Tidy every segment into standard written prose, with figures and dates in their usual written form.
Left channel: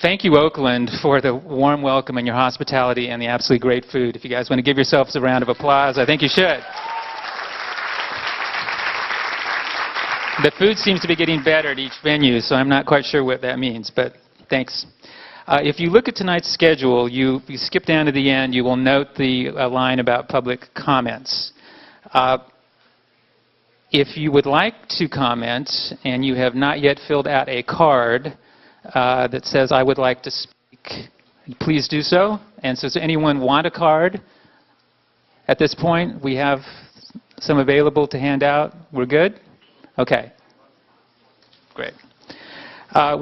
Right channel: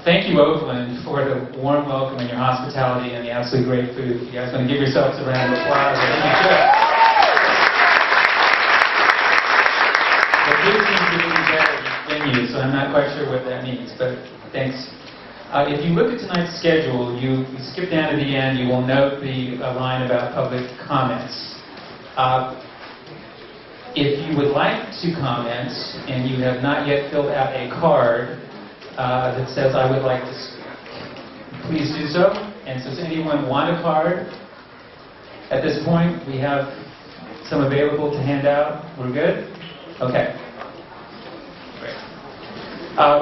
Thank you, Oakland, for the warm welcome and your hospitality and the absolutely great food. If you guys want to give yourselves a round of applause, I think you should. The food seems to be getting better at each venue, so I'm not quite sure what that means, but thanks. If you look at tonight's schedule, you skip down to the end, you will note the line about public comments. If you would like to comment and you have not yet filled out a card that says, I would like to speak, please do so. And so does anyone want a card? At this point, we have some available to hand out. We're good? Okay. Great.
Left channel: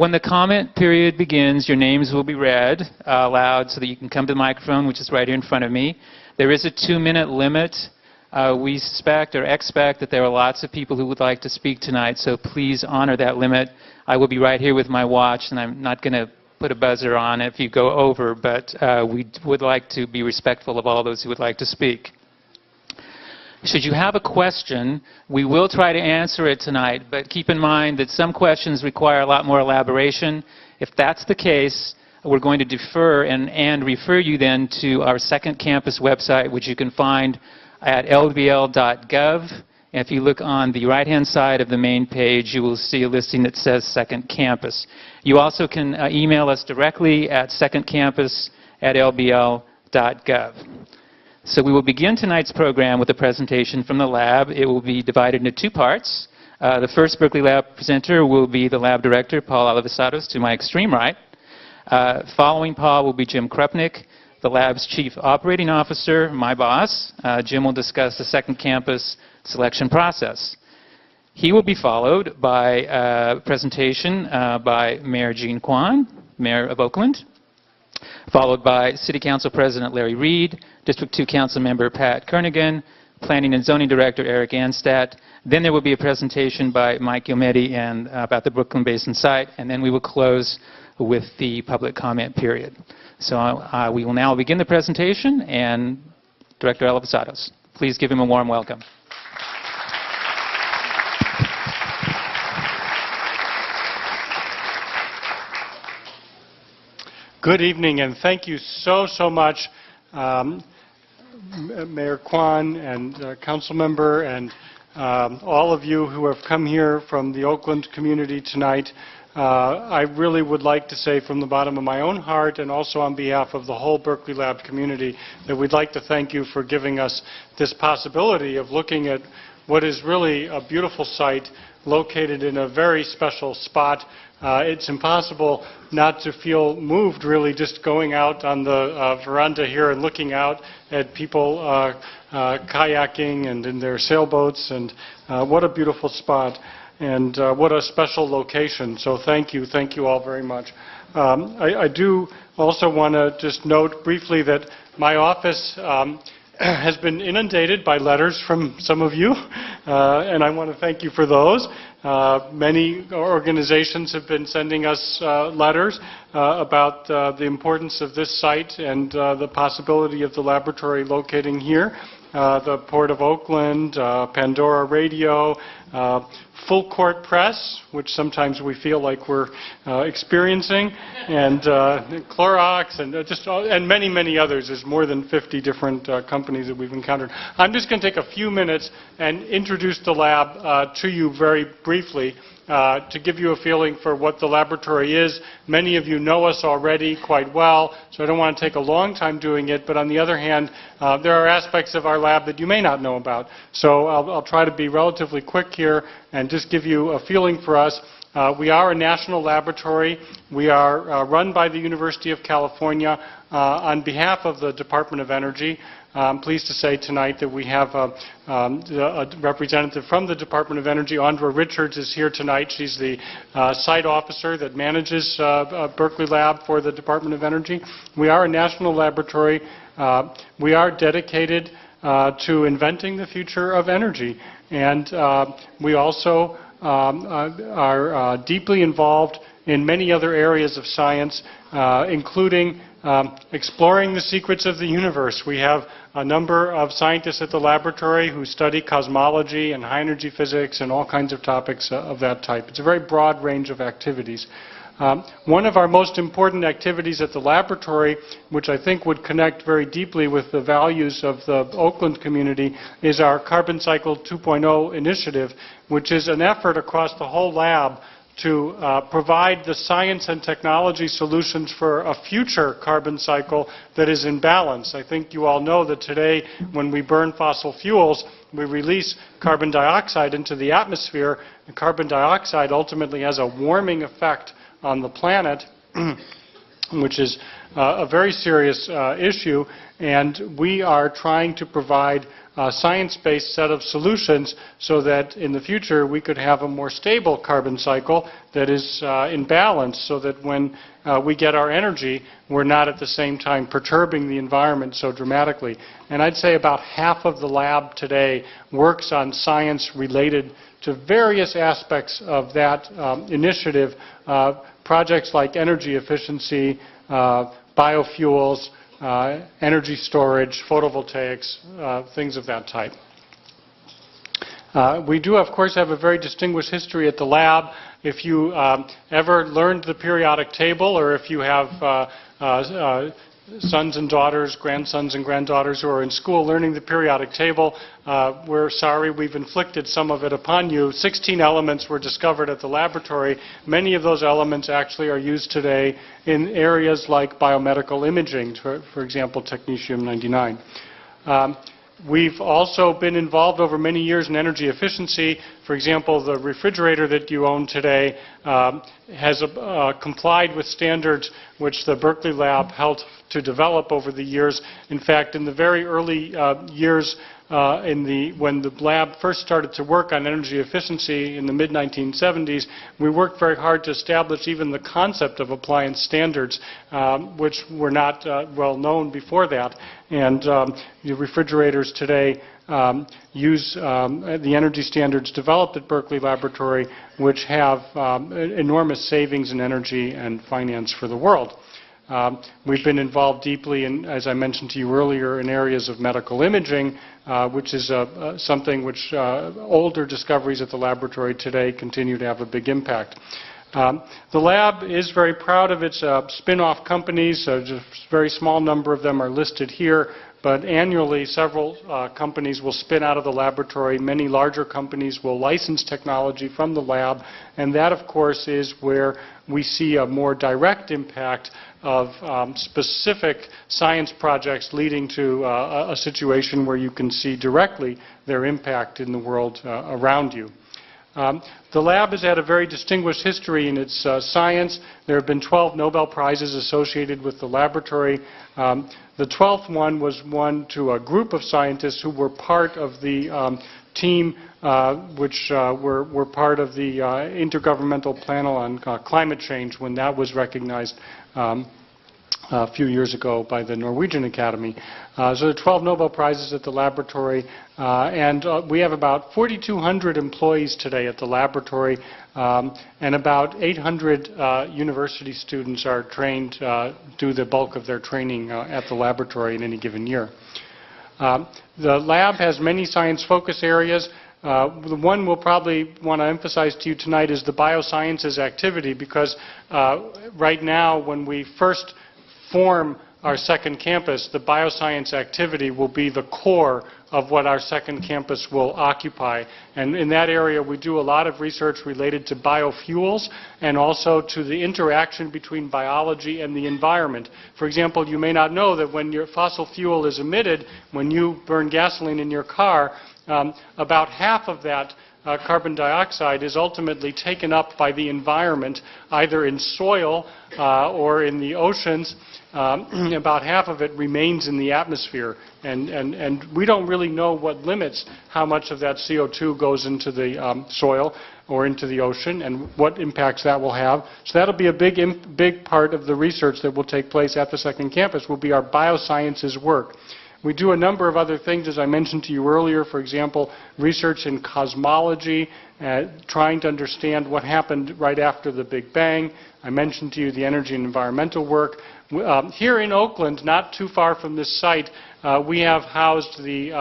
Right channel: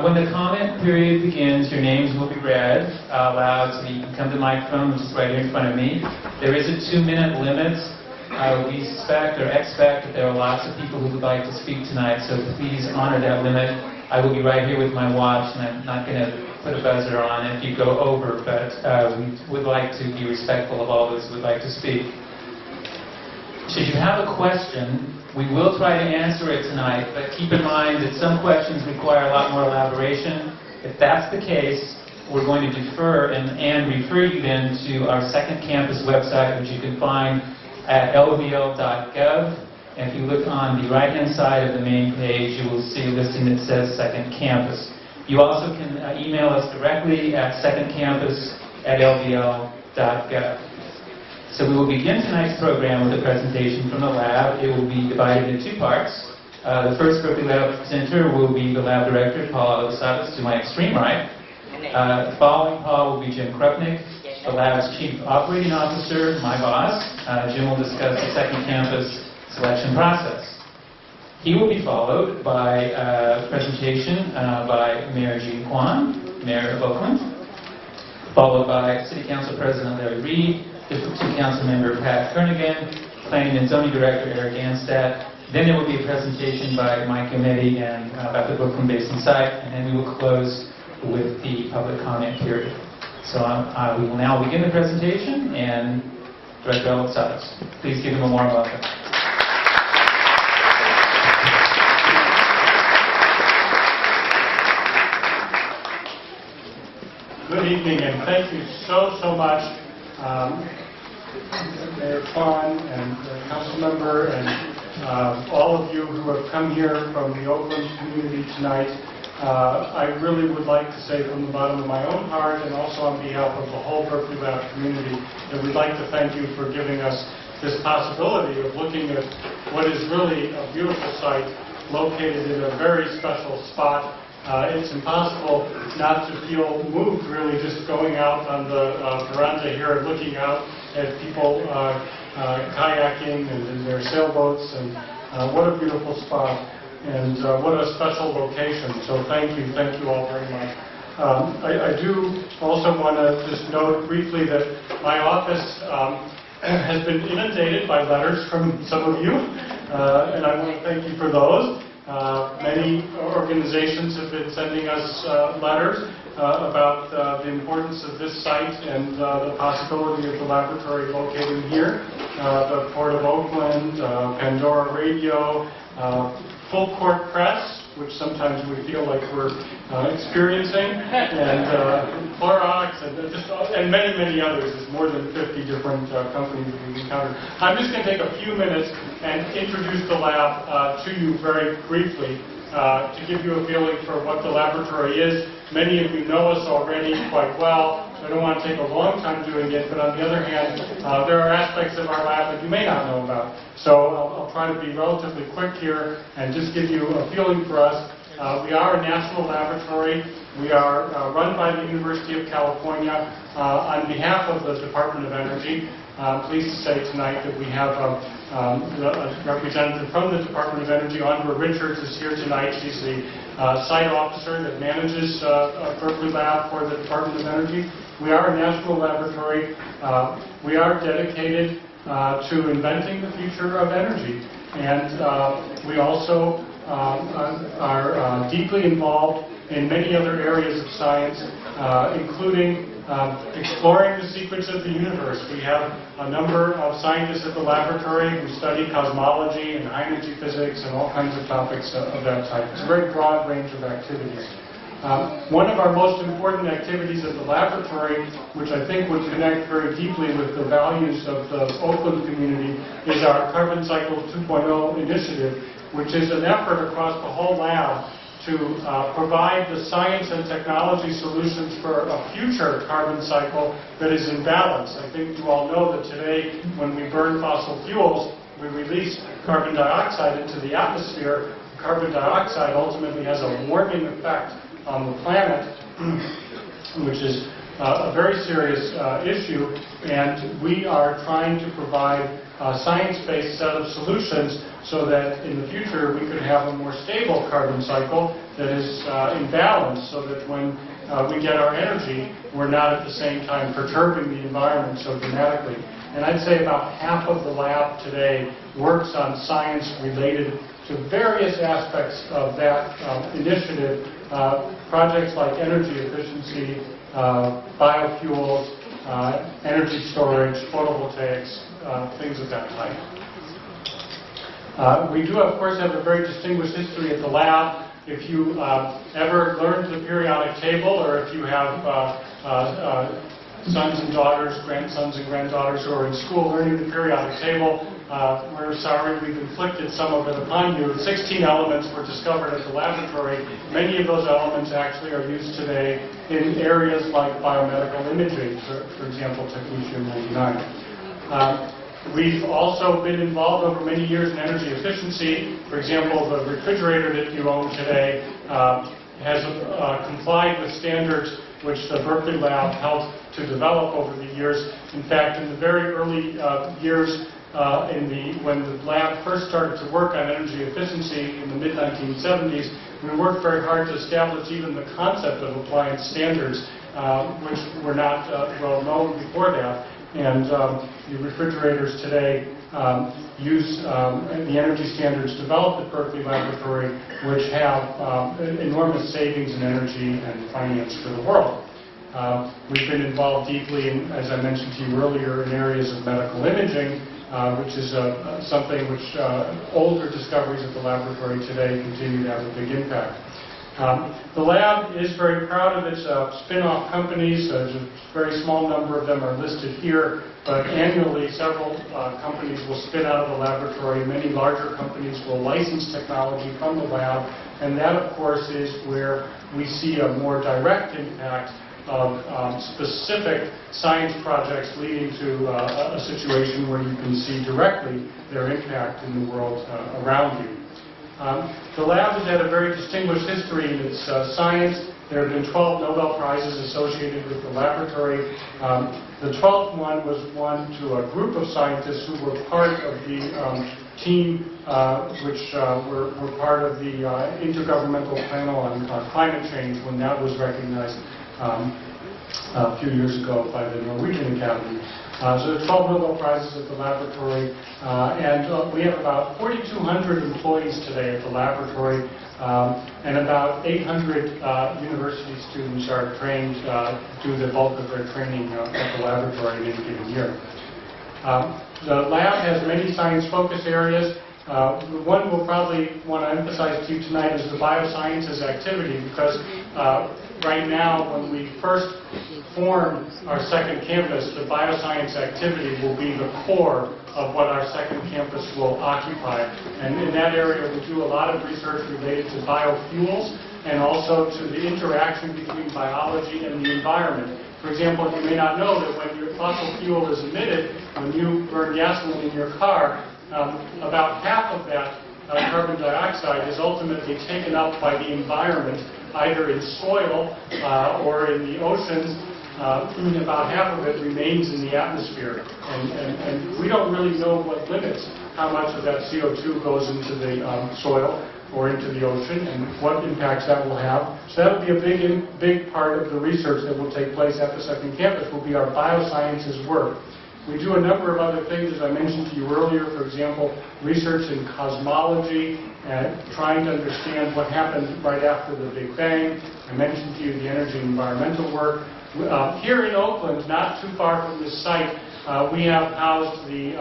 When the comment period begins, your names will be read aloud so that you can come to the microphone, which is right here in front of me. There is a 2-minute limit. We suspect or expect that there are lots of people who would like to speak tonight, so please honor that limit. I will be right here with my watch, and I'm not going to put a buzzer on if you go over, but we would like to be respectful of all those who would like to speak. Should you have a question, we will try to answer it tonight, but keep in mind that some questions require a lot more elaboration. If that's the case, we're going to defer and refer you then to our second campus website, which you can find at lvl.gov. If you look on the right-hand side of the main page, you will see a listing that says Second Campus. You also can email us directly at secondcampus@lvl.gov. So we will begin tonight's program with a presentation from the lab. It will be divided into 2 parts. The first Berkeley Lab presenter will be the lab director, Paul Alivisatos, to my extreme right. Following Paul will be Jim Krupnick, the lab's chief operating officer, my boss. Jim will discuss the Second Campus selection process. He will be followed by a presentation by Mayor Jean Quan, Mayor of Oakland, followed by City Council President Larry Reed, District 2 Council Member Pat Kernigan, Planning and Zoning Director Eric Anstad. Then there will be a presentation by Mike Yometti and about the Brooklyn Basin site, and then we will close with the public comment period. So we will now begin the presentation, and Director Alivisatos, please give him a warm welcome. Good evening, and thank you so much, Mayor Kwan and Council Member and all of you who have come here from the Oakland community tonight. I really would like to say from the bottom of my own heart and also on behalf of the whole Berkeley Lab community that we'd like to thank you for giving us this possibility of looking at what is really a beautiful site located in a very special spot. It's impossible not to feel moved, really, just going out on the veranda here and looking out at people kayaking and in their sailboats, and what a beautiful spot, and what a special location. So thank you all very much. I do also want to just note briefly that my office has been inundated by letters from some of you, and I want to thank you for those. Many organizations have been sending us letters about the importance of this site and the possibility of the laboratory locating here. The Port of Oakland, Pandora Radio, Full Court Press, which sometimes we feel like we're experiencing, and Clorox, and many others. There's more than 50 different companies that we've encountered. I'm just going to take a few minutes and introduce the lab to you very briefly to give you a feeling for what the laboratory is. Many of you know us already quite well, so I don't want to take a long time doing it, but on the other hand, there are aspects of our lab that you may not know about. So I'll try to be relatively quick here and just give you a feeling for us. We are a national laboratory. We are run by the University of California on behalf of the Department of Energy. I'm pleased to say tonight that we have a representative from the Department of Energy. Andra Richards is here tonight. She's the site officer that manages Berkeley Lab for the Department of Energy. We are a national laboratory. We are dedicated to inventing the future of energy. And we also are deeply involved in many other areas of science, including exploring the secrets of the universe. We have a number of scientists at the laboratory who study cosmology and high energy physics and all kinds of topics of that type. It's a very broad range of activities. One of our most important activities at the laboratory, which I think would connect very deeply with the values of the Oakland community, is our Carbon Cycle 2.0 initiative, which is an effort across the whole lab to provide the science and technology solutions for a future carbon cycle that is in balance. I think you all know that today, when we burn fossil fuels, we release carbon dioxide into the atmosphere. Carbon dioxide ultimately has a warming effect on the planet, which is a very serious issue, and we are trying to provide a science-based set of solutions so that in the future we could have a more stable carbon cycle that is in balance, so that when we get our energy, we're not at the same time perturbing the environment so dramatically. And I'd say about half of the lab today works on science related to various aspects of that initiative, projects like energy efficiency, biofuels, energy storage, photovoltaics, things of that type. We do, of course, have a very distinguished history at the lab. If you ever learned the periodic table, or if you have sons and daughters, grandsons and granddaughters who are in school learning the periodic table, we're sorry we've inflicted some of it upon you. 16 elements were discovered at the laboratory. Many of those elements actually are used today in areas like biomedical imaging, for example, technetium-99. We've also been involved over many years in energy efficiency. For example, the refrigerator that you own today has complied with standards which the Berkeley lab helped to develop over the years. In fact, in the very early years, when the lab first started to work on energy efficiency in the mid-1970s, we worked very hard to establish even the concept of appliance standards, which were not well known before that. And the refrigerators today use the energy standards developed at Berkeley Laboratory, which have enormous savings in energy and finance for the world. We've been involved deeply, in, as I mentioned to you earlier, in areas of medical imaging, which is something which older discoveries at the laboratory today continue to have a big impact. The lab is very proud of its spin-off companies. Just a very small number of them are listed here, but annually several companies will spin out of the laboratory. Many larger companies will license technology from the lab, and that, of course, is where we see a more direct impact of specific science projects leading to a situation where you can see directly their impact in the world around you. The lab has had a very distinguished history in its science. There have been 12 Nobel Prizes associated with the laboratory. The 12th one was won to a group of scientists who were part of the team which were part of the Intergovernmental Panel on Climate Change when that was recognized a few years ago by the Norwegian Academy. So there are 12 Nobel Prizes at the laboratory, and we have about 4,200 employees today at the laboratory, and about 800 university students are trained, do the bulk of their training at the laboratory in any given year. The lab has many science focus areas. The one we'll probably want to emphasize to you tonight is the biosciences activity, because right now, when we first form our second campus, the bioscience activity will be the core of what our second campus will occupy. And in that area, we do a lot of research related to biofuels and also to the interaction between biology and the environment. For example, you may not know that when your fossil fuel is emitted, when you burn gasoline in your car, about half of that carbon dioxide is ultimately taken up by the environment, either in soil or in the oceans. About half of it remains in the atmosphere. And we don't really know what limits how much of that CO2 goes into the soil or into the ocean and what impacts that will have. So that'll be a big part of the research that will take place at the second campus, will be our biosciences work. We do a number of other things, as I mentioned to you earlier, for example, research in cosmology, trying to understand what happened right after the Big Bang. I mentioned to you the energy and environmental work. Here in Oakland, not too far from this site, we have housed the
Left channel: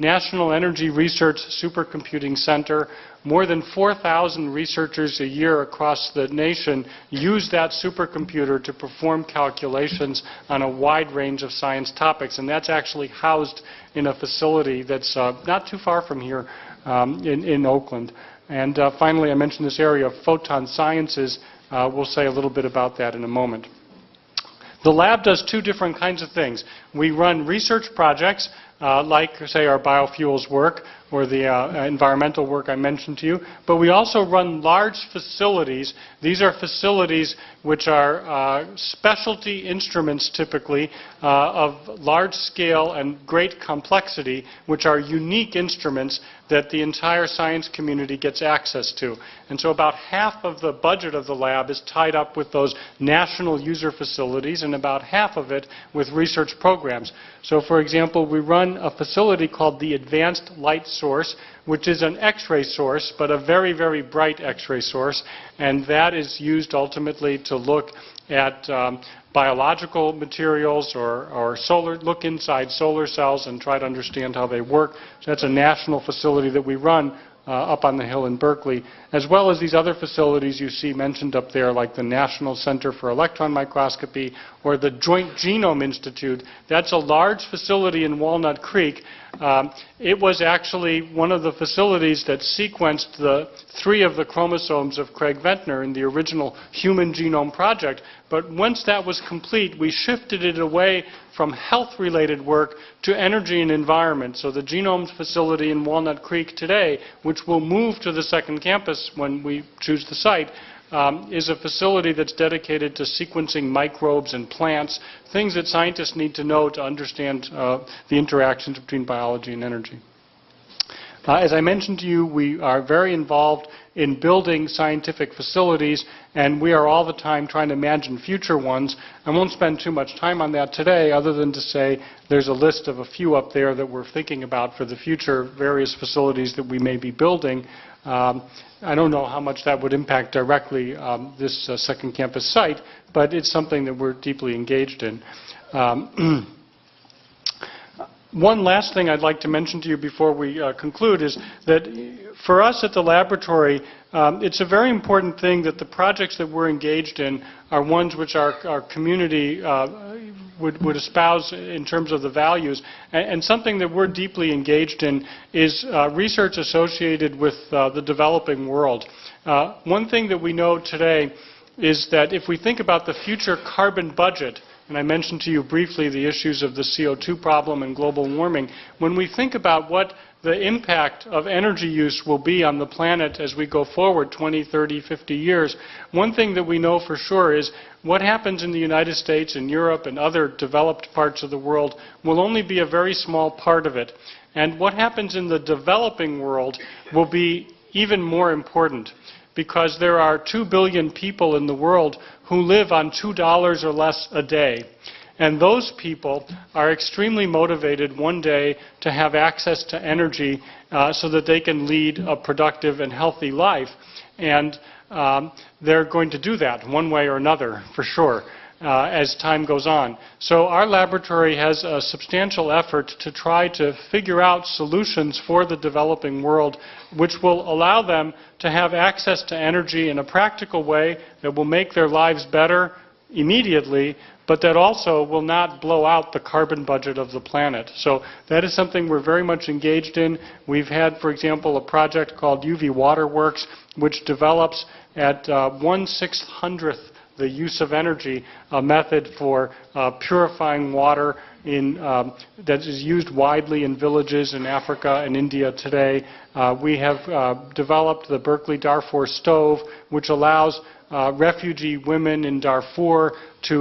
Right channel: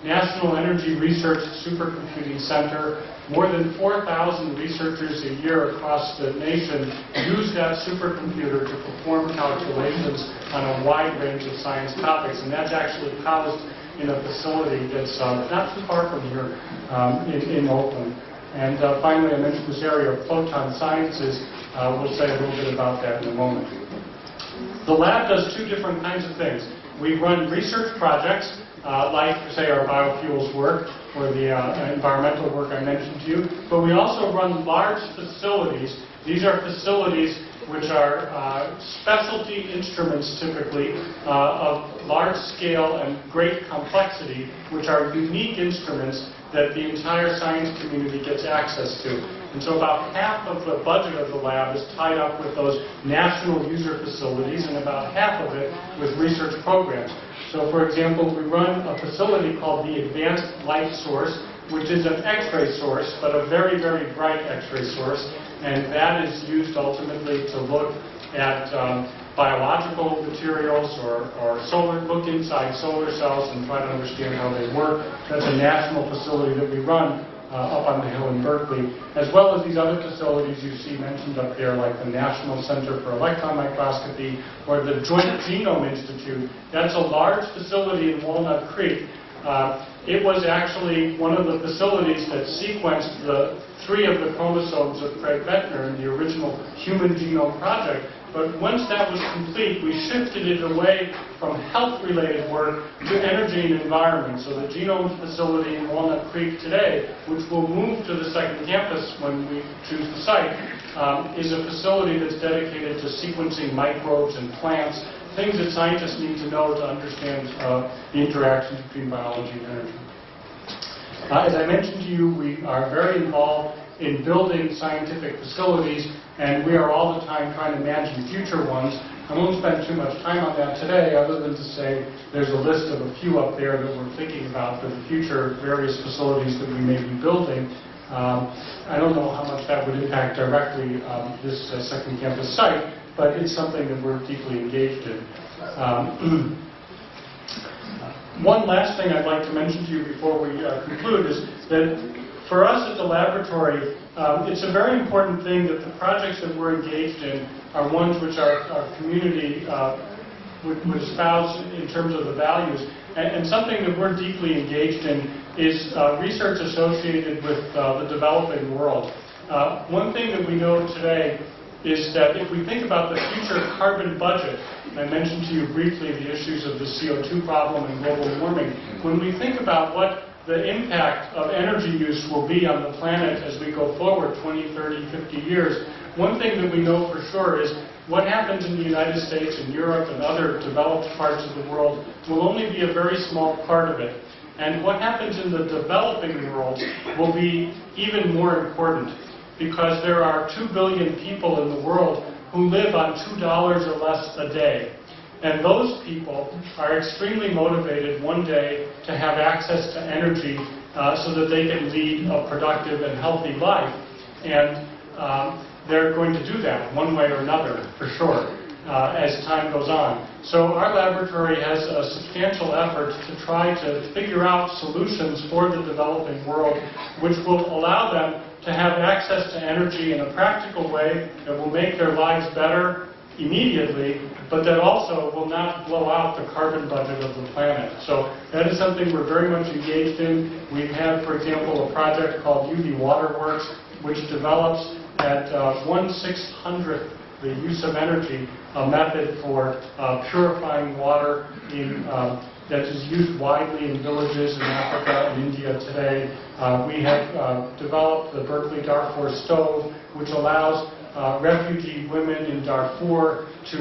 National Energy Research Supercomputing Center, More than 4,000 researchers a year across the nation use that supercomputer to perform calculations on a wide range of science topics, and that's actually housed in a facility that's not too far from here in Oakland. And finally, I mentioned this area of photon sciences. We'll say a little bit about that in a moment. The lab does two different kinds of things. We run research projects, like, say, our biofuels work or the environmental work I mentioned to you, but we also run large facilities. These are facilities which are specialty instruments, typically, of large scale and great complexity, which are unique instruments that the entire science community gets access to. And so about half of the budget of the lab is tied up with those national user facilities, and about half of it with research programs. So, for example, we run a facility called the Advanced Light Source, which is an X-ray source, but a very, very bright X-ray source. And that is used ultimately to look at biological materials or look inside solar cells and try to understand how they work. So that's a national facility that we run up on the hill in Berkeley, as well as these other facilities you see mentioned up there, like the National Center for Electron Microscopy or the Joint Genome Institute. That's a large facility in Walnut Creek. It was actually one of the facilities that sequenced 3 of the chromosomes of Craig Ventner in the original Human Genome Project. But once that was complete, we shifted it away from health-related work to energy and environment. So the Genome Facility in Walnut Creek today, which will move to the second campus when we choose the site, is a facility that's dedicated to sequencing microbes and plants, things that scientists need to know to understand the interactions between biology and energy. As I mentioned to you, we are very involved in building scientific facilities, and we are all the time trying to imagine future ones. I won't spend too much time on that today, other than to say there's a list of a few up there that we're thinking about for the future various facilities that we may be building. I don't know how much that would impact directly this second campus site, but it's something that we're deeply engaged in. One last thing I'd like to mention to you before we conclude is that for us at the laboratory, it's a very important thing that the projects that we're engaged in are ones which our community would espouse in terms of the values. And something that we're deeply engaged in is research associated with the developing world. One thing that we know today is that if we think about the future carbon budget, and I mentioned to you briefly the issues of the CO2 problem and global warming, when we think about what the impact of energy use will be on the planet as we go forward 20, 30, 50 years, one thing that we know for sure is what happens in the United States and Europe and other developed parts of the world will only be a very small part of it. And what happens in the developing world will be even more important, because there are 2 billion people in the world who live on $2 or less a day. And those people are extremely motivated one day to have access to energy so that they can lead a productive and healthy life. And they're going to do that one way or another, for sure, as time goes on. So our laboratory has a substantial effort to try to figure out solutions for the developing world which will allow them to have access to energy in a practical way that will make their lives better immediately, but that also will not blow out the carbon budget of the planet. So that is something we're very much engaged in. We've had, for example, a project called UV Waterworks, which develops at 1/600th the use of energy, a method for purifying water that is used widely in villages in Africa and India today. We have developed the Berkeley Darfur stove, which allows refugee women in Darfur to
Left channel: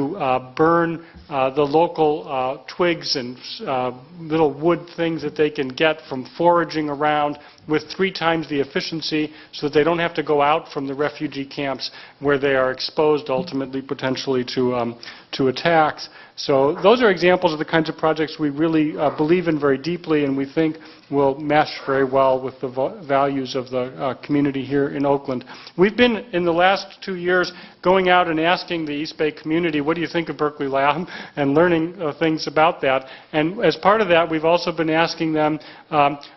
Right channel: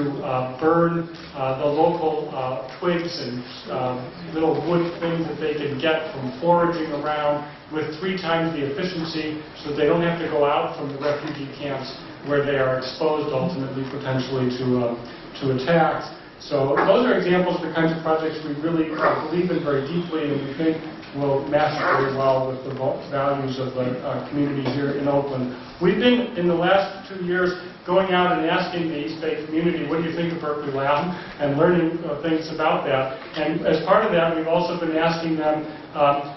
burn the local twigs and little wood things that they can get from foraging around with 3 times the efficiency, so that they don't have to go out from the refugee camps where they are exposed ultimately potentially to attacks. So those are examples of the kinds of projects we really believe in very deeply, and we think will mesh very well with the values of the community here in Oakland. We've been, in the last 2 years, going out and asking the East Bay community, what do you think of Berkeley Lab, and learning things about that. And as part of that, we've also been asking them,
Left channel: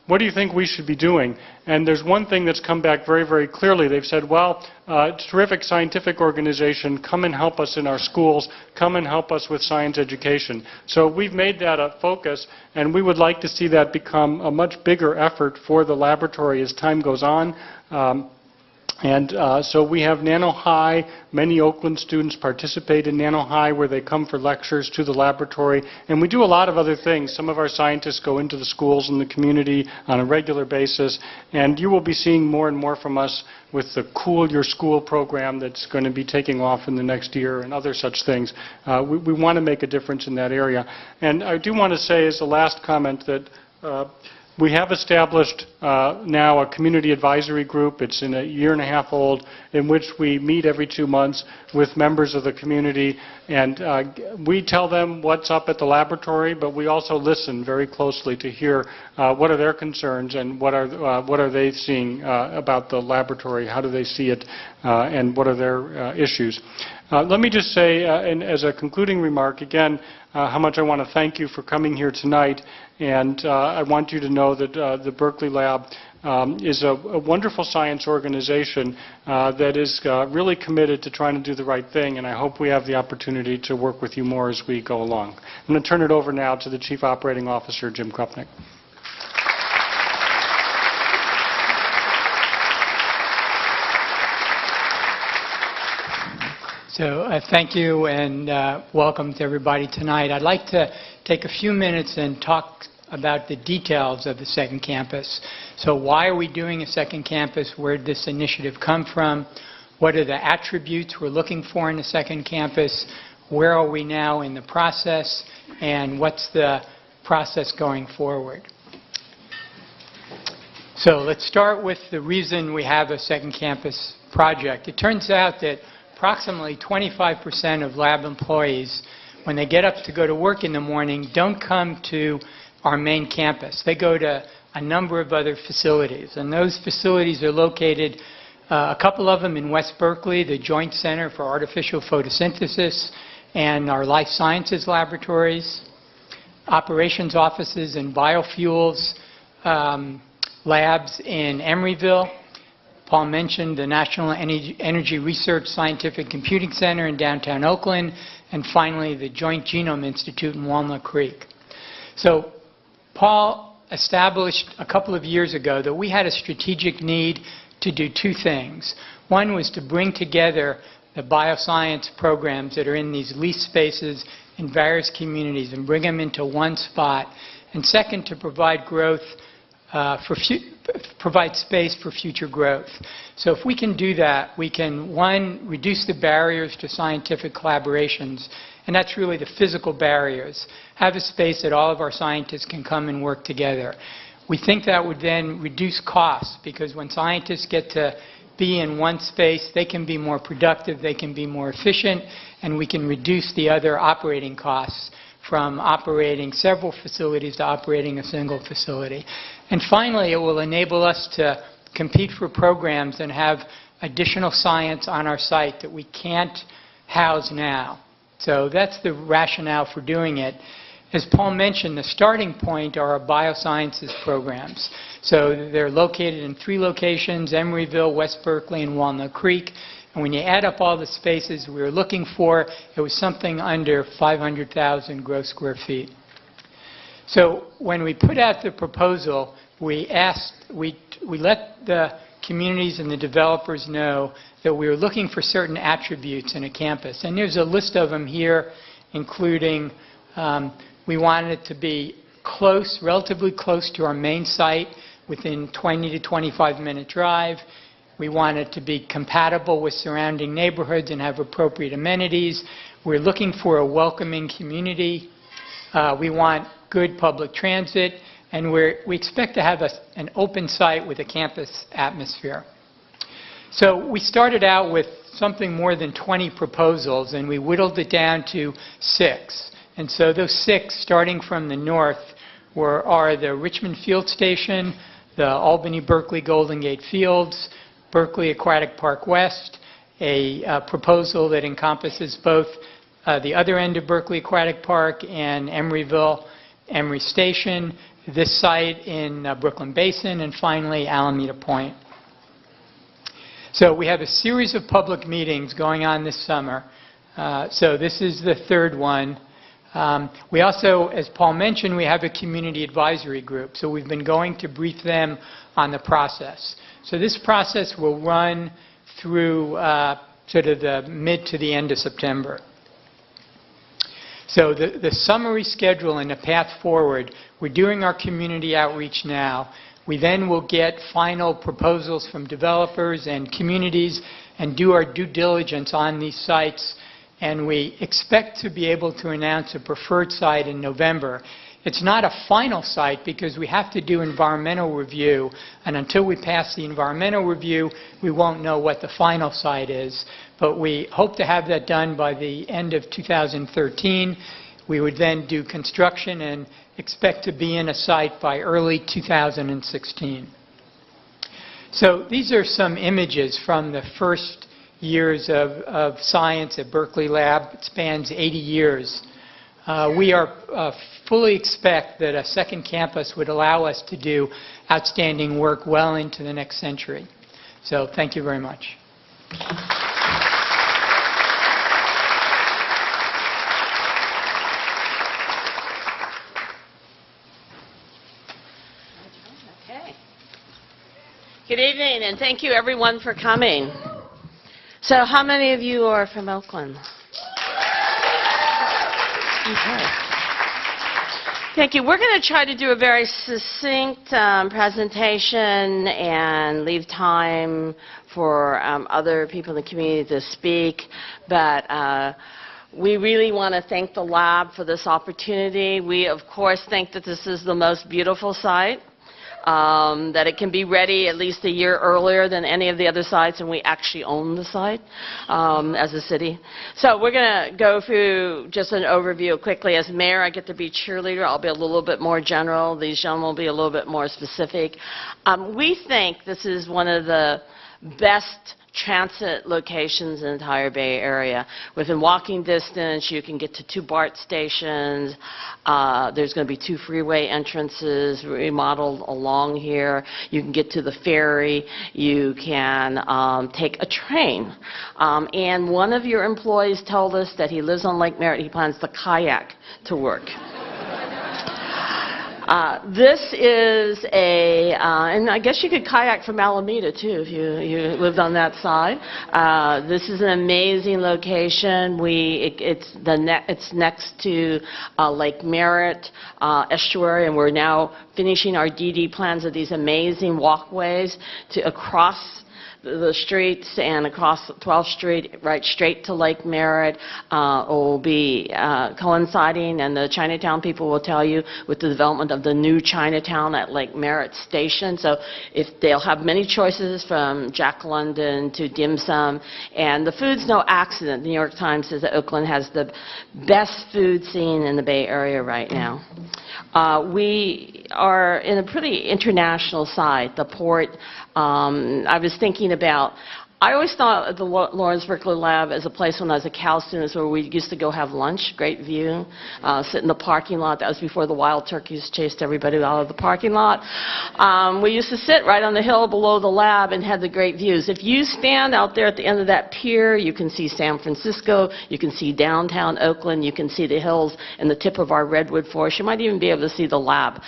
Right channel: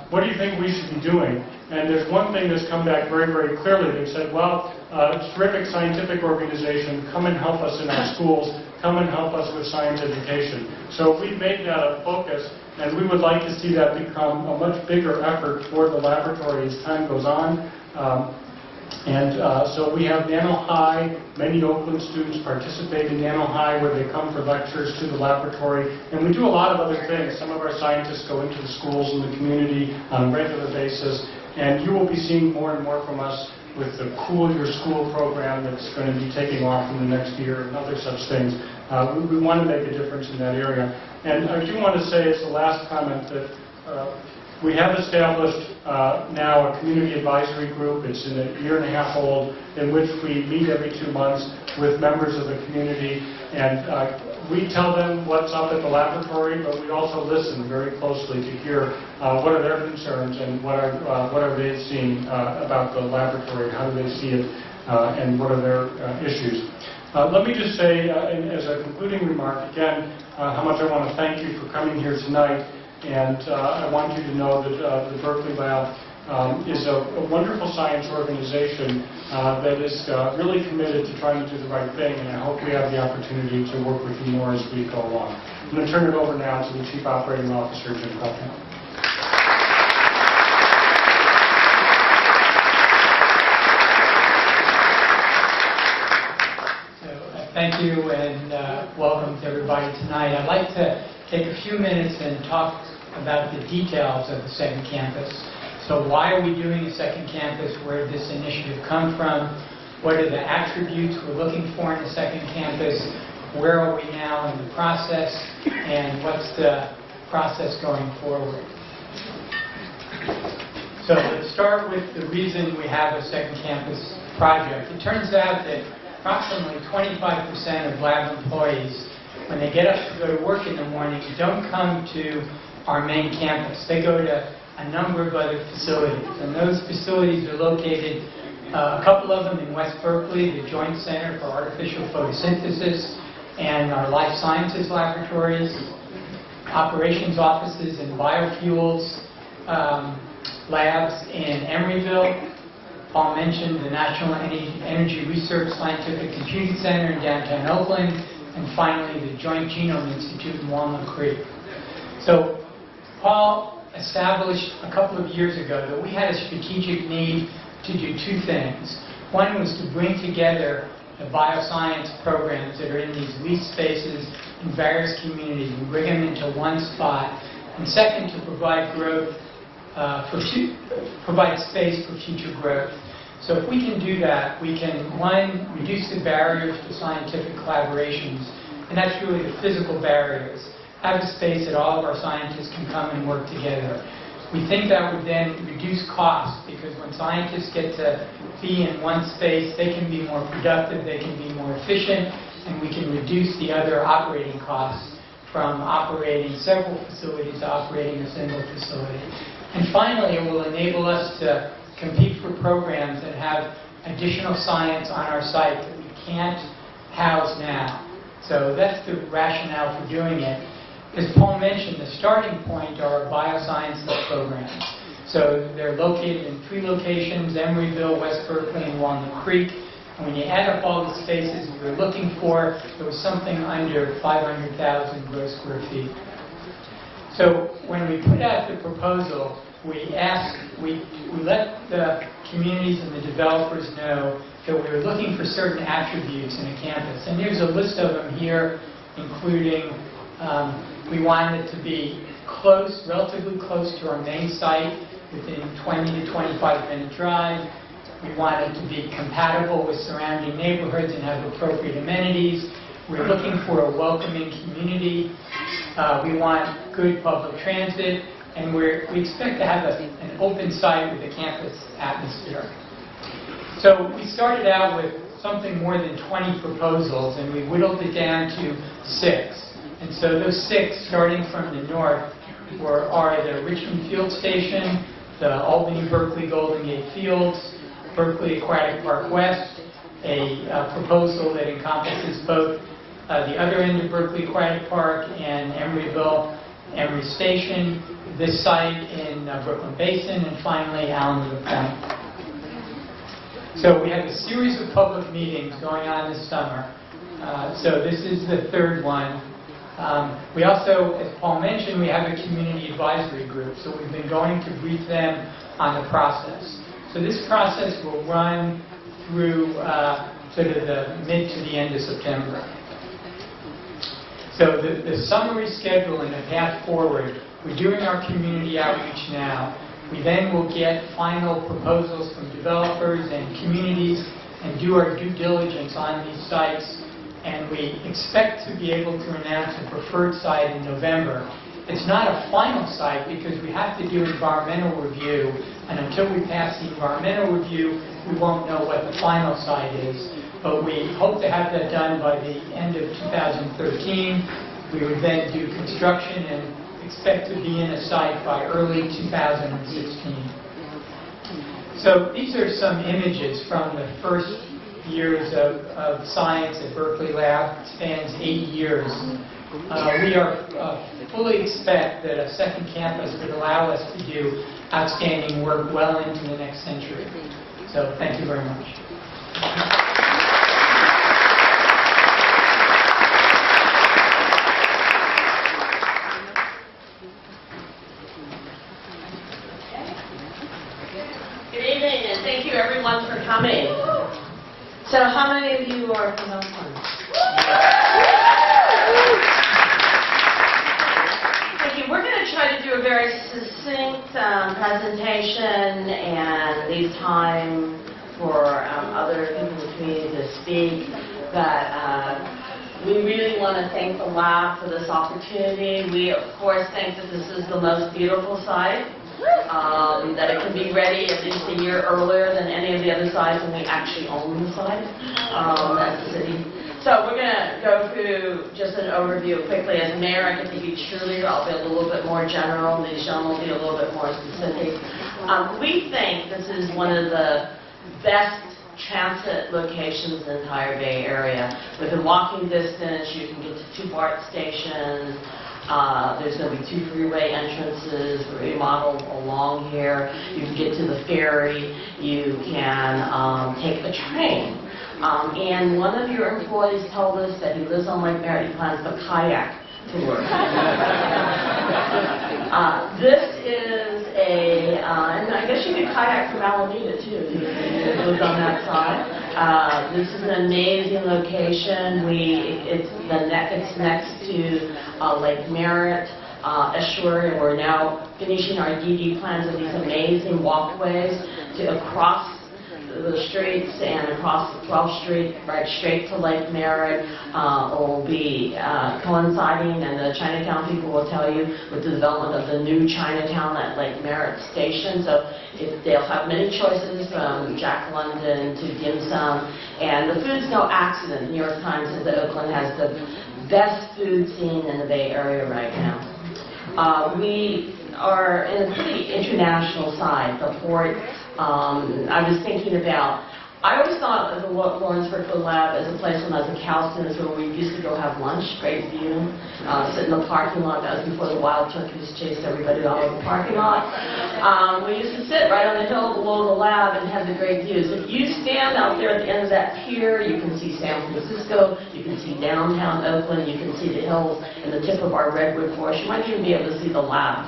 what do you think we should be doing? And there's one thing that's come back very, very clearly. They've said, well, it's a terrific scientific organization. Come and help us in our schools. Come and help us with science education. So we've made that a focus, and we would like to see that become a much bigger effort for the laboratory as time goes on. So we have Nano High. Many Oakland students participate in Nano High, where they come for lectures to the laboratory. And we do a lot of other things. Some of our scientists go into the schools and the community on a regular basis. And you will be seeing more and more from us with the Cool Your School program that's going to be taking off in the next year and other such things. We want to make a difference in that area. And I do want to say as the last comment that we have established now a community advisory group. It's in a year-and-a-half old, in which we meet every 2 months with members of the community. And we tell them what's up at the laboratory, but we also listen very closely to hear what are their concerns and what are they seeing about the laboratory, how do they see it, and what are their issues. Let me just say, and as a concluding remark, again, how much I want to thank you for coming here tonight. And I want you to know that the Berkeley Lab is a wonderful science organization that is really committed to trying to do the right thing, and I hope we have the opportunity to work with you more as we go along. I'm going to turn it over now to the Chief Operating Officer, Jim Krupnik. So thank you and welcome to everybody tonight. I'd like to take a few minutes and talk about the details of the second campus. So why are we doing a second campus? Where did this initiative come from? What are the attributes we're looking for in a second campus? Where are we now in the process? And what's the process going forward? So let's start with the reason we have a second campus project. It turns out that approximately 25% of lab employees, when they get up to go to work in the morning, don't come to our main campus. They go to a number of other facilities, and those facilities are located, a couple of them in West Berkeley, the Joint Center for Artificial Photosynthesis, and our Life Sciences laboratories, operations offices and biofuels, labs in Emeryville. Paul mentioned the National Energy Research Scientific Computing Center in downtown Oakland, and finally the Joint Genome Institute in Walnut Creek. So Paul established a couple of years ago that we had a strategic need to do two things. One was to bring together the bioscience programs that are in these leased spaces in various communities and bring them into one spot. And second, to provide growth, provide space for future growth. So if we can do that, we can, one, reduce the barriers to scientific collaborations, and that's really the physical barriers. Have a space that all of our scientists can come and work together. We think that would then reduce costs, because when scientists get to be in one space, they can be more productive, they can be more efficient, and we can reduce the other operating costs from operating several facilities to operating a single facility. And finally, it will enable us to compete for programs and have additional science on our site that we can't house now. So that's the rationale for doing it. As Paul mentioned, the starting point are our biosciences programs. So they're located in 3 locations, Emeryville, West Berkeley, and Walnut Creek. And when you add up all the spaces we were looking for, it was something under 500,000 gross square feet. So when we put out the proposal, we let the communities and the developers know that we were looking for certain attributes in a campus. And there's a list of them here, including we wanted it to be close, relatively close to our main site, within 20 to 25-minute drive. We want it to be compatible with surrounding neighborhoods and have appropriate amenities. We're looking for a welcoming community. We want good public transit, and we expect to have an open site with a campus atmosphere. So we started out with something more than 20 proposals, and we whittled it down to 6. And so those 6, starting from the north, are the Richmond Field Station, the Albany-Berkeley Golden Gate Fields, Berkeley Aquatic Park West, a proposal that encompasses both the other end of Berkeley Aquatic Park and Emeryville, Emory Station, this site in Brooklyn Basin, and finally Alameda Point. So we have a series of public meetings going on this summer. So this is the third one. We also, as Paul mentioned, we have a community advisory group. So we've been going to brief them on the process. So this process will run through sort of the mid to the end of September. So the summary schedule and the path forward, we're doing our community outreach now. We then will get final proposals from developers and communities and do our due diligence on these sites. And we expect to be able to announce a preferred site in November. It's not a final site because we have to do environmental review. And until we pass the environmental review, we won't know what the final site is. But we hope to have that done by the end of 2013. We would then do construction and expect to be in a site by early 2016. So these are some images from the first years of science at Berkeley Lab. It spans 80 years. We fully expect that a second campus would allow us to do outstanding work well into the next century. So thank you very much. Good evening, and thank you everyone for coming. So how many of you are from Oakland? Thank you. We're going to try to do a very succinct presentation and leave time for other people in the community to speak. But we really want to thank the lab for this opportunity. We, of course, think that this is the most beautiful site. That it can be ready at least a year earlier than any of the other sites, and we actually own the site as a city. So we're going to go through just an overview quickly. As mayor, I get to be cheerleader. I'll be a little bit more general. These gentlemen will be a little bit more specific. We think this is one of the best transit locations in the entire Bay Area. Within walking distance, you can get to 2 BART stations. There's going to be 2 freeway entrances remodeled along here. You can get to the ferry. You can take a train. And one of your employees told us that he lives on Lake Merritt. He plans to kayak to work. This is and I guess you could kayak from Alameda too if you lived on that side. This is an amazing location. It's next to Lake Merritt estuary, and we're now finishing our DD plans of these amazing walkways across the streets and across 12th Street, right straight to Lake Merritt, will be coinciding, and the Chinatown people will tell you, with the development of the new Chinatown at Lake Merritt Station. So they'll have many choices from Jack London to dim sum, and the food's no accident. The New York Times says that Oakland has the best food scene in the Bay Area right now. We are in a pretty international side. The port, I was thinking about, I always thought of the Lawrence Berkeley Lab as a place when I was a Cal student where we used to go have lunch, great view, sit in the parking lot. That was before the wild turkeys chased everybody out of the parking lot. We used to sit right on the hill below the lab and had the great views. If you stand out there at the end of that pier, you can see San Francisco, you can see downtown Oakland, you can see the hills and the tip of our redwood forest. You might even be able to see the lab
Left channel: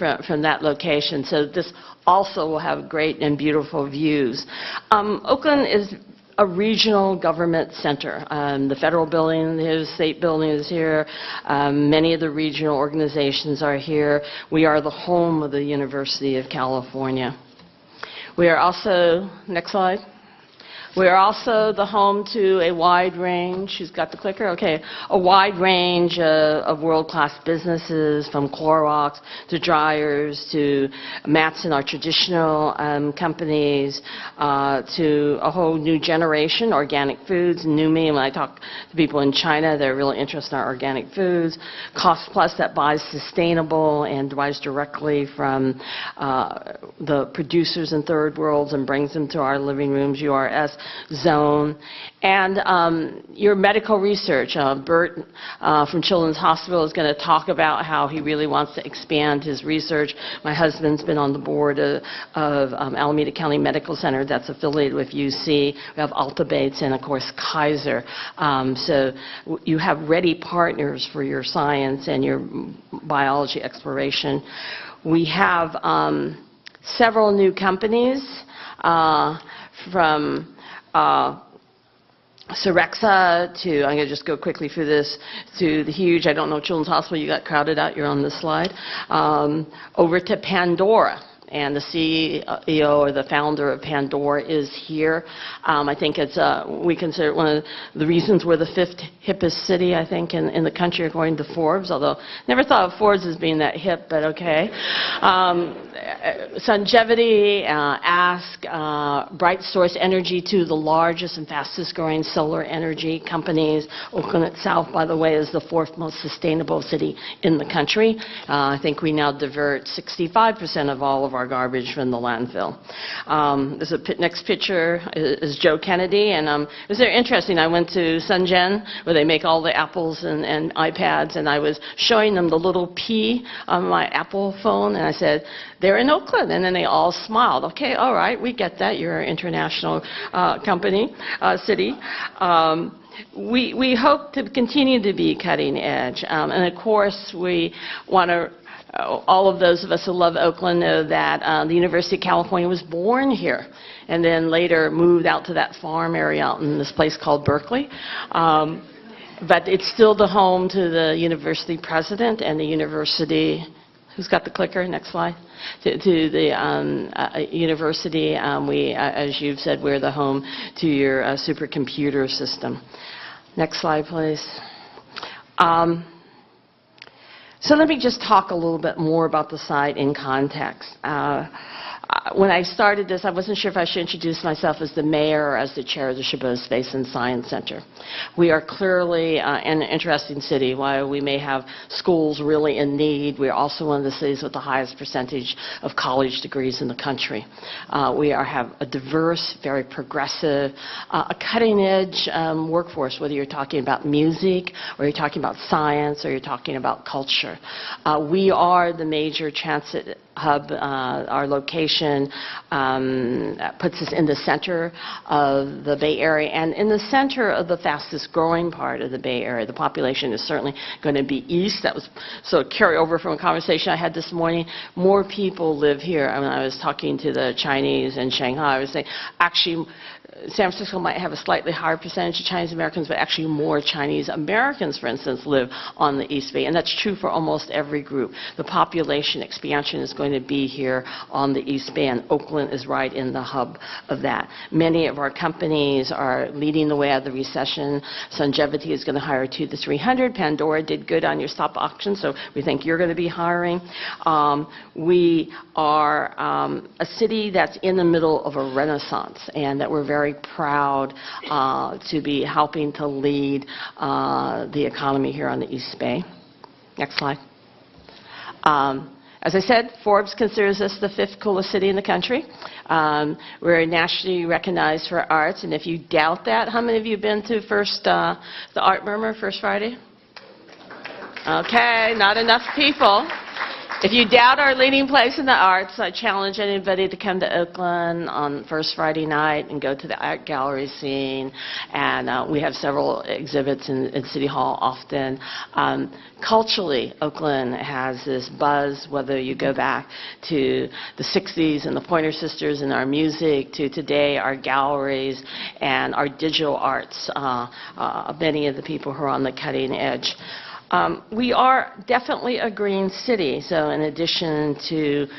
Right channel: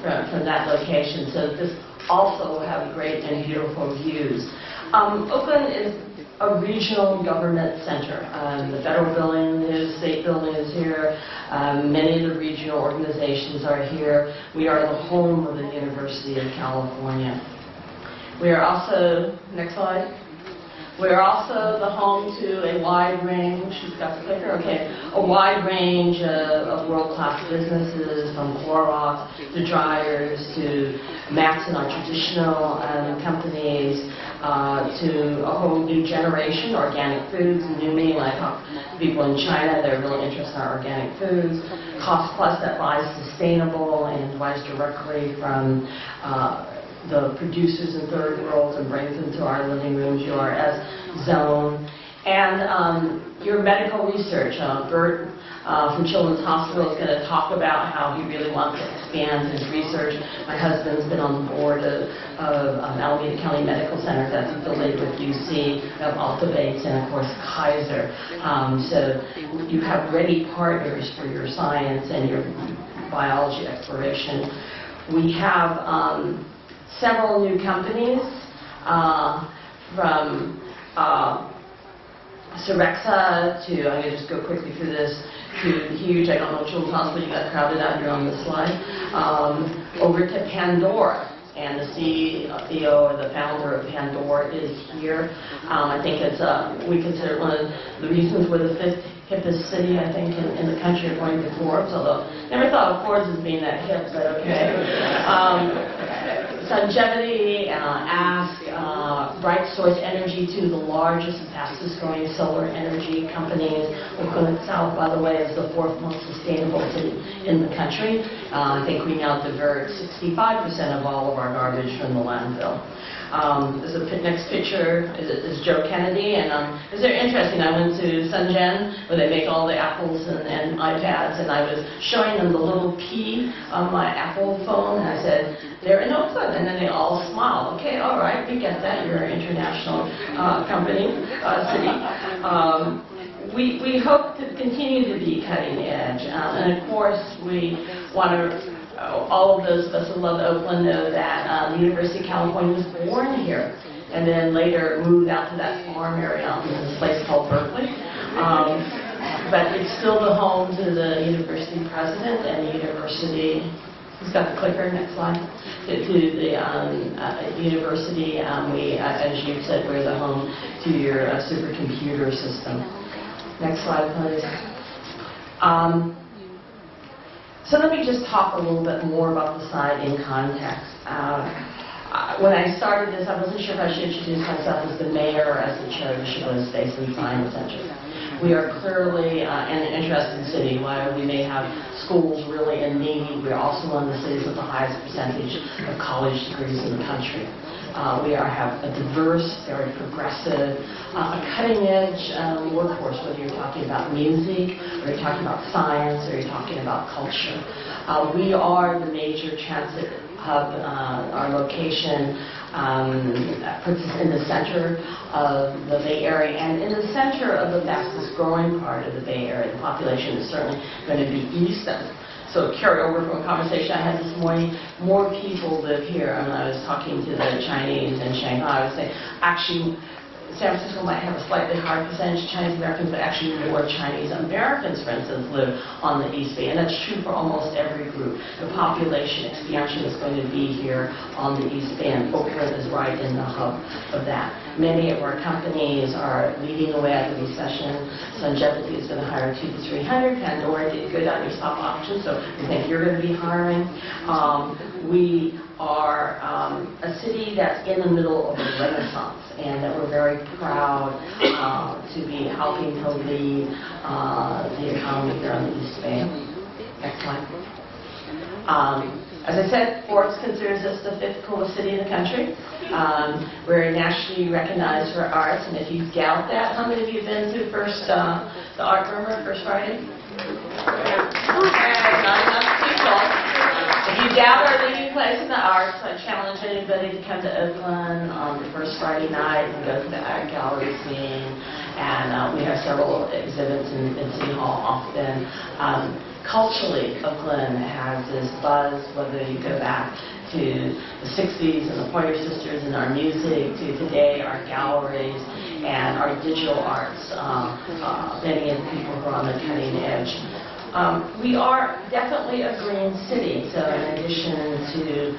from that location. So this also will have great and beautiful views. Oakland is a regional government center. The federal building is, state building is here. Many of the regional organizations are here. We are the home of the University of California. We are also, next slide. We're also the home to a wide range, who's got the clicker? Okay, a wide range of world-class businesses, from Clorox to dryers to Matson, our traditional companies, to a whole new generation, organic foods. Numi, when I talk to people in China, they're really interested in our organic foods. Cost Plus, that buys sustainable and buys directly from the producers in third worlds and brings them to our living rooms. URS Zone, And your medical research, Bert from Children's Hospital is going to talk about how he really wants to expand his research. My husband's been on the board of Alameda County Medical Center that's affiliated with UC. We have Alta Bates and, of course, Kaiser. So you have ready partners for your science and your biology exploration. We have several new companies from Syrexa to, I'm going to just go quickly through this, to the huge, I don't know, Children's Hospital, you got crowded out, you're on the slide, over to Pandora. And the CEO or the founder of Pandora is here. I think it's, we consider it one of the reasons we're the 5th hippest city, I think, in the country according to Forbes, although never thought of Forbes as being that hip, but okay. Sungevity, Ask, Bright Source Energy, two of the largest and fastest growing solar energy companies. Oakland itself, by the way, is the 4th most sustainable city in the country. I think we now divert 65% of all of our garbage from the landfill. Next picture is Joe Kennedy, and it was very interesting. I went to Shenzhen, where they make all the Apples and iPads, and I was showing them the little P on my Apple phone, and I said, they're in Oakland, and then they all smiled. Okay, all right, we get that. You're an international city. We hope to continue to be cutting edge, and of course, we want to. All of those of us who love Oakland know that the University of California was born here and then later moved out to that farm area out in this place called Berkeley. But it's still the home to the university president and the university. Who's got the clicker? Next slide. To the university, as you've said, we're the home to your supercomputer system. Next slide, please. So let me just talk a little bit more about the site in context. When I started this, I wasn't sure if I should introduce myself as the mayor or as the chair of the Chabot Basin Science Center. We are clearly an interesting city. While we may have schools really in need, we're also one of the cities with the highest percentage of college degrees in the country. We have a diverse, very progressive, a cutting-edge workforce, whether you're talking about music, or you're talking about science, or you're talking about culture. We are the major transit hub. Our location puts us in the center of the Bay Area, and in the center of the fastest growing part of the Bay Area. The population is certainly going to be east. That was so carry over from a conversation I had this morning. More people live here. And I was talking to the Chinese in Shanghai. I was saying, actually, San Francisco might have a slightly higher percentage of Chinese Americans, but actually more Chinese Americans, for instance, live on the East Bay. And that's true for almost every group. The population expansion is going to be here on the East Bay, and Oakland is right in the hub of that. Many of our companies are leading the way out of the recession. Sungevity is going to hire 200 to 300. Pandora did good on your stock option, so we think you're going to be hiring. We are a city that's in the middle of a renaissance, and that we're very proud to be helping to lead the economy here on the East Bay. Next slide. As I said, Forbes considers us the 5th coolest city in the country. We're nationally recognized for arts, and if you doubt that, how many of you have been to the Art Burma, First Friday? Okay, not enough people. If you doubt our leading place in the arts, I challenge anybody to come to Oakland on the first Friday night and go to the art gallery scene. And we have several exhibits in City Hall often. Culturally, Oakland has this buzz, whether you go back to the 60s and the Pointer Sisters and our music, to today, our galleries and our digital arts, many of the people who are on the cutting edge. We are definitely a green city, so in addition to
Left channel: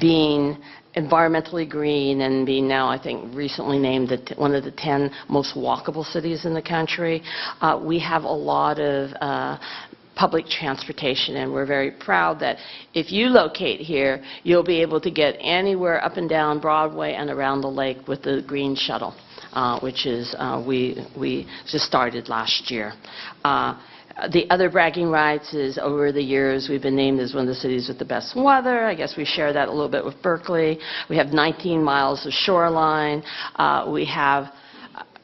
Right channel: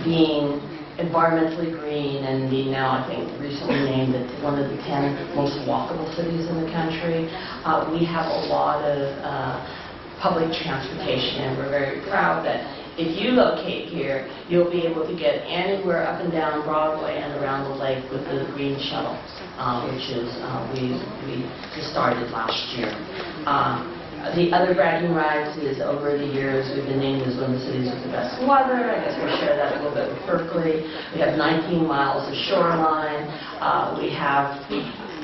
being environmentally green and being now, I think, recently named one of the 10 most walkable cities in the country, we have a lot of public transportation, and we're very proud that if you locate here, you'll be able to get anywhere up and down Broadway and around the lake with the green shuttle, which is we just started last year. The other bragging rights is over the years we've been named as one of the cities with the best weather. I guess we share that a little bit with Berkeley. We have 19 miles of shoreline. We have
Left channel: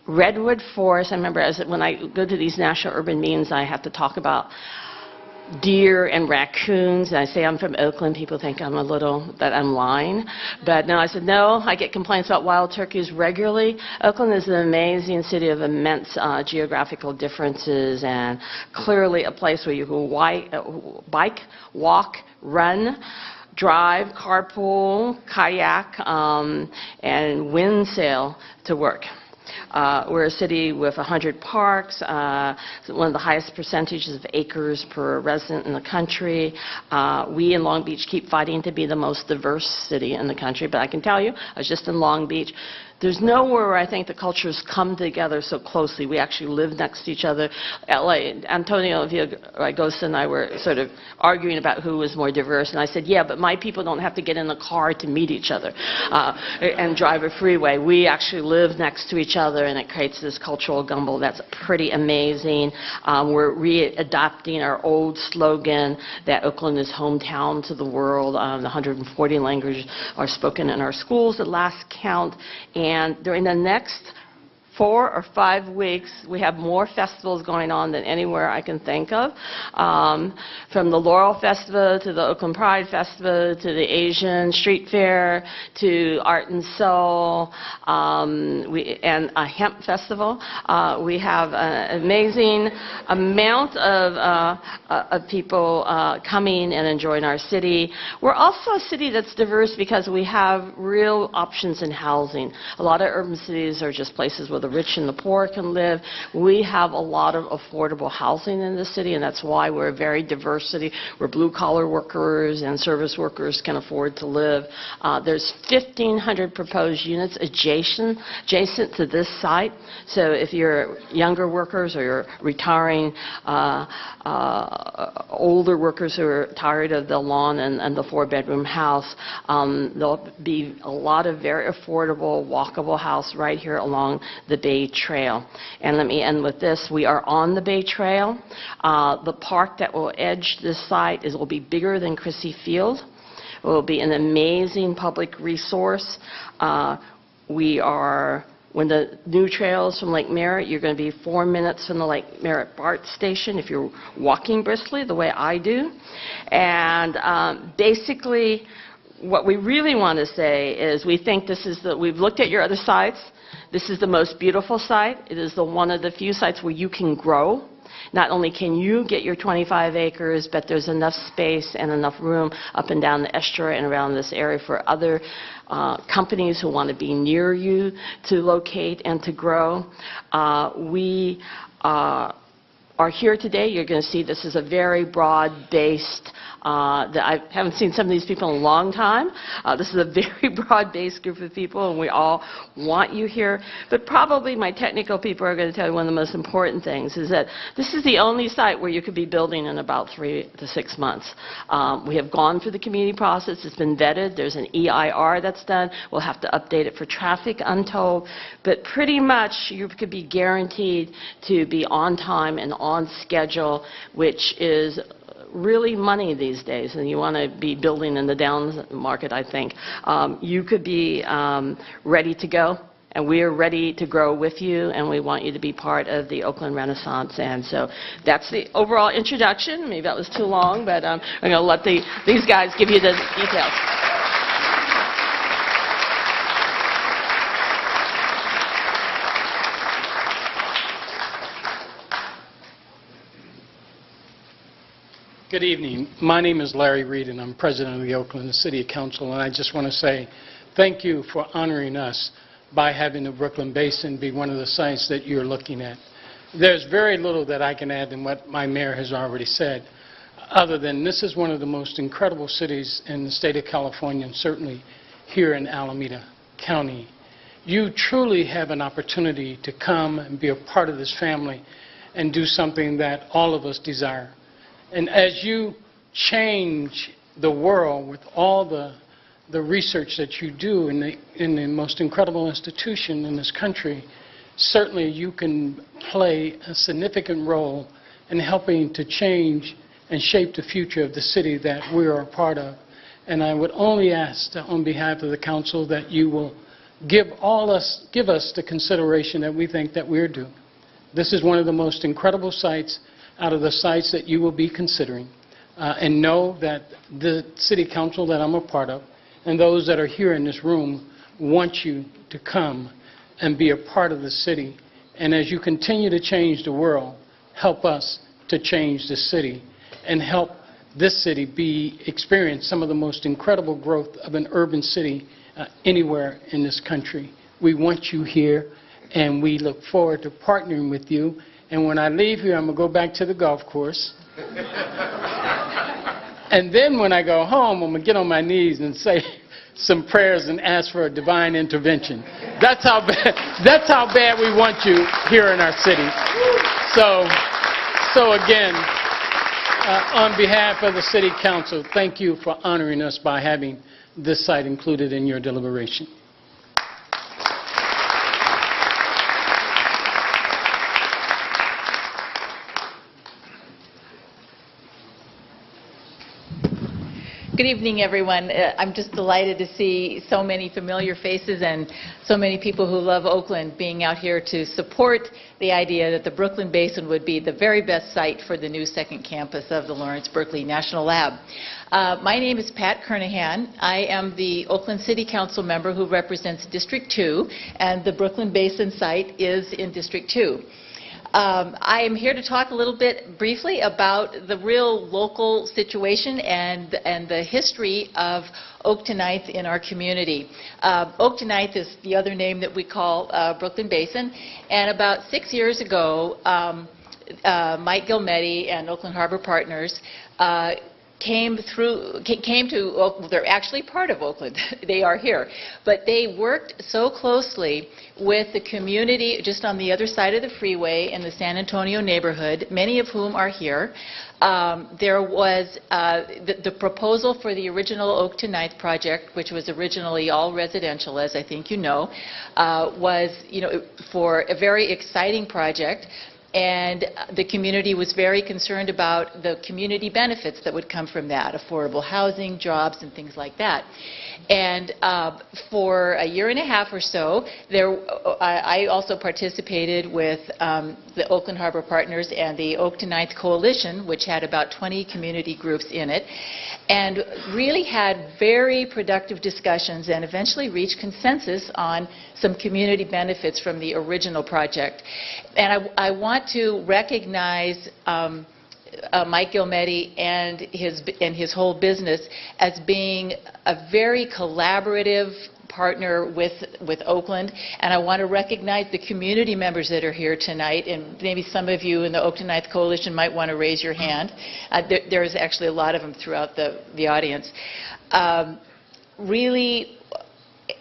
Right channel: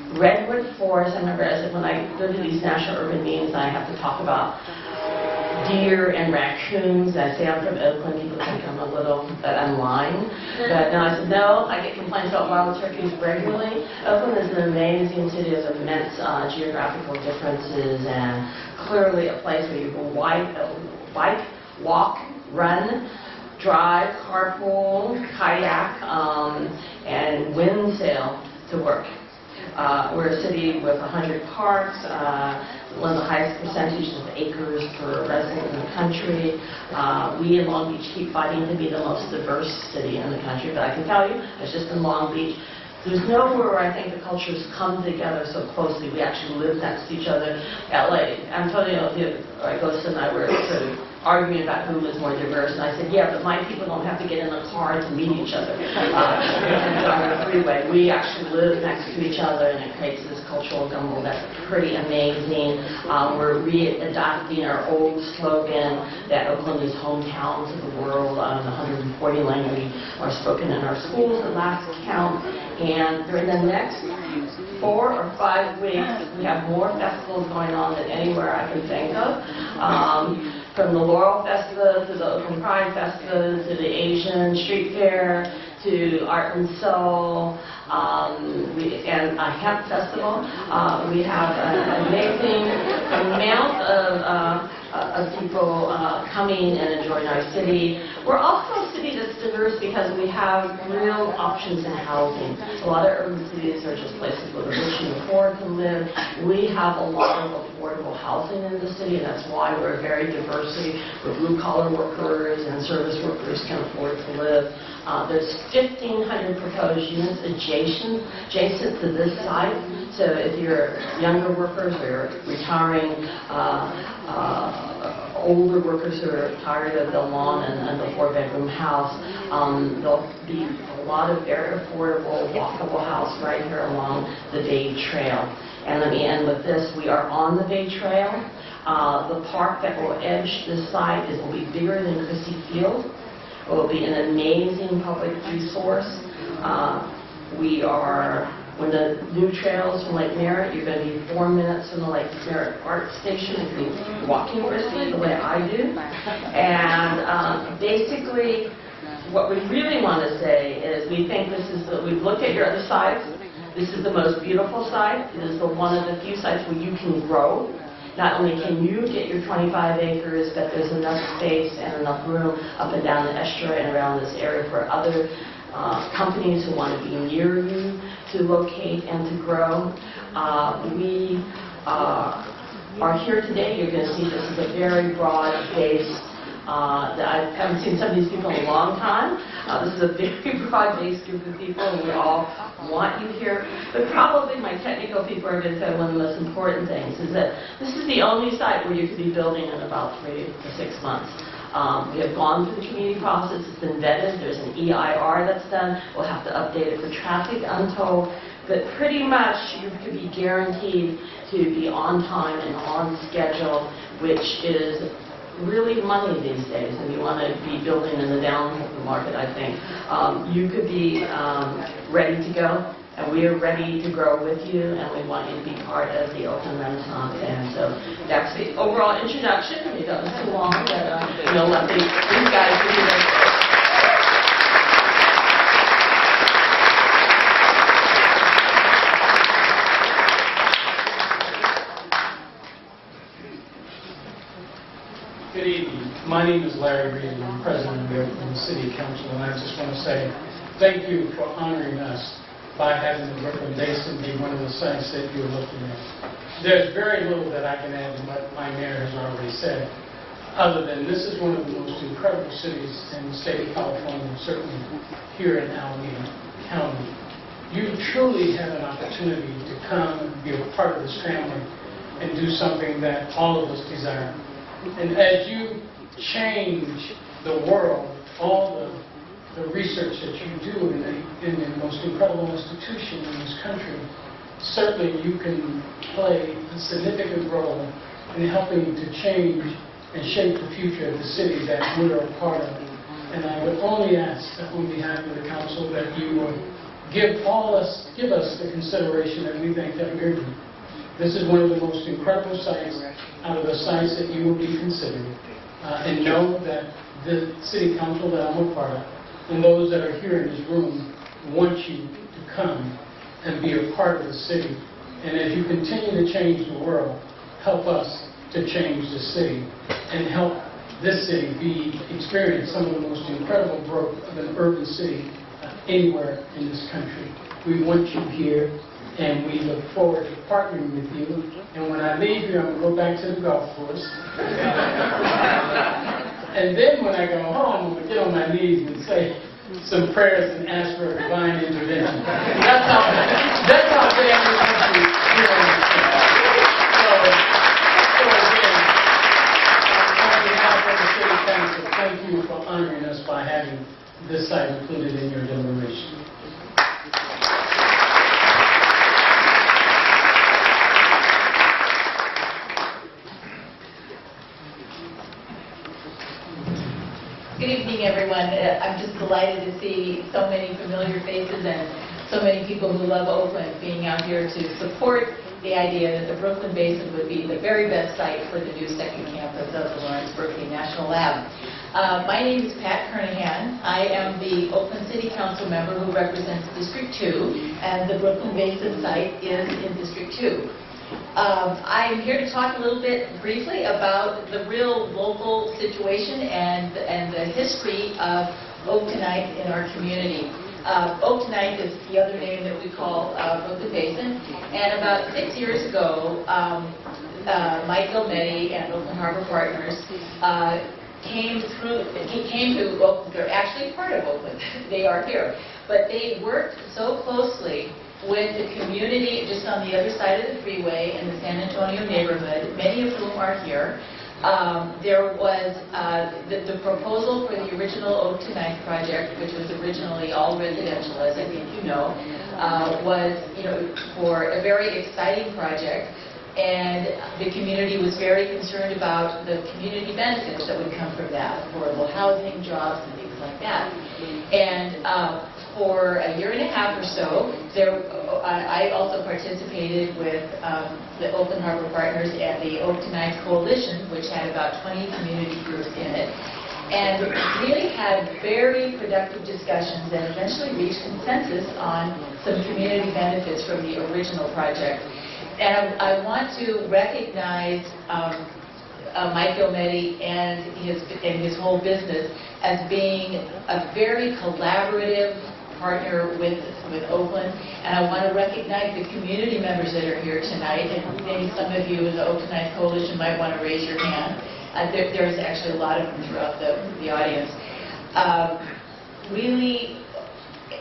redwood forest. I remember when I go to these national urban meetings, I have to talk about deer and raccoons. And I say I'm from Oakland. People think that I'm lying. But no, I said, no, I get complaints about wild turkeys regularly. Oakland is an amazing city of immense geographical differences and clearly a place where you can bike, walk, run, drive, carpool, kayak, and wind sail to work. We're a city with 100 parks, one of the highest percentages of acres per resident in the country. We in Long Beach keep fighting to be the most diverse city in the country, but I can tell you, I was just in Long Beach. There's nowhere where I think the cultures come together so closely. We actually live next to each other. LA, Antonio Agosta and I were sort of arguing about who was more diverse, and I said, yeah, but my people don't have to get in a car to meet each other and drive a freeway. We actually live next to each other, and it creates this cultural gumbo that's pretty amazing. We're re-adopting our old slogan that Oakland is hometown to the world. The 140 languages are spoken in our schools at last count, and during the next 4 or 5 weeks, we have more festivals going on than anywhere I can think of. From the Laurel Festival to the Oakland Pride Festival to the Asian Street Fair to Art and Soul and a hemp festival. We have an amazing amount of people coming and enjoying our city. We're also a city that's diverse because we have real options in housing. A lot of urban cities are just places where the rich and the poor can live. We have a lot of affordable housing in the city, and that's why we're a very diverse city where blue-collar workers and service workers can afford to live. There's 1,500 proposed units adjacent to this site. So if you're younger workers or you're retiring, older workers who are tired of the lawn and the 4-bedroom house, there'll be a lot of very affordable, walkable house right here along the Bay Trail. And let me end with this. We are on the Bay Trail. The park that will edge this site will be bigger than Christie Field. It will be an amazing public resource. When the new trails from Lake Merritt, you're going to be 4 minutes from the Lake Merritt BART station if you're walking briskly the way I do. And basically, what we really want to say is we think we've looked at your other sites. This is the most beautiful site. It is one of the few sites where you can grow. Not only can you get your 25 acres, but there's enough space and enough room up and down the estuary and around this area for other companies who want to be near you to locate and to grow. We are here today. You're going to see this is a very broad-based I haven't seen some of these people in a long time. This is a very broad-based group of people, and we all want you here. But probably my technical people are going to tell you one of the most important things is that this is the only site where you could be building in about 3 to 6 months. We have gone through the community process. It's been vetted. There's an EIR that's done. We'll have to update it for traffic untold. But pretty much you could be guaranteed to be on time and on schedule, which is really money these days, and you want to be building in the down market, I think. You could be ready to go, and we are ready to grow with you, and we want you to be part of the Oakland Renaissance. And so that's the overall introduction. Maybe that was too long, but I'm going to let these guys give you the details. Good evening. My name is Larry Reed, and I'm president of the Oakland City Council, and I just want to say thank you for honoring us by having the Brooklyn Basin be one of the sites that you're looking at. There's very little that I can add than what my mayor has already said, other than this is one of the most incredible cities in the state of California, certainly here in Alameda County. You truly have an opportunity to come and be a part of this family and do something that all of us desire. And as you change the world with all the research that you do in the most incredible institution in this country, certainly you can play a significant role and helping to change and shape the future of the city that we are a part of. And I would only ask on behalf of the council that you will give us the consideration that we think that we're due. This is one of the most incredible sites out of the sites that you will be considering. And know that the city council that I'm a part of and those that are here in this room want you to come and be a part of the city. And as you continue to change the world, help us to change the city and help this city experience some of the most incredible growth of an urban city anywhere in this country. We want you here, and we look forward to partnering with you. And when I leave here, I'm going to go back to the golf course. And then when I go home, I'm going to get on my knees and say some prayers and ask for a divine intervention. That's how bad we want you here in our city. So again, on behalf of the City Council, thank you for honoring us by having this site included in your deliberation. Good evening, everyone. I'm just delighted to see so many familiar faces and so many people who love Oakland being out here to support the idea that the Brooklyn Basin would be the very best site for the new second campus of the Lawrence Berkeley National Lab. My name is Pat Kernahan. I am the Oakland City Council member who represents District 2, and the Brooklyn Basin site is in District 2. I am here to talk a little bit briefly about the real local situation and the history of Oaktonites in our community. Oaktonite is the other name that we call Brooklyn Basin, and about 6 years ago, Mike Gilmetti and Oakland Harbor Partners came to Oakland. They're actually part of Oakland. They are here. But they worked so closely with the community just on the other side of the freeway in the San Antonio neighborhood, many of whom are here. There was the proposal for the original Oak to Ninth project, which was originally all residential, as I think you know, was for a very exciting project. And the community was very concerned about the community benefits that would come from that, affordable housing, jobs, and things like that. And for a year and a half or so, I also participated with the Oakland Harbor Partners and the Oak to Ninth Coalition, which had about 20 community groups in it, and really had very productive discussions and eventually reached consensus on some community benefits from the original project. And I want to recognize Mike Gilmetti and his whole business as being a very collaborative partner with Oakland. And I want to recognize the community members that are here tonight. And maybe some of you in the Oak to Ninth Coalition might want to raise your hand. There is actually a lot of them throughout the audience. Really,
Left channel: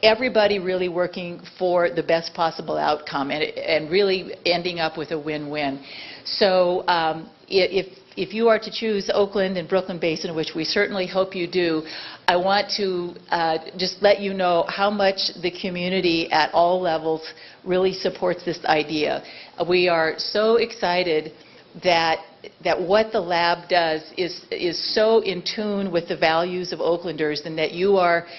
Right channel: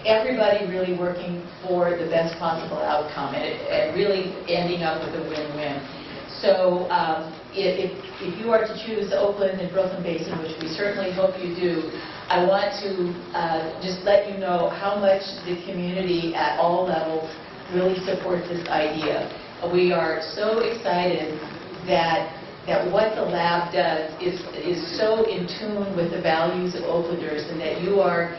everybody really working for the best possible outcome and really ending up with a win-win. So if you are to choose Oakland and Brooklyn Basin, which we certainly hope you do, I want to just let you know how much the community at all levels really supports this idea. We are so excited that what the lab does is so in tune with the values of Oaklanders, and that you're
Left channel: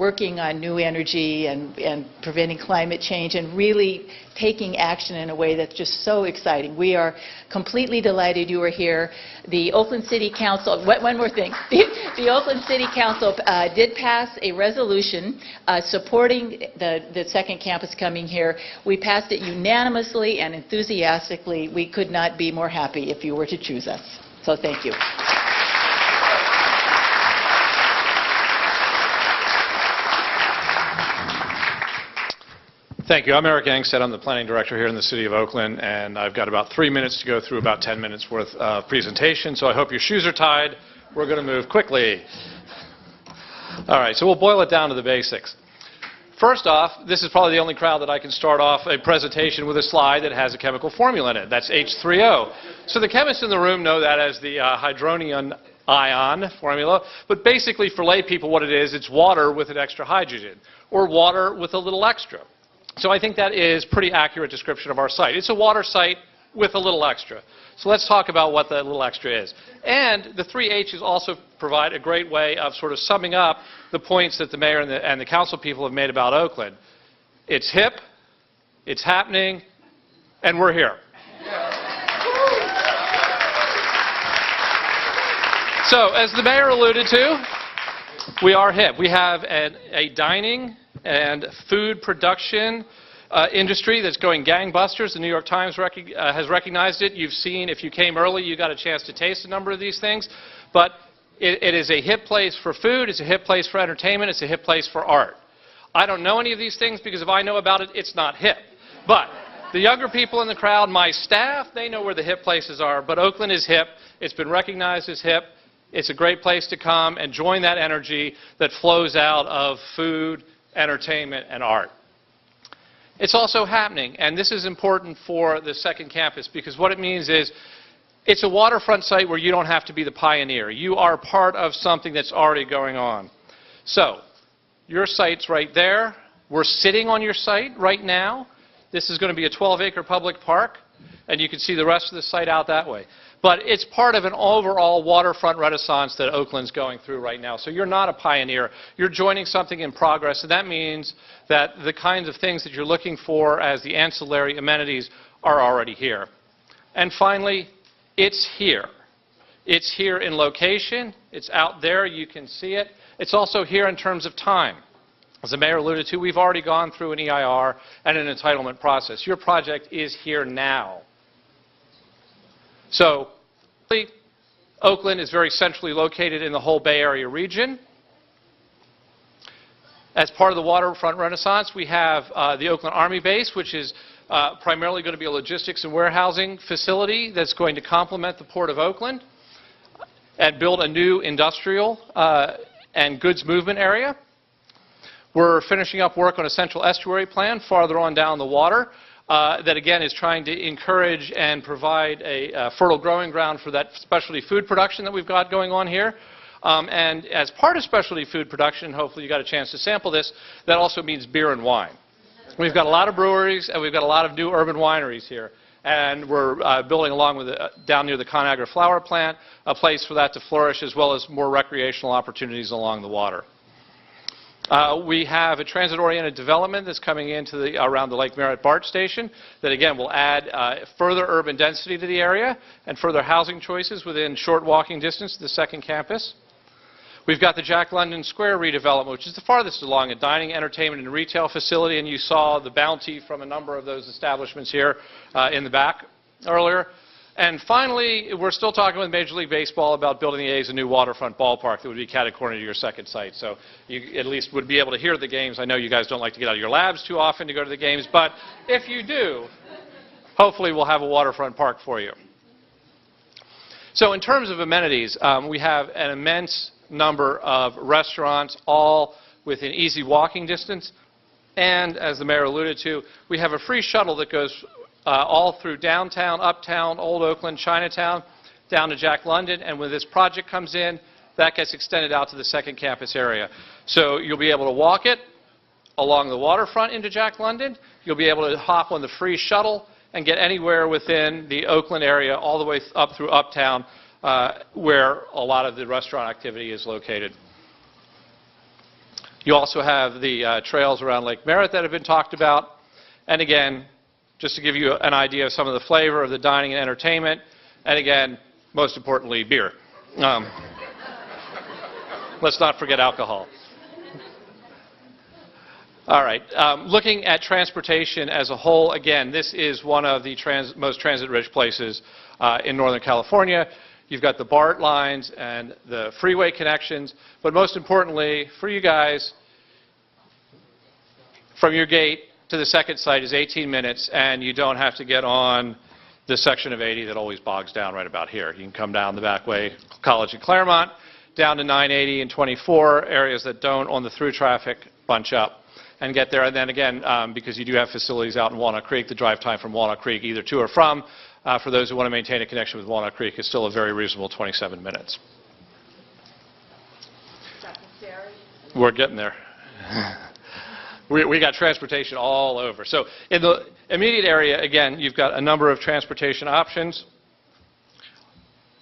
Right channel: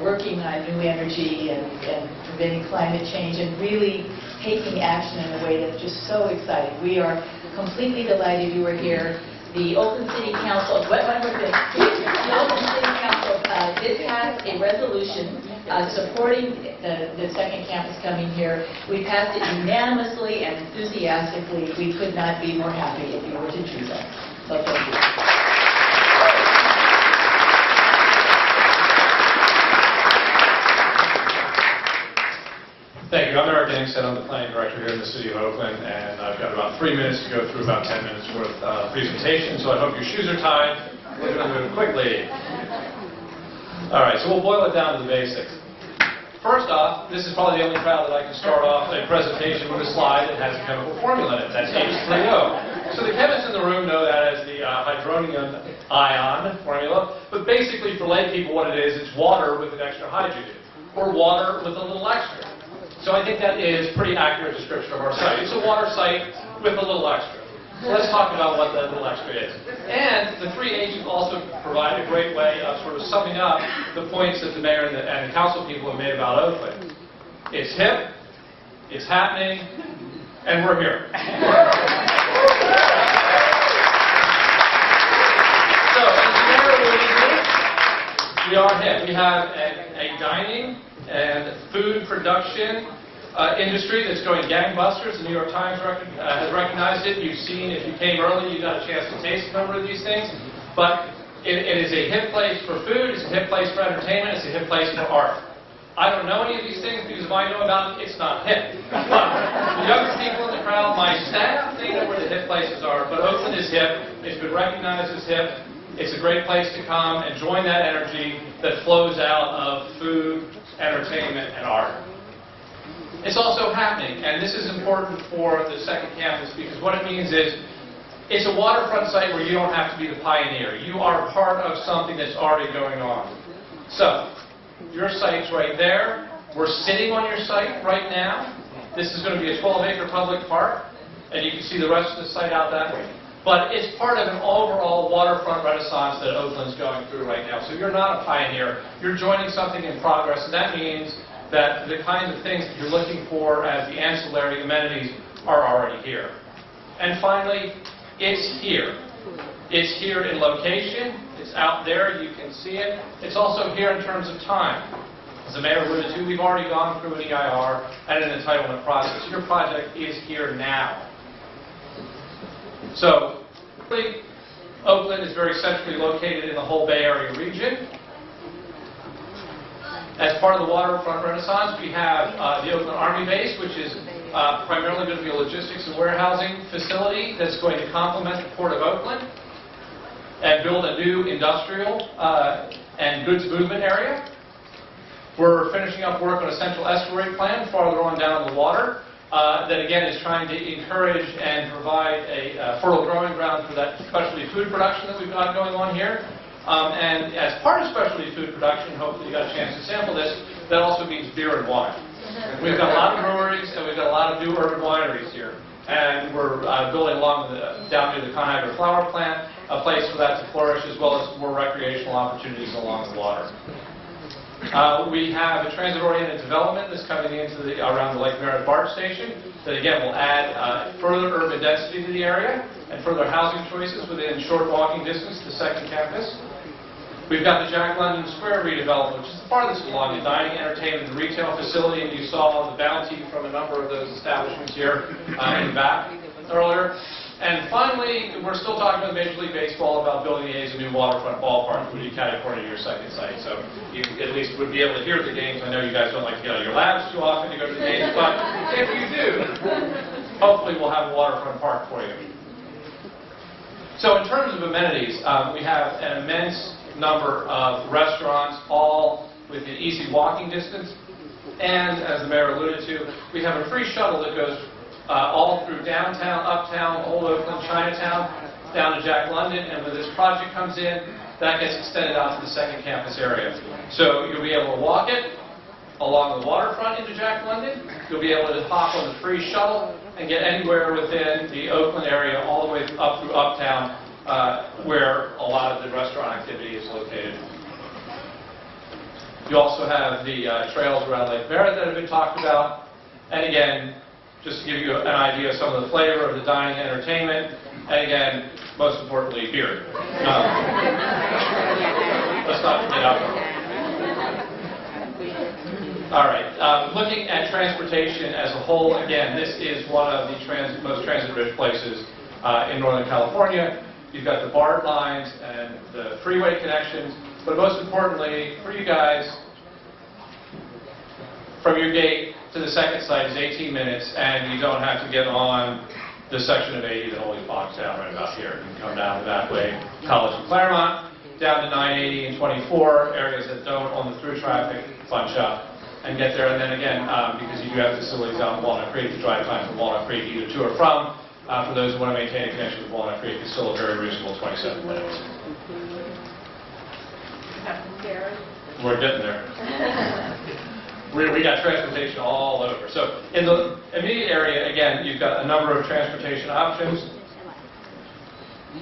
working on new energy and preventing climate change and really taking action in a way that's just so exciting. We are completely delighted you are here. The Oakland City Council, one more thing, the Oakland City Council did pass a resolution supporting the second campus coming here. We passed it unanimously and enthusiastically. We could not be more happy if you were to choose us. So thank you. Thank you. I'm Eric Angstead. I'm the planning director here in the city of Oakland, and I've got about 3 minutes to go through about 10 minutes worth of presentation, so I hope your shoes are tied. We're going to move quickly. All right, so we'll boil it down to the basics. First off, this is probably the only crowd that I can start off a presentation with a slide that has a chemical formula in it. That's H3O. So the chemists in the room know that as the hydronium ion formula, but basically for lay people what it is, it's water with an extra hydrogen, or water with a little extra. So I think that is a pretty accurate description of our site. It's a water site with a little extra. So let's talk about what that little extra is. And the 3 H's also provide a great way of sort of summing up the points that the mayor and the council people have made about Oakland. It's hip, it's happening, and we're here. So, as the mayor alluded to, we are hip. We have a dining and food production industry that's going gangbusters. The New York Times has recognized it. You've seen, if you came early, you got a chance to taste a number of these things. But it is a hip place for food, it's a hip place for entertainment, it's a hip place for art. I don't know any of these things because if I know about it, it's not hip. But the younger people in the crowd, my staff, they know where the hip places are. But Oakland is hip. It's been recognized as hip. It's a great place to come and join that energy that flows out of food, entertainment, and art. It's also happening, and this is important for the second campus because what it means is it's a waterfront site where you don't have to be the pioneer. You are part of something that's already going on. So, your site's right there. We're sitting on your site right now. This is going to be a 12-acre public park, and you can see the rest of the site out that way. But it's part of an overall waterfront renaissance that Oakland's going through right now. So you're not a pioneer. You're joining something in progress, and that means that the kinds of things that you're looking for as the ancillary amenities are already here. And finally, it's here. It's here in location. It's out there. You can see it. It's also here in terms of time. As the mayor alluded to, we've already gone through an EIR and an entitlement process. Your project is here now. So, Oakland is very centrally located in the whole Bay Area region. As part of the waterfront renaissance, we have the Oakland Army Base, which is primarily going to be a logistics and warehousing facility that's going to complement the Port of Oakland and build a new industrial and goods movement area. We're finishing up work on a central estuary plan farther on down the water that again is trying to encourage and provide a fertile growing ground for that specialty food production that we've got going on here. And as part of specialty food production, hopefully you got a chance to sample this, that also means beer and wine. We've got a lot of breweries and we've got a lot of new urban wineries here. And we're building along with down near the Conagra Flower Plant, a place for that to flourish as well as more recreational opportunities along the water. We have a transit-oriented development that's coming into around the Lake Merritt BART station that again will add further urban density to the area and further housing choices within short walking distance to the second campus. We've got the Jack London Square redevelopment, which is the farthest along, a dining, entertainment, and retail facility, and you saw the bounty from a number of those establishments here in the back earlier. And finally, we're still talking with Major League Baseball about building the A's a new waterfront ballpark that would be catty-corner to your second site. So you at least would be able to hear the games. I know you guys don't like to get out of your labs too often to go to the games, but if you do, hopefully we'll have a waterfront park for you. So in terms of amenities, we have an immense number of restaurants, all within easy walking distance. And as the mayor alluded to, we have a free shuttle that goes all through downtown, uptown, Old Oakland, Chinatown, down to Jack London. And when this project comes in, that gets extended out to the second campus area. So you'll be able to walk it along the waterfront into Jack London. You'll be able to hop on the free shuttle and get anywhere within the Oakland area all the way up through uptown where a lot of the restaurant activity is located. You also have the trails around Lake Merritt that have been talked about. And again, just to give you an idea of some of the flavor of the dining and entertainment, and again, most importantly, beer. Let's not forget alcohol. All right, looking at transportation as a whole, again, this is one of the most transit-rich places in Northern California. You've got the BART lines and the freeway connections, but most importantly, for you guys, from your gate to the second site is 18 minutes, and you don't have to get on the section of 80 that always bogs down right about here. You can come down the back way, College and Claremont, down to 980 and 24, areas that don't on the through traffic bunch up, and get there. And then again, because you do have facilities out in Walnut Creek, the drive time from Walnut Creek, either to or from, for those who want to maintain a connection with Walnut Creek, is still a very reasonable 27 minutes. We're getting there. We got transportation all over. So in the immediate area, again, you've got a number of transportation options.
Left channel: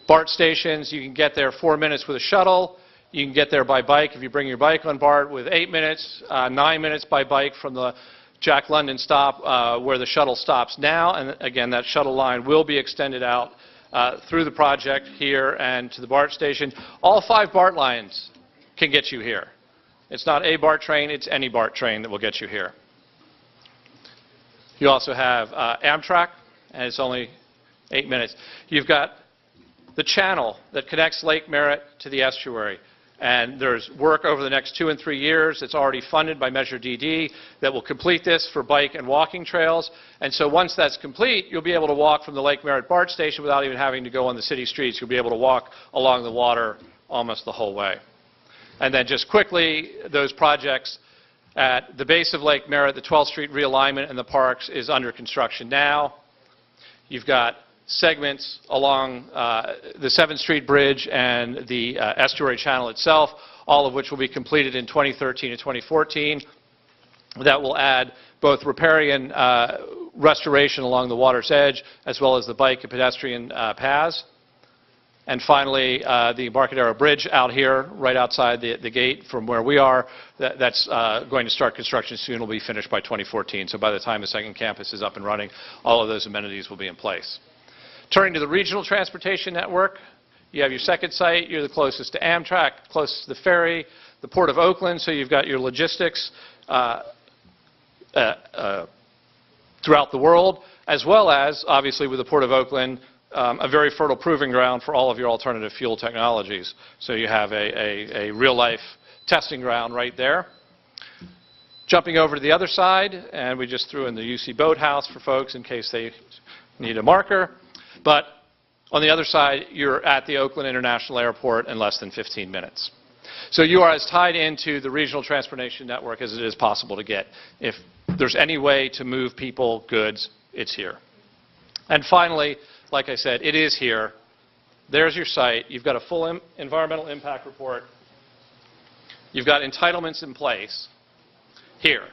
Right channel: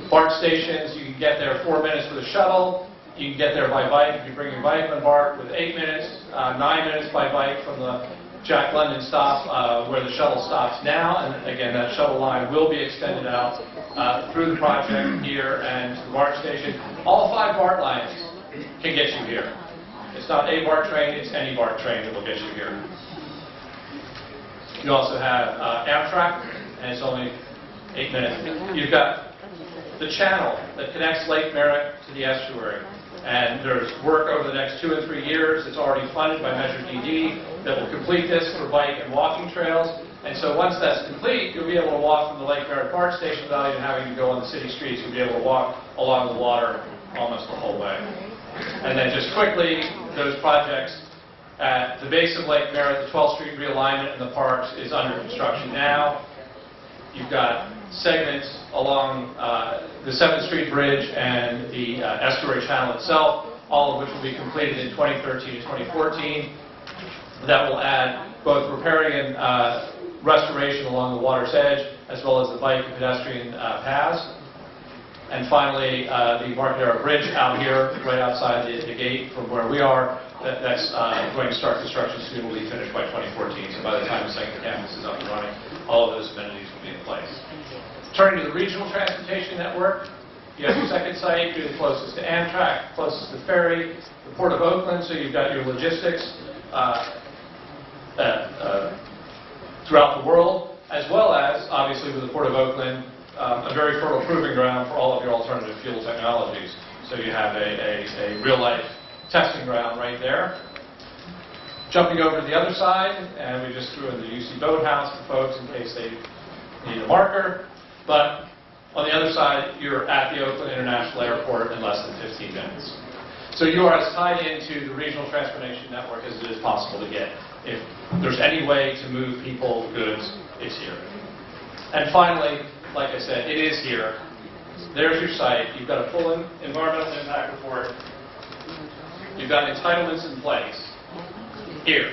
BART stations, you can get there 4 minutes with a shuttle. You can get there by bike if you bring your bike on BART with 8 minutes, 9 minutes by bike from the Jack London stop where the shuttle stops now. And again, that shuttle line will be extended out through the project here and to the BART station. All 5 BART lines can get you here. It's not a BART train, it's any BART train that will get you here. You also have Amtrak, and it's only 8 minutes. You've got the channel that connects Lake Merritt to the estuary. And there's work over the next 2 and 3 years. It's already funded by Measure DD that will complete this for bike and walking trails. And so once that's complete, you'll be able to walk from the Lake Merritt BART station without even having to go on the city streets. You'll be able to walk along the water almost the whole way. And then just quickly, those projects at the base of Lake Merritt, the 12th Street realignment in the parks is under construction now. You've got segments along the 7th Street Bridge and the estuary channel itself, all of which will be completed in 2013 and 2014. That will add both riparian restoration along the water's edge, as well as the bike and pedestrian paths. And finally, the Embarcadero Bridge out here, right outside the gate from where we are, that's going to start construction soon. Will be finished by 2014. So by the time the second campus is up and running, all of those amenities will be in place. Turning to the regional transportation network, you have your second site. You're the closest to Amtrak, closest to the ferry, the Port of Oakland. So you've got your logistics throughout the world, as well as, obviously, with the Port of Oakland, a very fertile proving ground for all of your alternative fuel technologies. So you have a real-life testing ground right there. Jumping over to the other side, and we just threw in the UC Boathouse for folks in case they need a marker. But on the other side, you're at the Oakland International Airport in less than 15 minutes. So you are as tied into the regional transportation network as it is possible to get. If there's any way to move people, goods, it's here. And finally, like I said, it is here. There's your site. You've got a full environmental impact report. You've got entitlements in place here.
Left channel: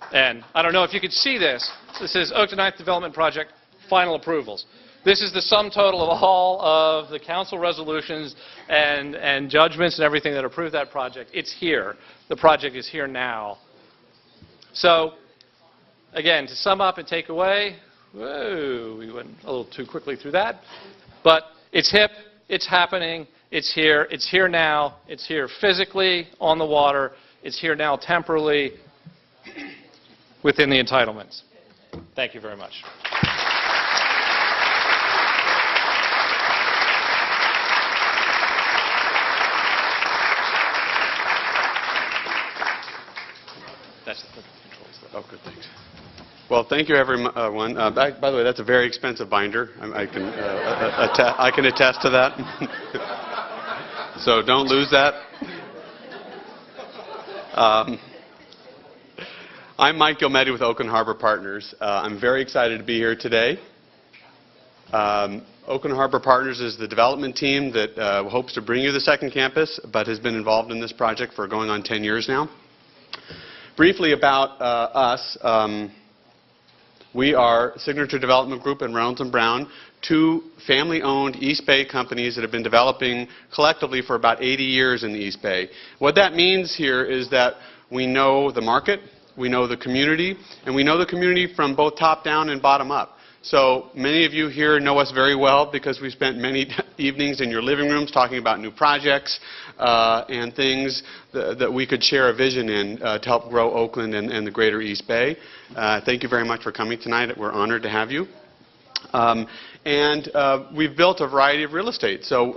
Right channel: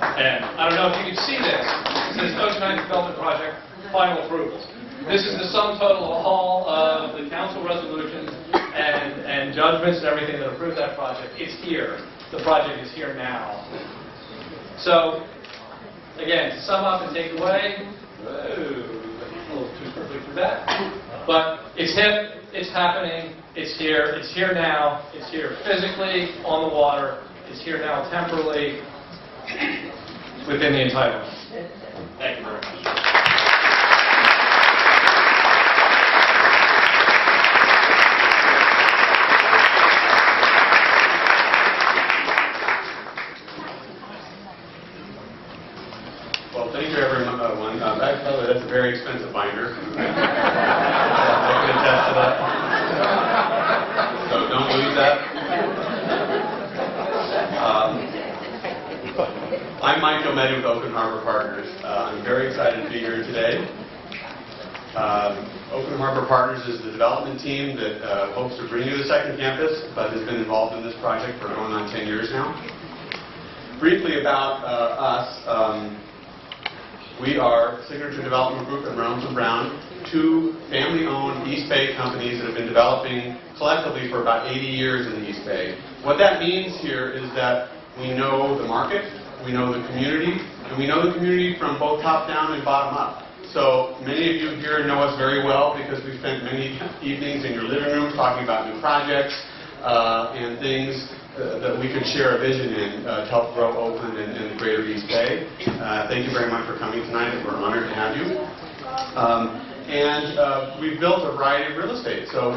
And I don't know if you can see this. It says Oakland Development Project Final Approvals. This is the sum total of all of the council resolutions and judgments and everything that approved that project. It's here. The project is here now. So, again, to sum up and take away, whoa, we went a little too quickly through that. But it's hip, it's happening, it's here now, it's here physically on the water, it's here now temporally within the entitlements. Thank you very much. Well, thank you, everyone. By the way, that's a very expensive binder. I can attest to that. So don't lose that. I'm Mike Gilmetti with Oakland Harbor Partners. I'm very excited to be here today. Oakland Harbor Partners is the development team that hopes to bring you the second campus, but has been involved in this project for going on 10 years now. Briefly about us. We are Signature Development Group and Reynolds & Brown, 2 family-owned East Bay companies that have been developing collectively for about 80 years in the East Bay. What that means here is that we know the market, we know the community, and we know the community from both top-down and bottom-up. So many of you here know us very well because we spent many evenings in your living rooms talking about new projects and things that we could share a vision in to help grow Oakland and the greater East Bay. Thank you very much for coming tonight. We're honored to have you. We've built a variety of real estate. So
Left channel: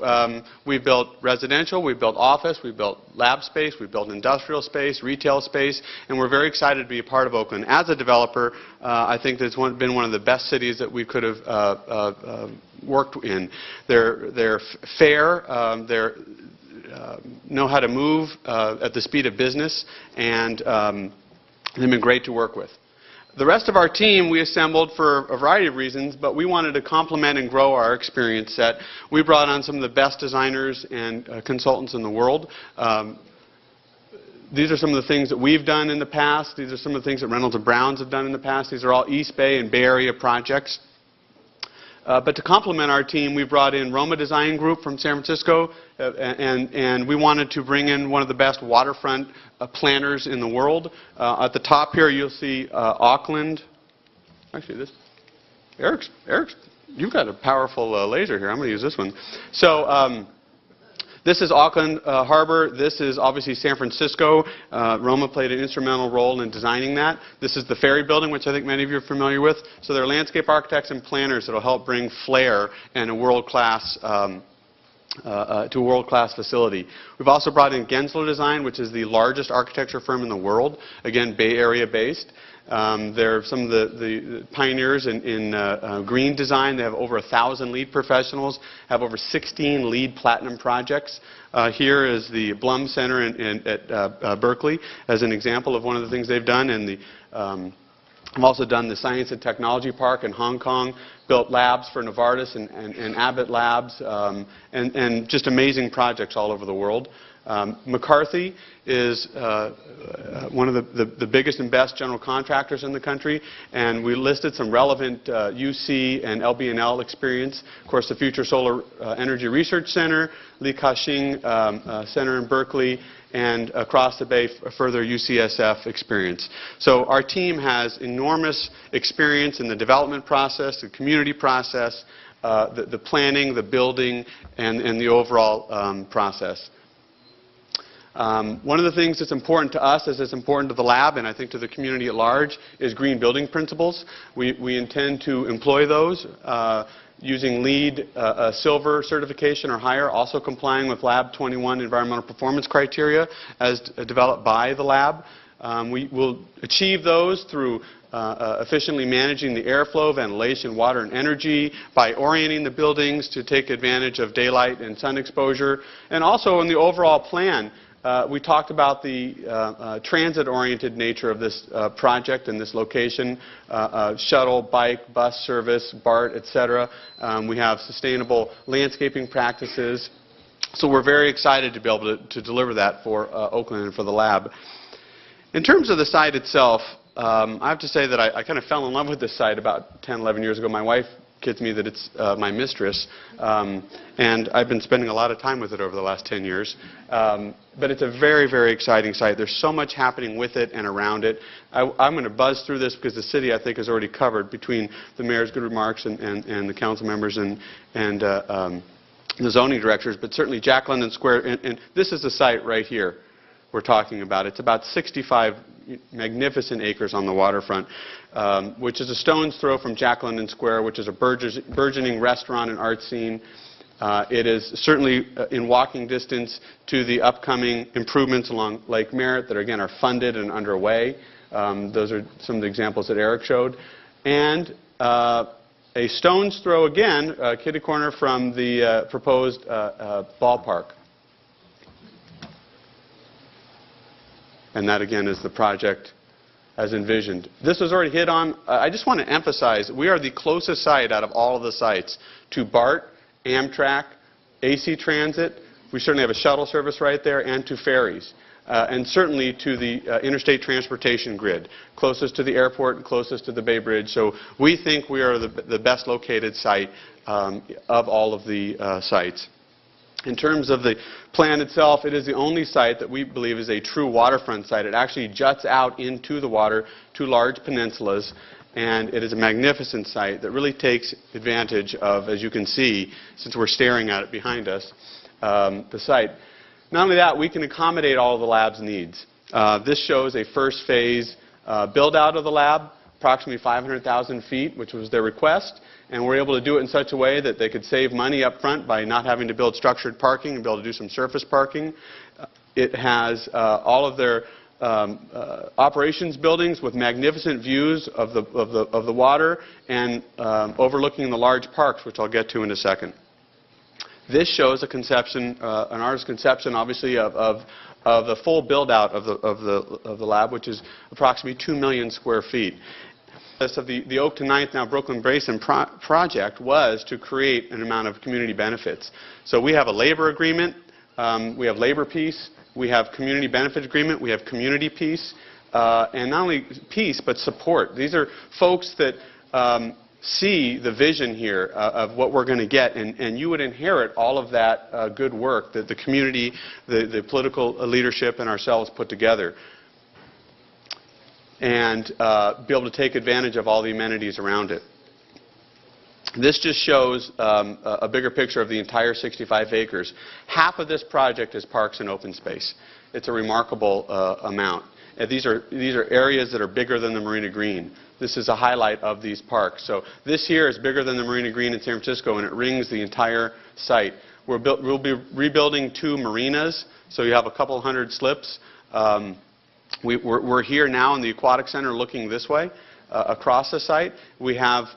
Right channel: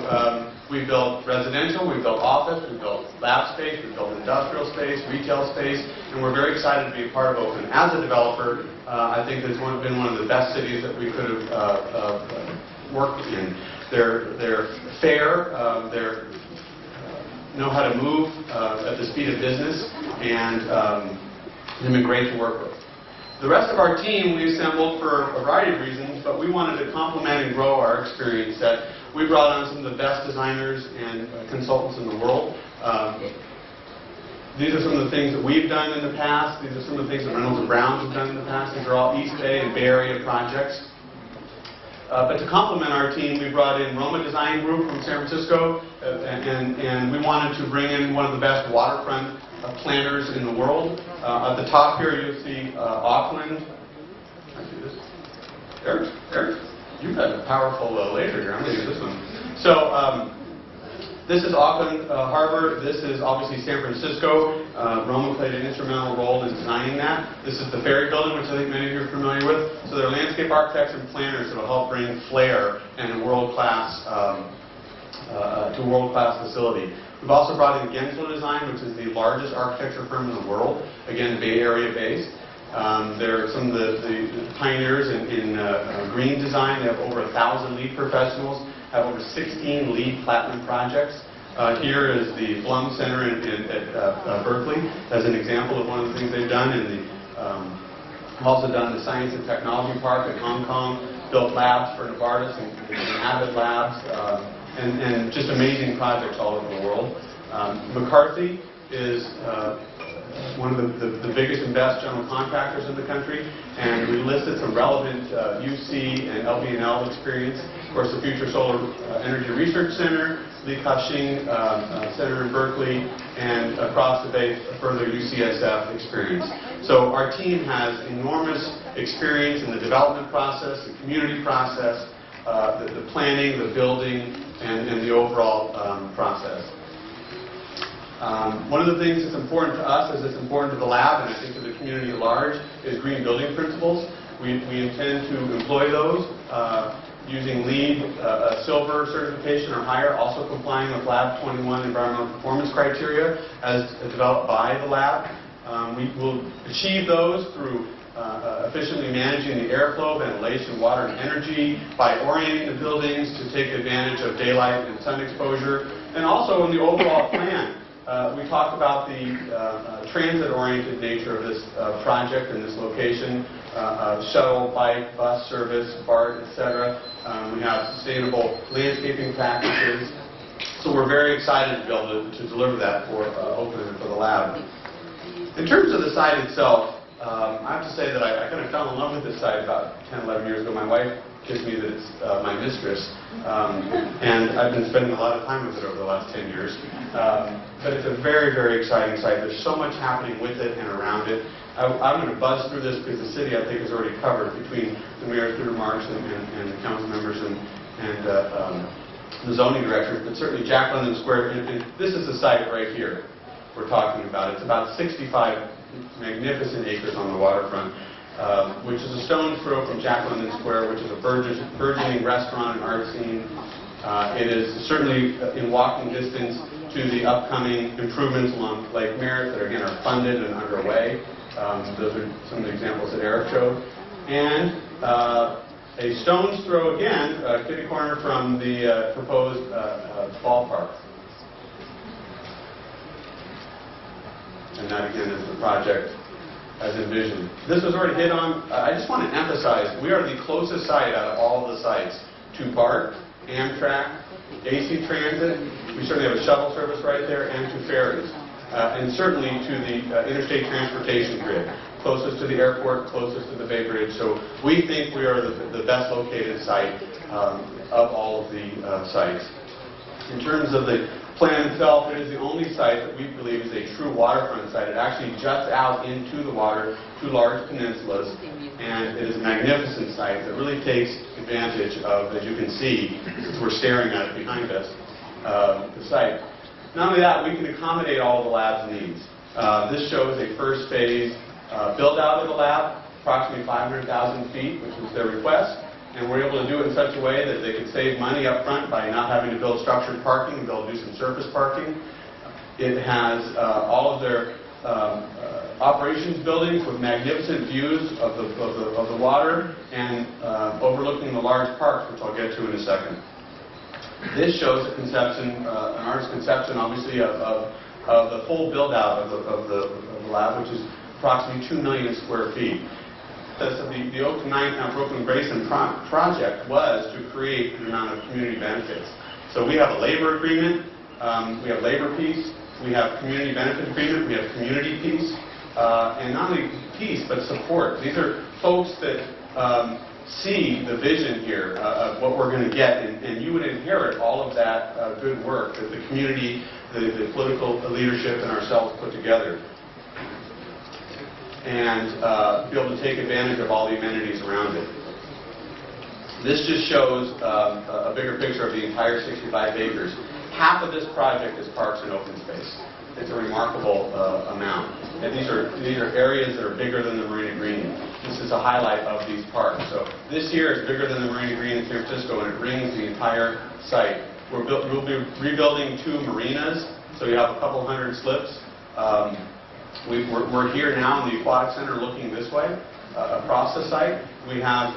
we've built residential, we've built office, we've built lab space, we've built industrial space, retail space, and we're very excited to be a part of Oakland. As a developer, I think it's been one of the best cities that we could have worked in. They're fair, they're know how to move at the speed of business, and they've been great to work with. The rest of our team we assembled for a variety of reasons, but we wanted to complement and grow our experience set. We brought on some of the best designers and consultants in the world. These are some of the things that we've done in the past. These are some of the things that Reynolds & Browns have done in the past. These are all East Bay and Bay Area projects. But to complement our team, we brought in Roma Design Group from San Francisco, and we wanted to bring in one of the best waterfront planners in the world. At the top here, you'll see Auckland. Actually, this Eric, you've got a powerful laser here. I'm going to use this one. So this is Auckland Harbor. This is obviously San Francisco. Roma played an instrumental role in designing that. This is the ferry building, which I think many of you are familiar with. So they're landscape architects and planners that will help bring flair and a world-class to a world-class facility. We've also brought in Gensler Design, which is the largest architecture firm in the world. Again, Bay Area based. They're some of the pioneers in green design. They have over 1,000 lead professionals, have over 16 lead platinum projects. Here is the Blum Center at Berkeley as an example of one of the things they've done. And I've also done the Science and Technology Park in Hong Kong, built labs for Novartis and Abbott Labs, and just amazing projects all over the world. McCarthy is one of the biggest and best general contractors in the country, and we listed some relevant UC and LB&L experience. Of course, the Future Solar Energy Research Center, Li Ka-shing Center in Berkeley, and across the bay, a further UCSF experience. So our team has enormous experience in the development process, the community process, the planning, the building, and the overall process. One of the things that's important to us, as it's important to the lab, and I think to the community at large, is green building principles. We intend to employ those using LEED Silver certification or higher, also complying with Lab 21 environmental performance criteria as developed by the lab. We will achieve those through efficiently managing the airflow, ventilation, water, and energy, by orienting the buildings to take advantage of daylight and sun exposure, and also in the overall plan. We talked about the transit-oriented nature of this project and this location, shuttle, bike, bus service, BART, etc. We have sustainable landscaping practices. So we're very excited to be able to deliver that for Oakland and for the lab. In terms of the site itself, I have to say that I kind of fell in love with this site about 10, 11 years ago. My wife kids me that it's my mistress, and I've been spending a lot of time with it over the last 10 years. But it's a very, very exciting site. There's so much happening with it and around it. I'm going to buzz through this because the city, I think, is already covered between the mayor's good remarks and the council members and the zoning directors, but certainly Jack London Square, and this is the site right here we're talking about. It's about 65 magnificent acres on the waterfront, which is a stone's throw from Jack London Square, which is a burgeoning restaurant and art scene. It is certainly in walking distance to the upcoming improvements along Lake Merritt that, again, are funded and underway. Those are some of the examples that Eric showed. And a stone's throw, again, kitty corner from the proposed ballpark. And that, again, is the project as envisioned. This was already hit on. I just want to emphasize, we are the closest site out of all of the sites to BART, Amtrak, AC Transit. We certainly have a shuttle service right there, and to ferries. And certainly to the interstate transportation grid, closest to the airport, closest to the Bay Bridge. So we think we are the best located site of all of the sites. In terms of the plan itself, it is the only site that we believe is a true waterfront site. It actually juts out into the water, two large peninsulas, and it is a magnificent site that really takes advantage of, as you can see, since we're staring at it behind us, the site. Not only that, we can accommodate all the lab's needs. This shows a first phase build out of the lab, approximately 500,000 feet, which was their request. And we're able to do it in such a way that they could save money up front by not having to build structured parking and be able to do some surface parking. It has all of their operations buildings with magnificent views of the water and overlooking the large parks, which I'll get to in a second. This shows a conception, an artist's conception, obviously, of the full build-out of the lab, which is approximately 2 million square feet. The Oakland Ninth, now Brooklyn Basin project was to create an amount of community benefits. So we have a labor agreement, we have labor peace, we have community benefit agreement, we have community peace, and not only peace, but support. These are folks that see the vision here of what we're going to get, and you would inherit all of that good work that the community, the political leadership, and ourselves put together, and be able to take advantage of all the amenities around it. This just shows a bigger picture of the entire 65 acres. Half of this project is parks and open space. It's a remarkable amount. And these are areas that are bigger than the Marina Green. This is a highlight of these parks. So this here is bigger than the Marina Green in San Francisco, and it rings the entire site. We'll be rebuilding 2 marinas, so you have a couple hundred slips. We're here now in the Aquatic Center looking this way, across the site. We have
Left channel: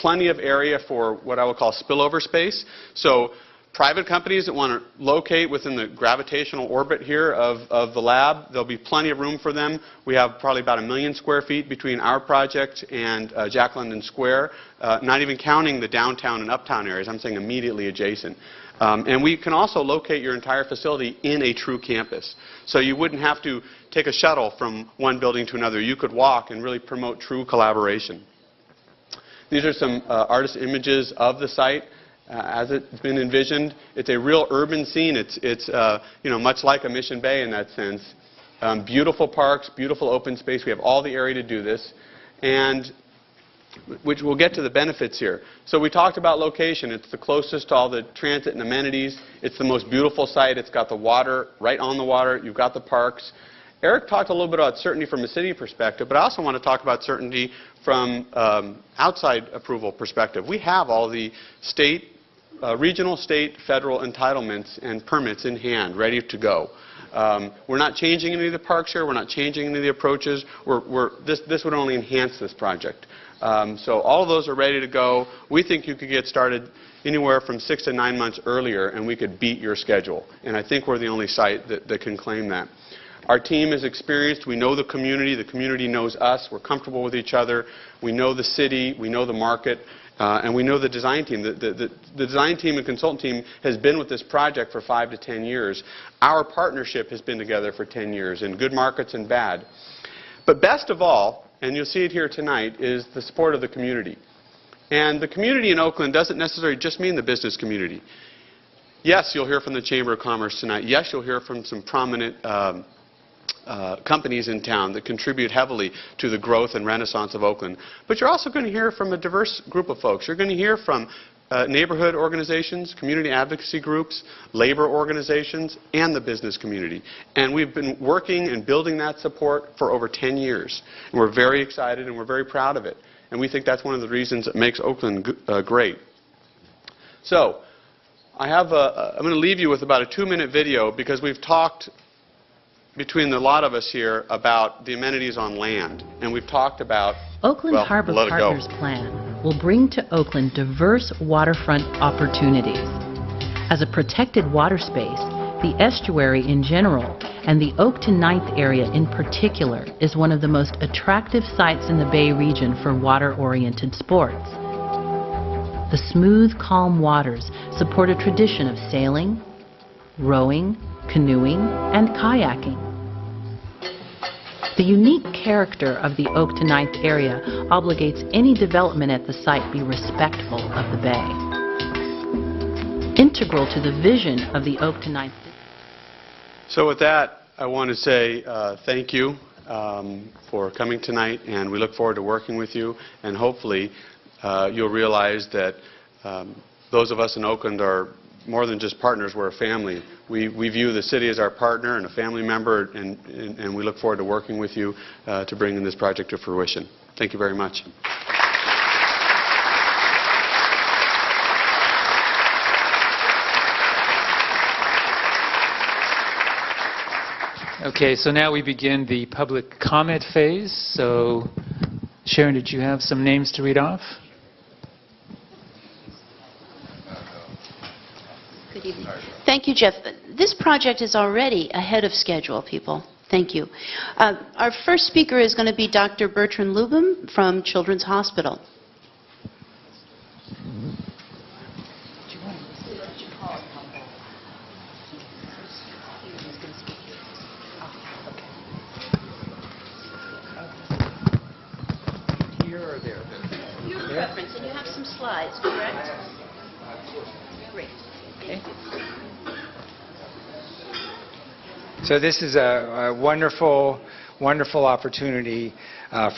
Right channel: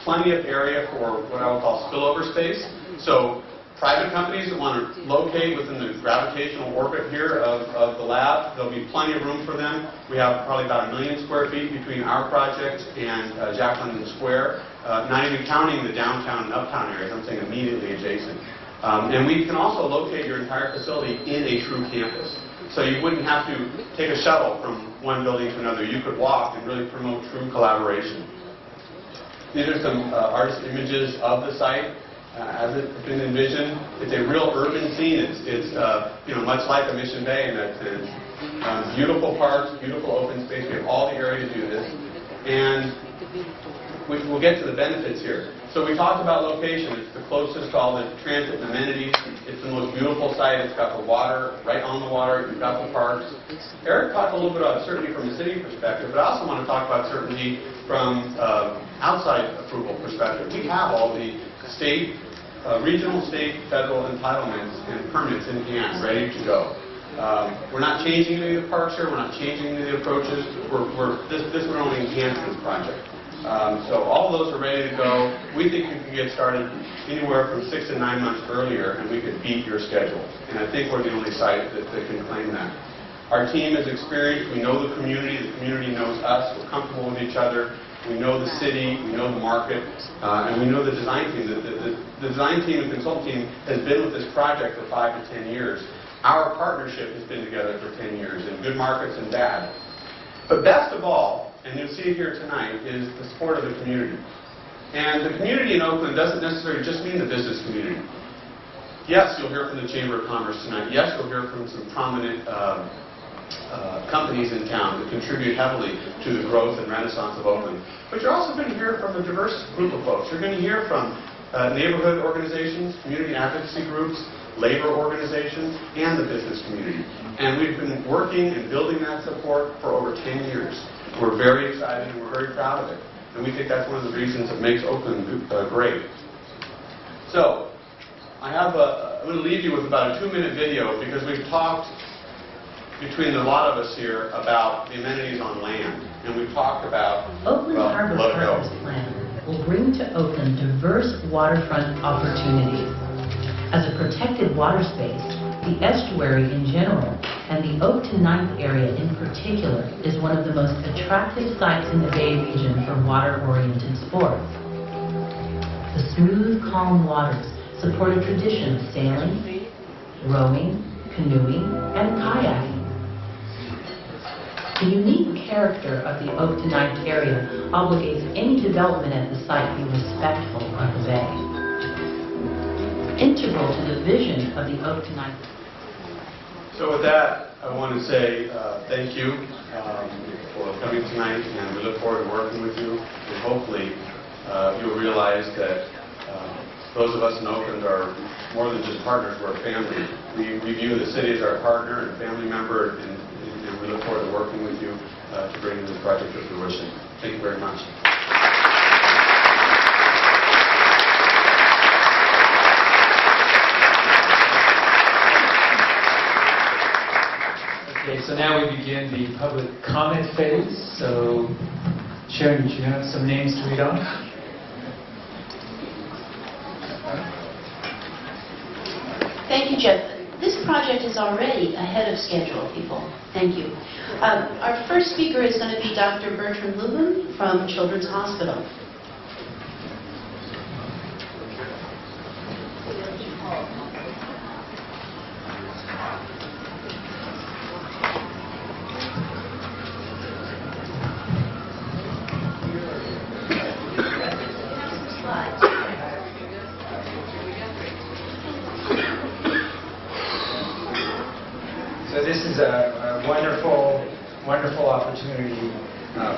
plenty of area for what I would call spillover space. So private companies that want to locate within the gravitational orbit here of the lab, there'll be plenty of room for them. We have probably about 1 million square feet between our project and Jack London Square, not even counting the downtown and uptown areas. I'm saying immediately adjacent. And we can also locate your entire facility in a true campus. So you wouldn't have to take a shuttle from one building to another. You could walk and really promote true collaboration. These are some artist images of the site as it's been envisioned. It's a real urban scene. It's much like a Mission Bay in that sense. Beautiful parks, beautiful open space. We have all the area to do this, and which we'll get to the benefits here. So we talked about location. It's the closest to all the transit and amenities. It's the most beautiful site. It's got the water right on the water. You've got the parks. Eric talked a little bit about certainty from a city perspective, but I also want to talk about certainty from outside approval perspective. We have all the state, regional, state, federal entitlements and permits in hand, ready to go. We're not changing any of the parks here. We're not changing any of the approaches. This would only enhance this project. So all of those are ready to go. We think you could get started anywhere from 6 to 9 months earlier, and we could beat your schedule. And I think we're the only site that can claim that. Our team is experienced. We know the community knows us. We're comfortable with each other. We know the city, we know the market, and we know the design team. The design team and consultant team has been with this project for 5 to 10 years. Our partnership has been together for 10 years, in good markets and bad. But best of all, and you'll see it here tonight, is the support of the community. And the community in Oakland doesn't necessarily just mean the business community. Yes, you'll hear from the Chamber of Commerce tonight. Yes, you'll hear from some prominent companies in town that contribute heavily to the growth and renaissance of Oakland. But you're also going to hear from a diverse group of folks. You're going to hear from neighborhood organizations, community advocacy groups, labor organizations, and the business community. And we've been working and building that support for over 10 years. We're very excited and we're very proud of it. And we think that's one of the reasons that makes Oakland great. So, I'm going to leave you with about a 2-minute video because we've talked between the lot of us here about the amenities on land. And we've talked about, Oakland Harbor Partners Plan will bring to Oakland diverse waterfront opportunities. As a protected water space, the estuary in general and the Oak to Ninth area in particular is one of the most attractive sites in the Bay region for water-oriented sports. The smooth, calm waters support a tradition of sailing, rowing, canoeing, and kayaking. The unique character of the Oak to Ninth area obligates any development at the site be respectful of the bay. Integral to the vision of the Oak to Ninth. So with that, I want to say thank you for coming tonight, and we look forward to working with you, and hopefully you'll realize that those of us in Oakland are more than just partners, we're a family. We view the city as our partner and a family member, and we look forward to working with you to bring this project to fruition. Thank you very much. Okay, so now we begin the public comment phase. So, Sharon, did you have some names to read off? Thank you, Jeff. This project is already ahead of schedule, people. Thank you. Our first speaker is going to be Dr. Bertrand Lubin from Children's Hospital. So this is a wonderful, wonderful opportunity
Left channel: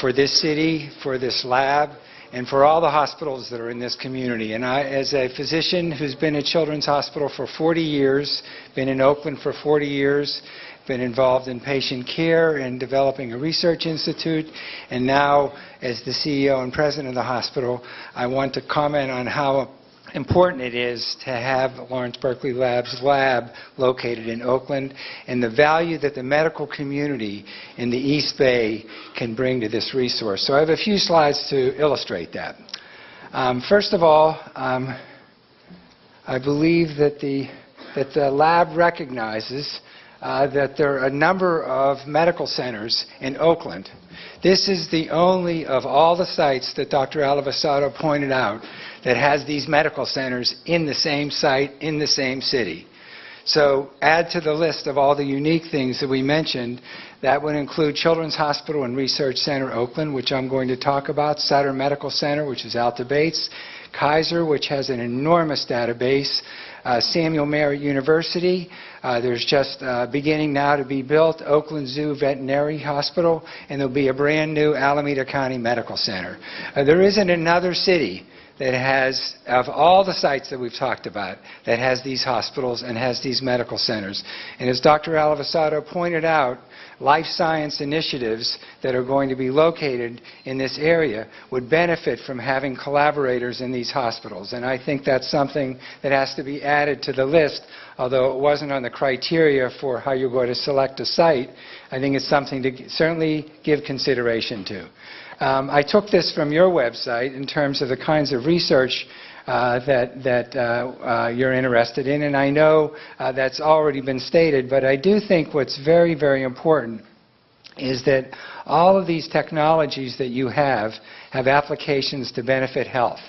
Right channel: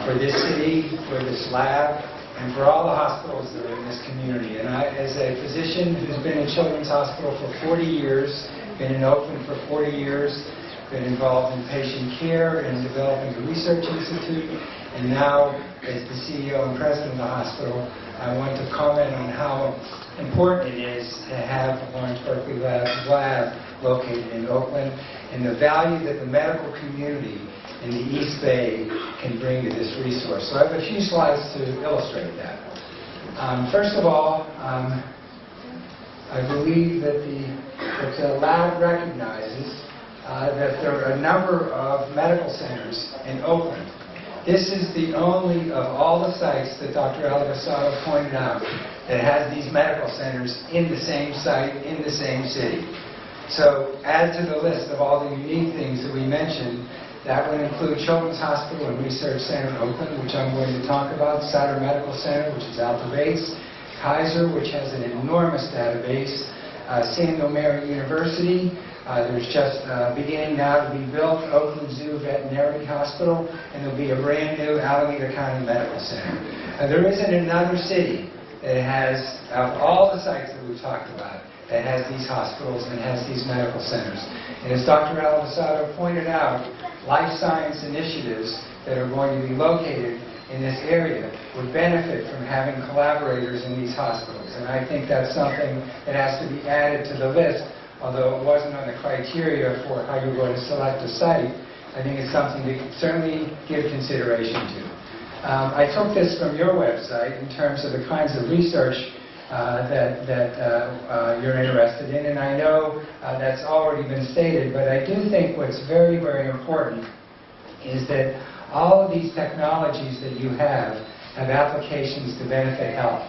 for this city, for this lab, and for all the hospitals that are in this community. And I, as a physician who's been in Children's Hospital for 40 years, been in Oakland for 40 years, been involved in patient care and developing a research institute, and now as the CEO and president of the hospital, I want to comment on how important it is to have Lawrence Berkeley Lab located in Oakland and the value that the medical community in the East Bay can bring to this resource. So I have a few slides to illustrate that. First of all, I believe that the lab recognizes that there are a number of medical centers in Oakland. This is the only of all the sites that Dr. Alivasato pointed out that has these medical centers in the same site, in the same city. So add to the list of all the unique things that we mentioned, that would include Children's Hospital and Research Center Oakland, which I'm going to talk about, Sutter Medical Center, which is Alta Bates, Kaiser, which has an enormous database, Samuel Merritt University. There's just beginning now to be built Oakland Zoo Veterinary Hospital, and there'll be a brand new Alameda County Medical Center. There isn't another city that has, of all the sites that we've talked about, that has these hospitals and has these medical centers. And as Dr. Alivasato pointed out, life science initiatives that are going to be located in this area would benefit from having collaborators in these hospitals. And I think that's something that has to be added to the list, although it wasn't on the criteria for how you're going to select a site. I think it's something to certainly give consideration to. I took this from your website in terms of the kinds of research that you're interested in, and I know that's already been stated, but I do think what's very, very important is that all of these technologies that you have applications to benefit health.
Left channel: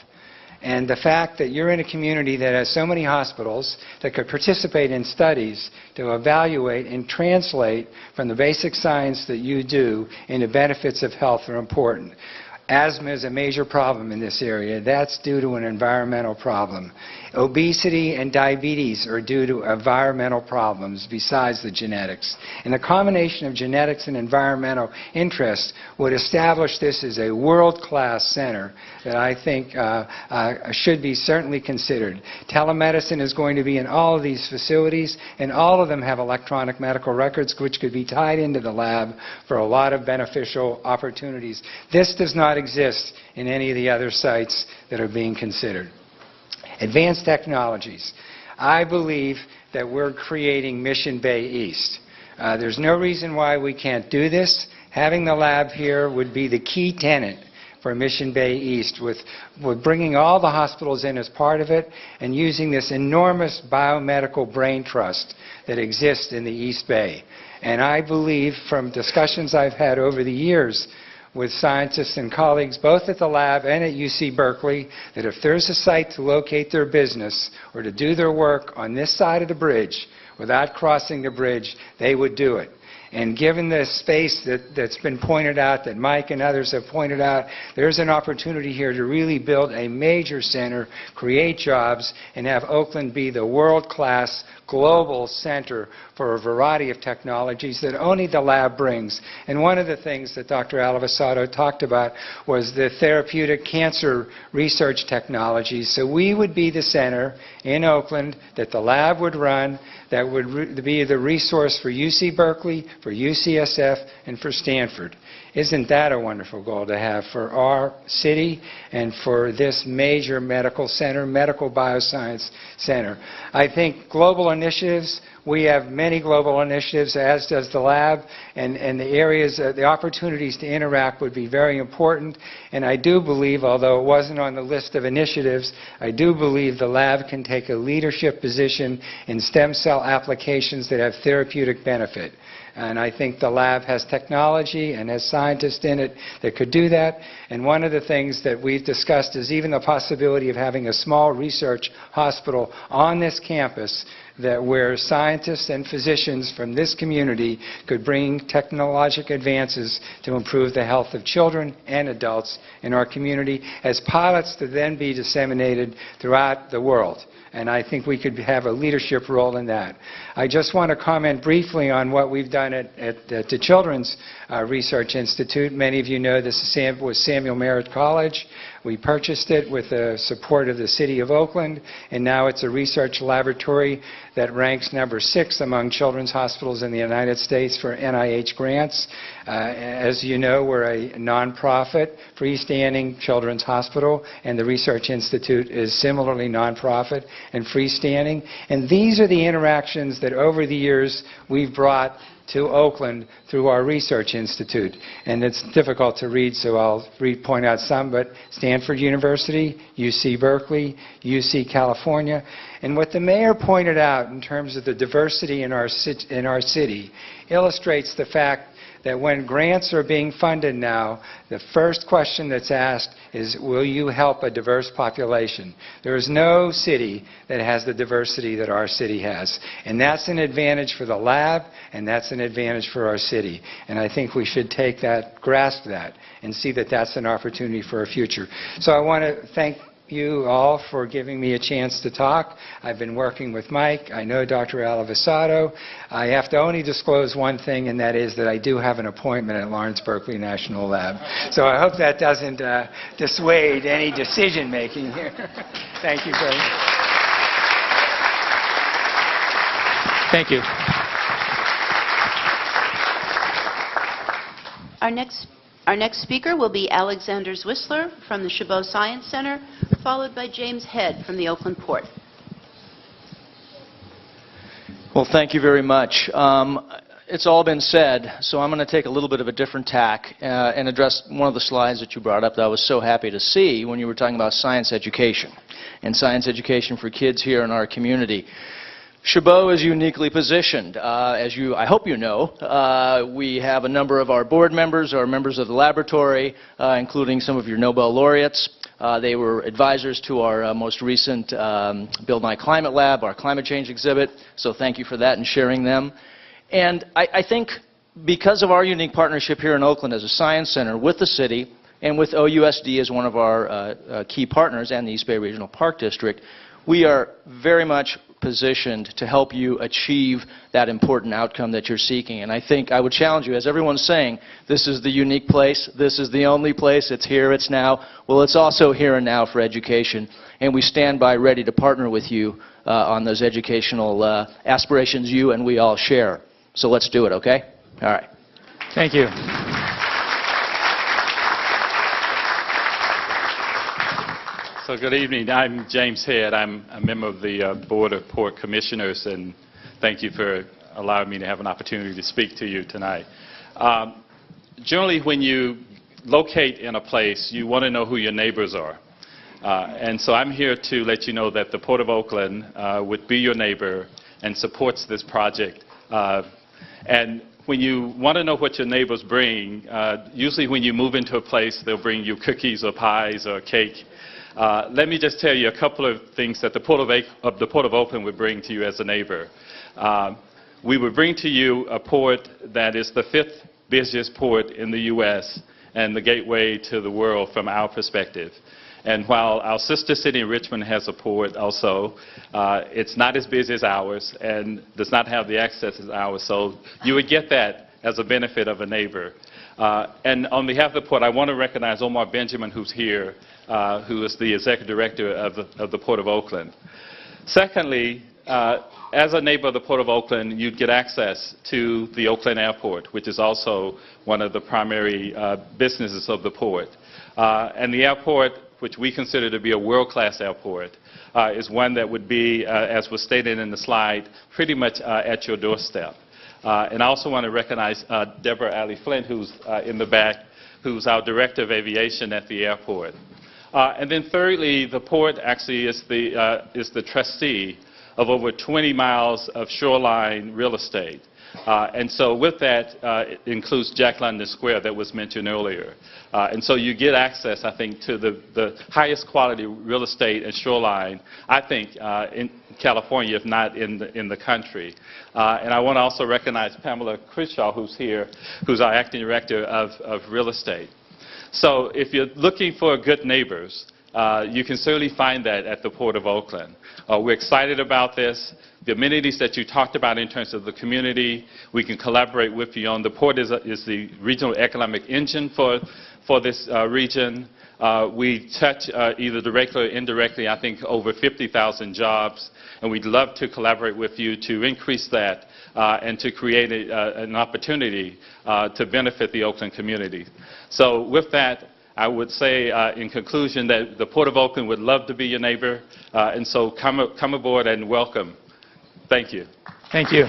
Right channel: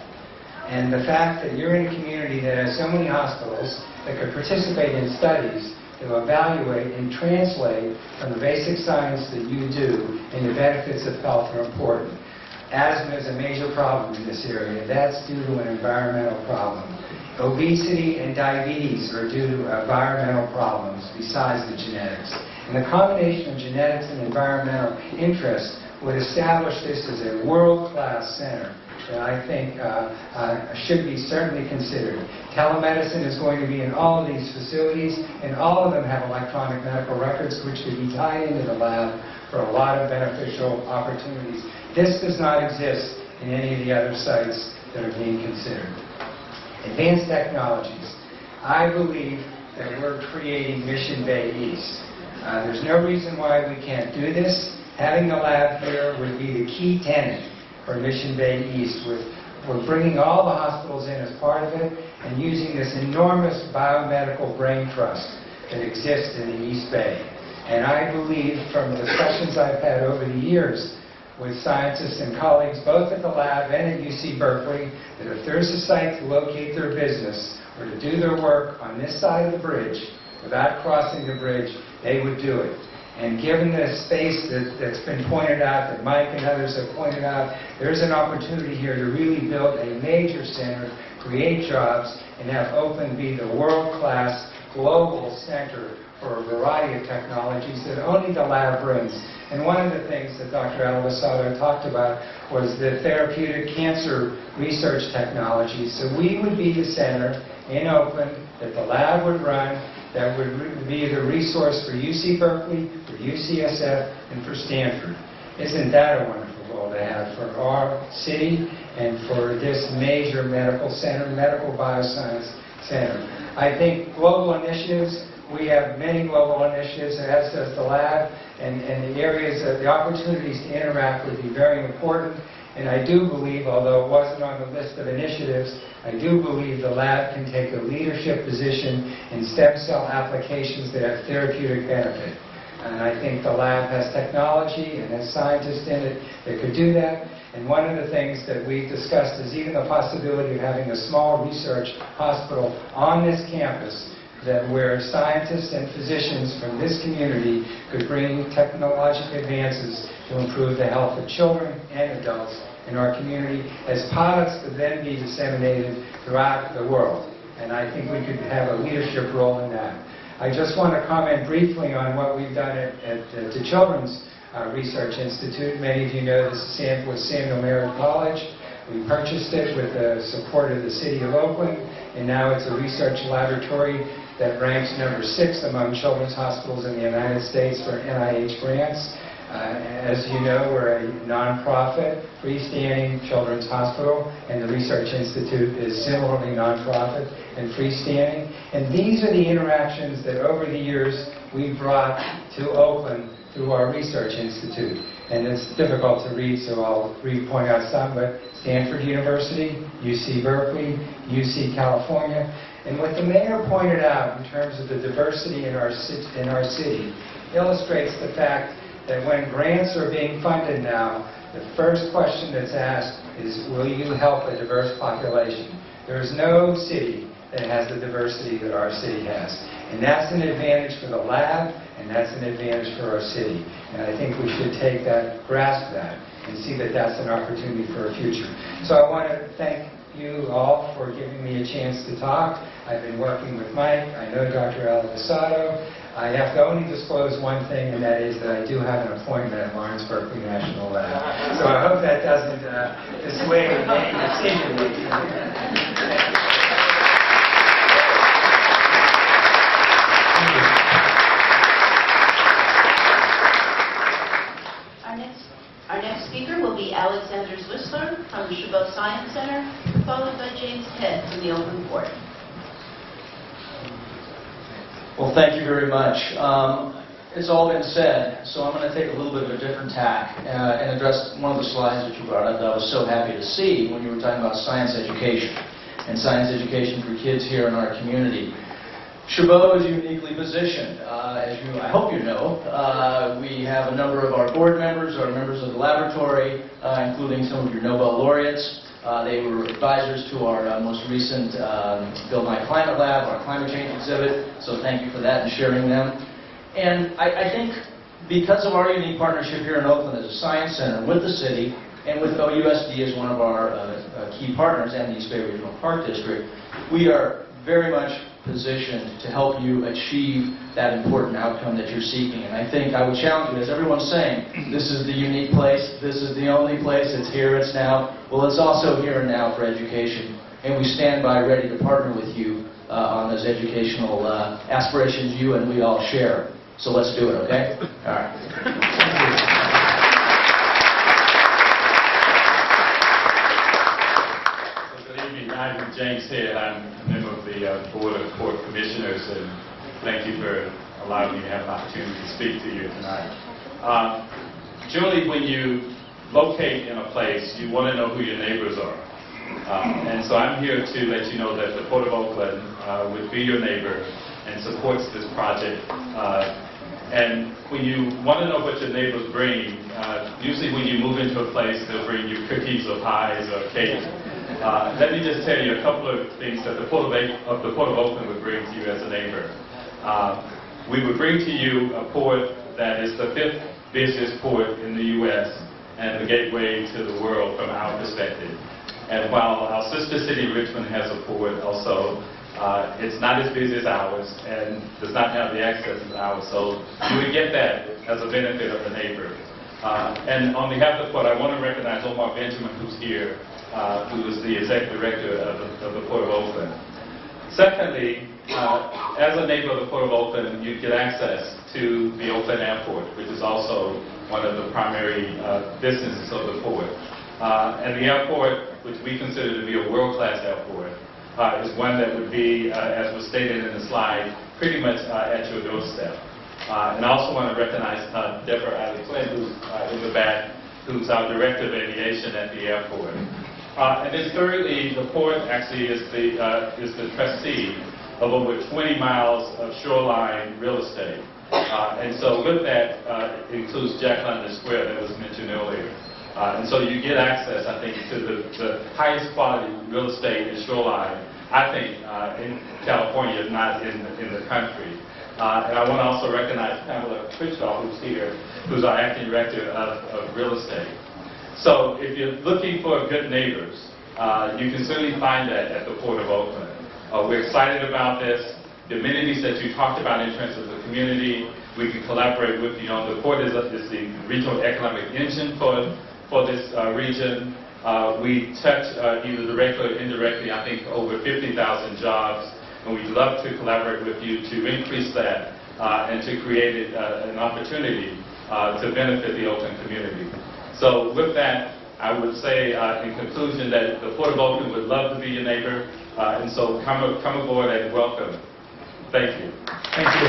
And the fact that you're in a community that has so many hospitals that could participate in studies to evaluate and translate from the basic science that you do into benefits of health are important. Asthma is a major problem in this area. That's due to an environmental problem. Obesity and diabetes are due to environmental problems besides the genetics. And the combination of genetics and environmental interests would establish this as a world-class center that I think should be certainly considered. Telemedicine is going to be in all of these facilities, and all of them have electronic medical records which could be tied into the lab for a lot of beneficial opportunities. This does not exist in any of the other sites that are being considered. Advanced technologies. I believe that we're creating Mission Bay East. There's no reason why we can't do this. Having the lab here would be the key tenet for Mission Bay East, with bringing all the hospitals in as part of it and using this enormous biomedical brain trust that exists in the East Bay. And I believe from discussions I've had over the years with scientists and colleagues both at the lab and at UC Berkeley that if there's a site to locate their business or to do their work on this side of the bridge without crossing the bridge, they would do it. And given the space that's been pointed out, that Mike and others have pointed out, there's an opportunity here to really build a major center, create jobs, and have Oakland be the world-class global center for a variety of technologies that only the lab brings. And one of the things that Dr. Alivasato talked about was the therapeutic cancer research technologies. So we would be the center in Oakland that the lab would run, that would be the resource for UC Berkeley, for UCSF, and for Stanford. Isn't that a wonderful goal to have for our city and for this major medical center, medical bioscience center? I think global initiatives, we have many global initiatives, as does the lab, and the areas, the opportunities to interact would be very important. And I do believe, although it wasn't on the list of initiatives, I do believe the lab can take a leadership position in stem cell applications that have therapeutic benefit. And I think the lab has technology and has scientists in it that could do that. And one of the things that we've discussed is even the possibility of having a small research hospital on this campus that where scientists and physicians from this community could bring technological advances to improve the health of children and adults in our community as pilots to then be disseminated throughout the world. and I think we could have a leadership role in that. I just want to comment briefly on what we've done at the Children's Research Institute. Many of you know this was Samuel Merritt College. We purchased it with the support of the City of Oakland, and now it's a research laboratory that ranks number 6 among children's hospitals in the United States for NIH grants. As you know, we're a nonprofit, freestanding children's hospital, and the Research Institute is similarly nonprofit and freestanding. And these are the interactions that over the years we've brought to Oakland through our Research Institute. And it's difficult to read, so I'll point out some, but Stanford University, UC Berkeley, UC California. And what the mayor pointed out in terms of the diversity in our city illustrates the fact that when grants are being funded now, the first question that's asked is, will you help a diverse population? There is no city that has the diversity that our city has. And that's an advantage for the lab, and that's an advantage for our city. And I think we should take that, grasp that, and see that that's an opportunity for our future. So I want to thank you all for giving me a chance to talk. I've been working with Mike. I know Dr. Alivisato. I have to only disclose one thing, and that is that I do have an appointment at Lawrence Berkeley National Lab. So I hope that doesn't dissuade any decision-making here. Thank you very much. Thank you. Our next speaker will be Alexander Zwissler from the Chabot Science Center, followed by James Head from the Oakland Port. Well, thank you very much. It's all been said, so I'm going to take a little bit of a different tack and address one of the slides that you brought up that I was so happy to see when you were talking about science education and science education for kids here in our community. Chabot is uniquely positioned. As I hope you know, we have a number of our board members are members of the laboratory, including some of your Nobel laureates. They were advisors to our most recent Build My Climate Lab, our climate change exhibit, so thank you for that and sharing them. And I think because of our unique partnership here in Oakland as a science center with the city and with OUSD as one of our key partners and the East Bay Regional Park District, we are very much positioned to help you achieve that important outcome that you're seeking. And I think I would challenge you, as everyone's saying, this is the unique place, this is the only place, it's here, it's now. Well, it's also here and now for education. And we stand by ready to partner with you on those educational aspirations you and we all share. So let's do it, okay? All right. Thank you. So good evening. I'm James Head. I'm a member of the Board of Port Commissioners, and thank you for allowing me to have an opportunity to speak to you tonight. Generally, when you locate in a place, you want to know who your neighbors are. And so I'm here to let you know that the Port of Oakland would be your neighbor and supports this project. And when you want to know what your neighbors bring, usually when you move into a place, they'll bring you cookies or pies or cake. Let me just tell you a couple of things that the Port of Oakland would bring to you as a neighbor. We would bring to you a port that is the 5th busiest port in the U.S. and the gateway to the world from our perspective. And while our sister city, Richmond, has a port also, it's not as busy as ours and does not have the access as ours. So you would get that as a benefit of a neighbor. And on behalf of the port, I want to recognize Omar Benjamin, who's here, who is the executive director of the Port of Oakland. Secondly, as a neighbor of the Port of Oakland, you get access to the Oakland Airport, which is also one of the primary businesses of the port. And the airport, which we consider to be a world-class airport, is one that would be, as was stated in the slide, pretty much at your doorstep. And I also want to recognize Deborah Alley-Flint, who's in the back, who's our Director of Aviation at the airport. And then thirdly, the port actually is the trustee of over 20 miles of shoreline real estate. And so with that, it includes Jack London Square that was mentioned earlier. And so you get access, I think, to the highest quality real estate and shoreline, I think, in California, if not in the country. And I want to also recognize Pamela Crishaw, who's here, who's our acting director of real estate. So if you're looking for good neighbors, you can certainly find that at the Port of Oakland. We're excited about this. The amenities that you talked about in terms of the community, we can collaborate with you on. The port is the regional economic engine for this region. We touch either directly or indirectly, I think, over 50,000 jobs, and we'd love to collaborate with you to increase that and to create an opportunity to benefit the Oakland community. So with that, I would say in conclusion that the Port of Oakland would love to be your neighbor, and so come aboard and welcome. Thank you. Thank you.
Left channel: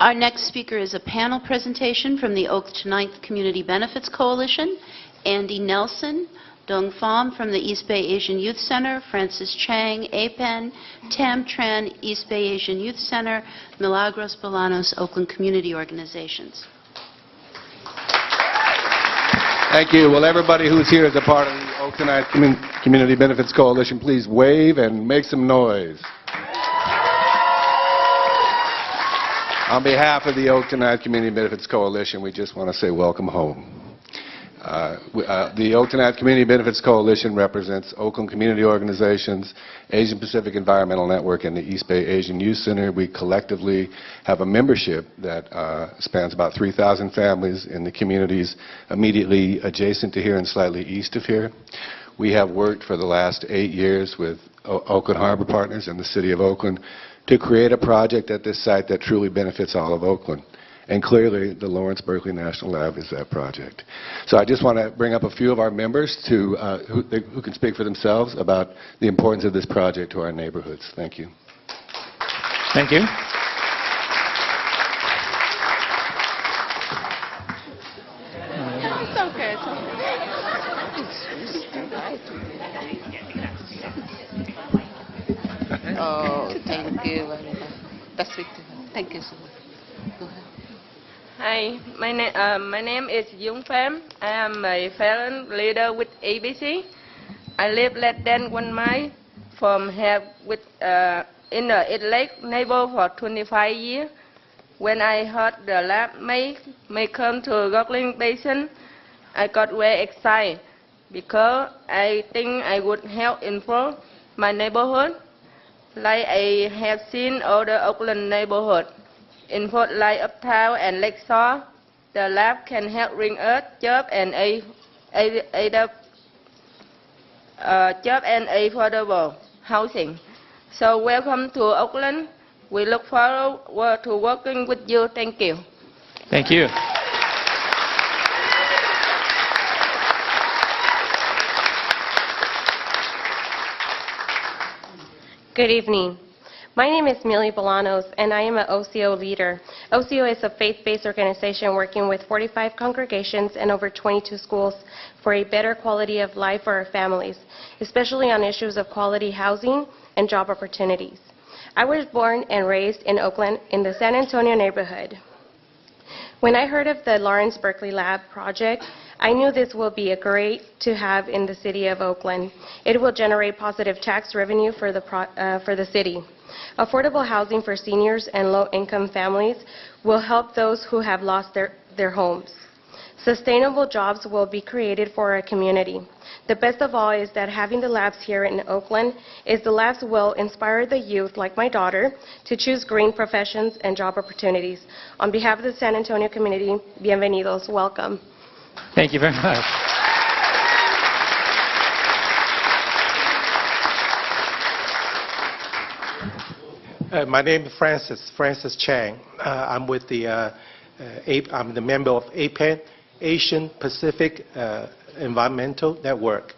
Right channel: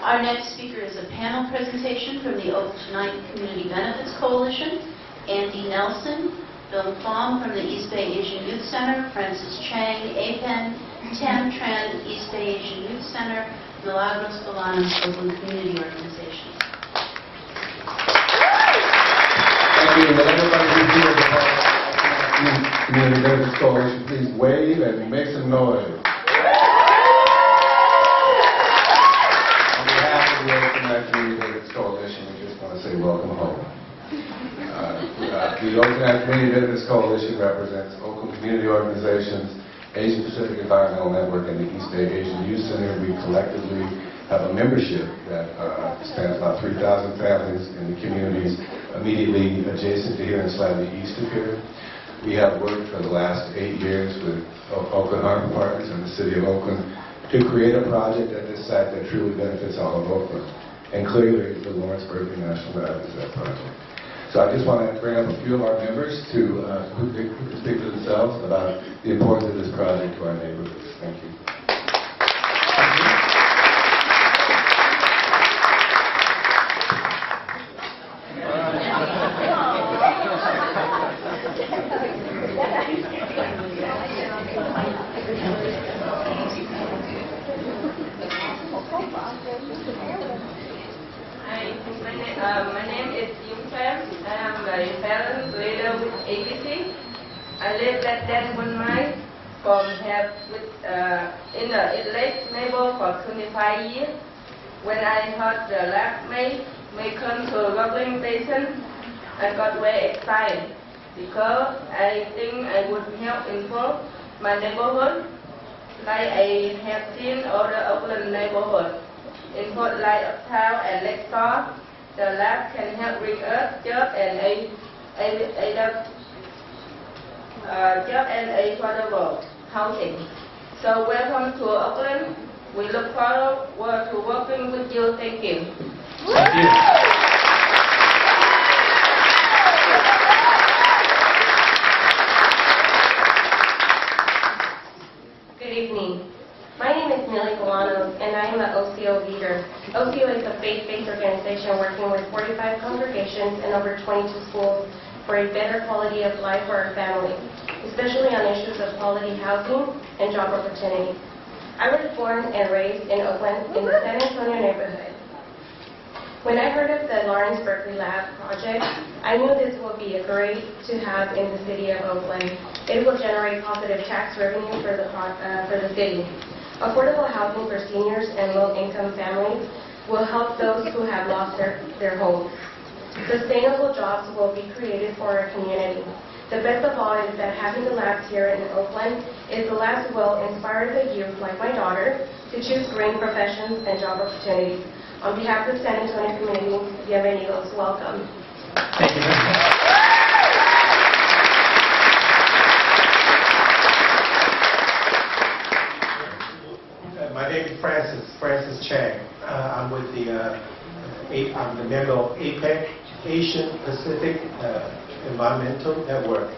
Our next speaker is a panel presentation from the Oakland Tonight Community Benefits Coalition. Andy Nelson, Dong Pham from the East Bay Asian Youth Center, Francis Chang, APEN, Tam Tran, East Bay Asian Youth Center, Milagros Bolanos, Oakland Community Organizations. Thank you. Will everybody who's here as a part of the Oakland Community Benefits Coalition please wave and make some noise? On behalf of the Oakland Community Benefits Coalition, we just want to say welcome home. The Oakland Community Benefits Coalition represents Oakland community organizations, Asian Pacific Environmental Network, and the East Bay Asian Youth Center. We collectively have a membership that spans about 3,000 families in the communities immediately adjacent to here and slightly east of here. We have worked for the last 8 years with Oakland Harbor Partners and the City of Oakland to create a project at this site that truly benefits all of Oakland. And clearly, the Lawrence Berkeley National Lab is that project. So I just want to bring up a few of our members who can speak for themselves about the importance of this project to our neighborhoods. Thank you. Thank you. My name is Dung Pham. I am a parent leader with ABC. I live less than 1 mile from here in the East neighbor for 25 years. When I heard the lab may come to Berkeley Basin, I got very excited because I think I would help improve my neighborhood, like I have seen other Oakland neighborhoods. In Port Light Uptown and Lakeshore, the lab can help bring us jobs and affordable housing. So welcome to Oakland. We look forward to working with you. Thank you. Thank you. Good evening. My name is Millie Bolanos, and I am an OCO leader. OCO is a faith-based organization working with 45 congregations and over 22 schools for a better quality of life for our families, especially on issues of quality housing and job opportunities. I was born and raised in Oakland in the San Antonio neighborhood. When I heard of the Lawrence Berkeley Lab project, I knew this would be great to have in the city of Oakland. It will generate positive tax revenue for the city. Affordable housing for seniors and low-income families will help those who have lost their homes. Sustainable jobs will be created for our community. The best of all is that having the labs here in Oakland is the labs will inspire the youth, like my daughter, to choose green professions and job opportunities. On behalf of the San Antonio community, bienvenidos, welcome. Thank you very much. My name is Francis Chang. I'm with I'm the member of APEN, Asian Pacific Environmental Network.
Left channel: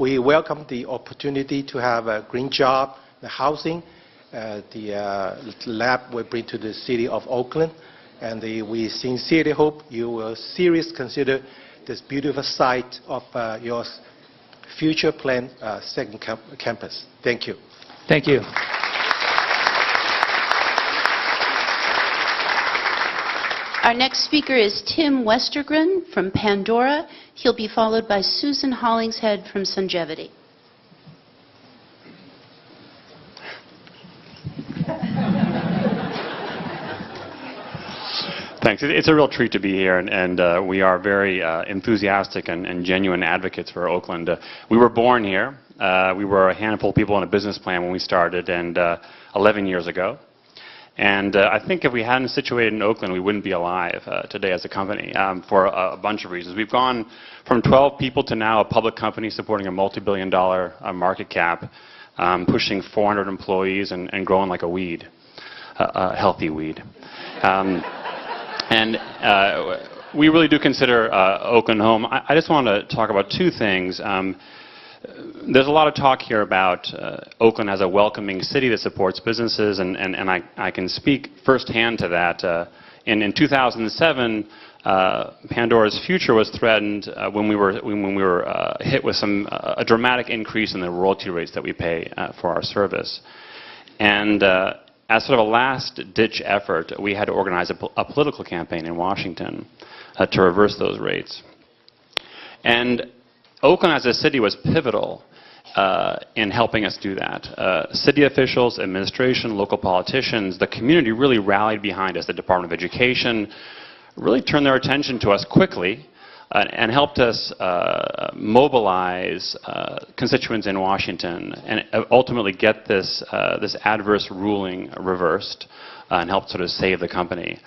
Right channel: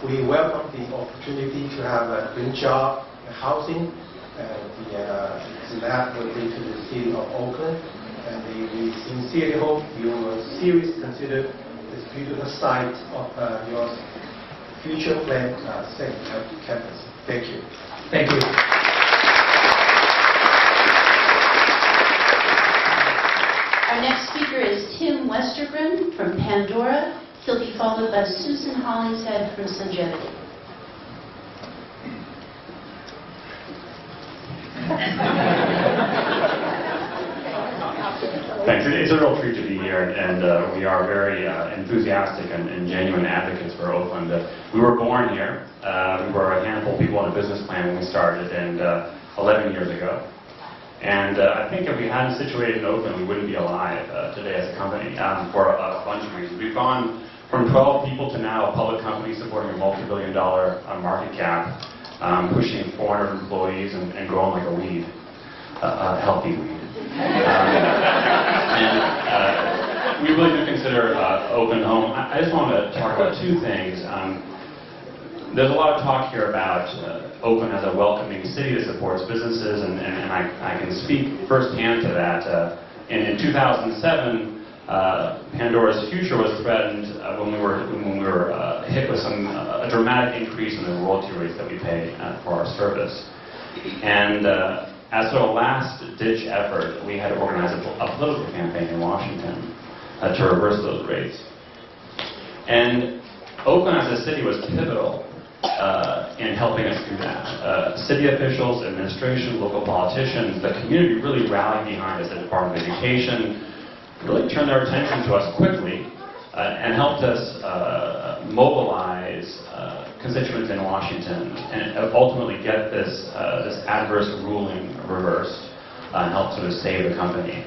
We welcome the opportunity to have a green job, housing, the lab will bring to the city of Oakland, and we sincerely hope you will seriously consider this beautiful site of your future planned second campus. Thank you. Thank you. Our next speaker is Tim Westergren from Pandora. He'll be followed by Susan Hollingshead from Sungevity. Thanks. It's a real treat to be here, and we are very enthusiastic and genuine advocates for Oakland. We were born here. We were a handful of people on a business plan when we started, and 11 years ago. And I think if we hadn't situated in Oakland, we wouldn't be alive today as a company for a bunch of reasons. We've gone from 12 people to now a public company supporting a multi-billion-dollar market cap, pushing 400 employees and growing like a weed, a healthy weed. We really do consider Oakland home. I just want to talk about two things. There's a lot of talk here about Oakland as a welcoming city that supports businesses, and I can speak firsthand to that. And in 2007, Pandora's future was threatened when we were hit with a dramatic increase in the royalty rates that we pay for our service. And as sort of a last-ditch effort, we had to organize a political campaign in Washington to reverse those rates. And Oakland as a city was pivotal in helping us do that. City officials, administration, local politicians, the community really rallied behind us. The Department of Education really turned their attention to us quickly and helped us mobilize constituents in Washington and ultimately get this adverse ruling reversed and help sort of save the company.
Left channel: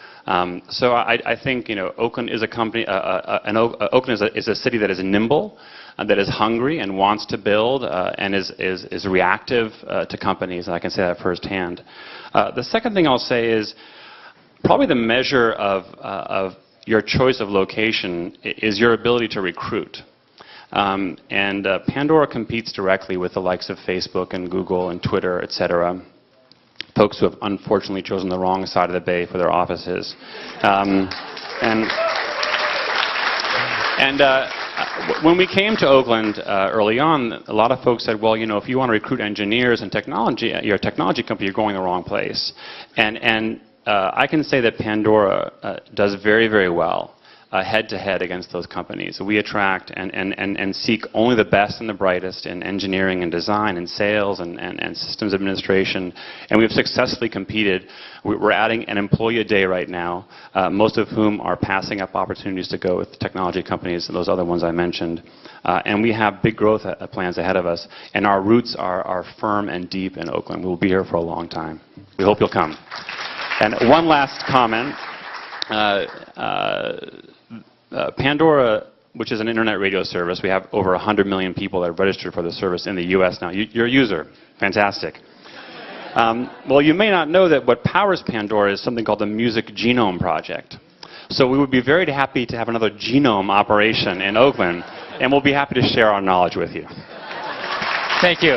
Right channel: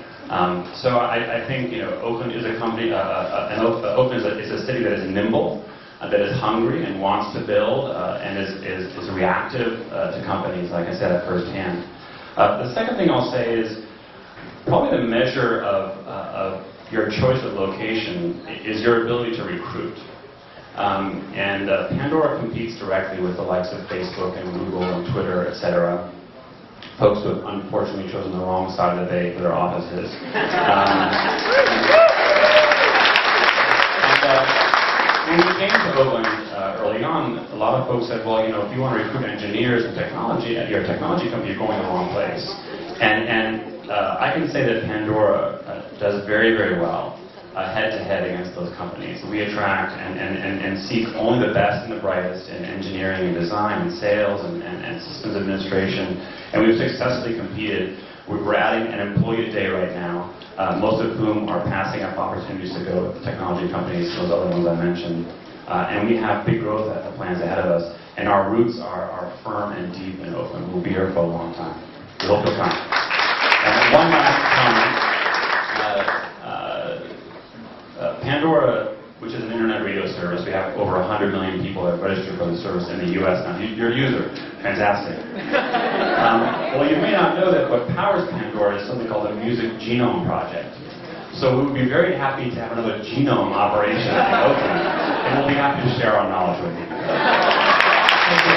So I think Oakland is a company. Oakland is a city that is nimble, that is hungry and wants to build, and is reactive to companies. I can say that firsthand. The second thing I'll say is probably the measure of your choice of location is your ability to recruit. Pandora competes directly with the likes of Facebook and Google and Twitter, etc. Folks who have unfortunately chosen the wrong side of the bay for their offices. When we came to Oakland early on, a lot of folks said, well, if you want to recruit engineers and technology, you're a technology company, you're going the wrong place. I can say that Pandora does very, very well head-to-head against those companies. We attract and seek only the best and the brightest in engineering and design and sales and systems administration, and we've successfully competed. We're adding an employee a day right now, most of whom are passing up opportunities to go with technology companies, those other ones I mentioned. And we have big growth plans ahead of us, and our roots are firm and deep in Oakland. We'll be here for a long time. We hope you'll come. And one last comment. Pandora, which is an internet radio service, we have over 100 million people that are registered for the service in the US now. You're a user. Fantastic. Well, you may not know that what powers Pandora is something called the Music Genome Project. So we would be very happy to have another genome operation in Oakland, and we'll be happy to share our knowledge with you. Thank you.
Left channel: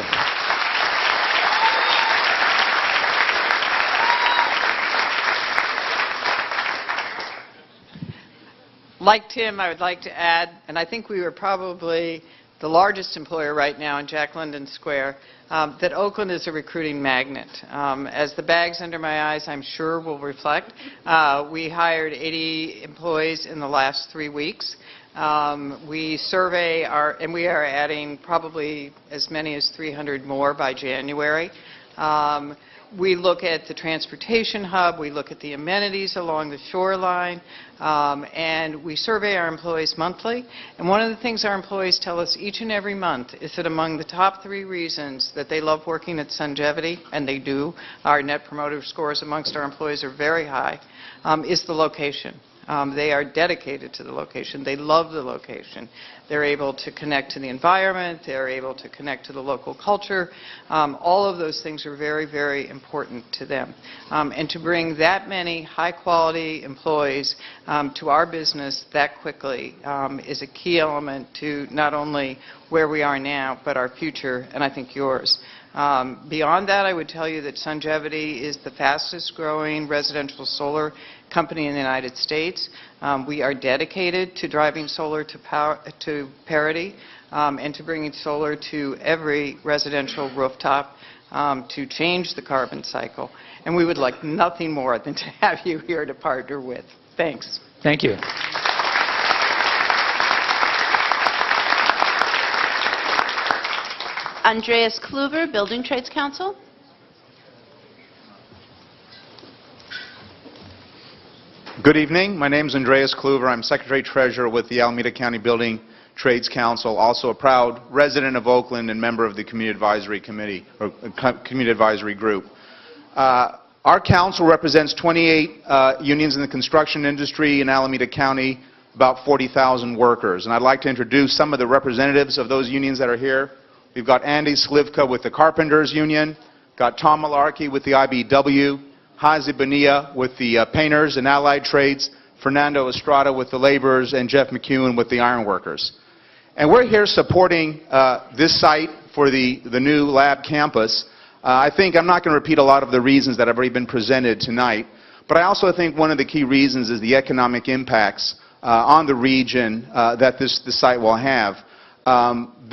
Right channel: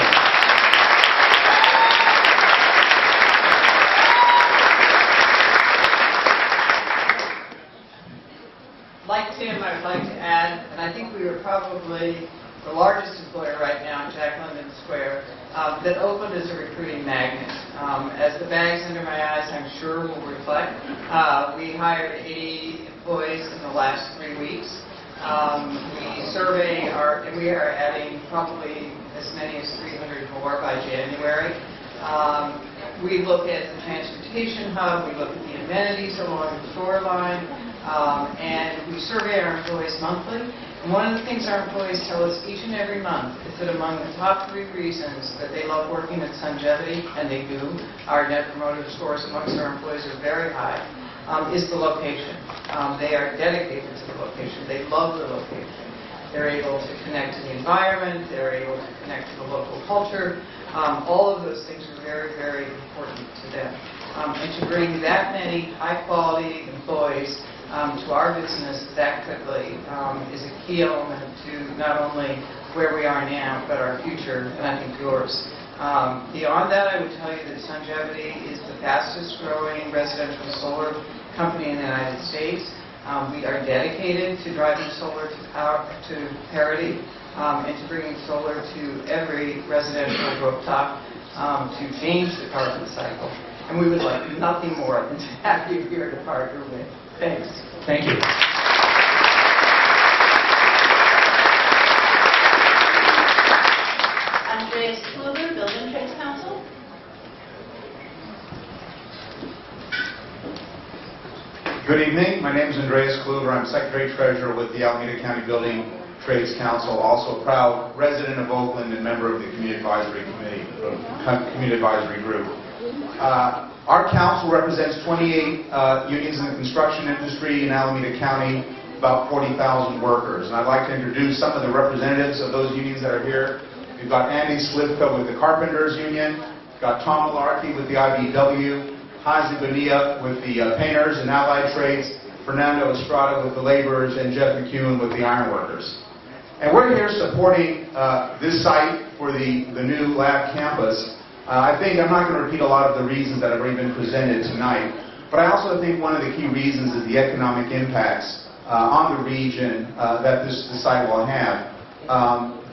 Like Tim, I would like to add, and I think we were probably the largest employer right now in Jack London Square, that Oakland is a recruiting magnet. As the bags under my eyes, I'm sure, will reflect, we hired 80 employees in the last 3 weeks. We survey and we are adding probably as many as 300 more by January. We look at the transportation hub, we look at the amenities along the shoreline, and we survey our employees monthly. And one of the things our employees tell us each and every month is that among the top 3 reasons that they love working at Sungevity, and they do, our Net Promoter Scores amongst our employees are very high, is the location. They are dedicated to the location. They love the location. They're able to connect to the environment. They're able to connect to the local culture. All of those things are very, very important to them. And to bring that many high-quality employees to our business that quickly is a key element to not only where we are now, but our future, and I think yours. Beyond that, I would tell you that Sungevity is the fastest-growing residential solar company in the United States. We are dedicated to driving solar to parity and to bringing solar to every residential rooftop to change the carbon cycle. And we would like nothing more than to have you here to partner with. Thanks. Thank you. Andreas Kluber, Building Trades Council. Good evening. My name is Andreas Kluver. I'm Secretary-Treasurer with the Alameda County Building Trades Council, also a proud resident of Oakland and member of the Community Advisory Committee, or Community Advisory Group. Our council represents 28 unions in the construction industry in Alameda County, about 40,000 workers. And I'd like to introduce some of the representatives of those unions that are here. We've got Andy Slivka with the Carpenters Union, got Tom Malarkey with the IBEW, Hazi Bonilla with the Painters and Allied Trades, Fernando Estrada with the Laborers, and Jeff McEwen with the Ironworkers. And we're here supporting this site for the new lab campus. I think I'm not going to repeat a lot of the reasons that have already been presented tonight, but I also think one of the key reasons is the economic impacts on the region that this site will have.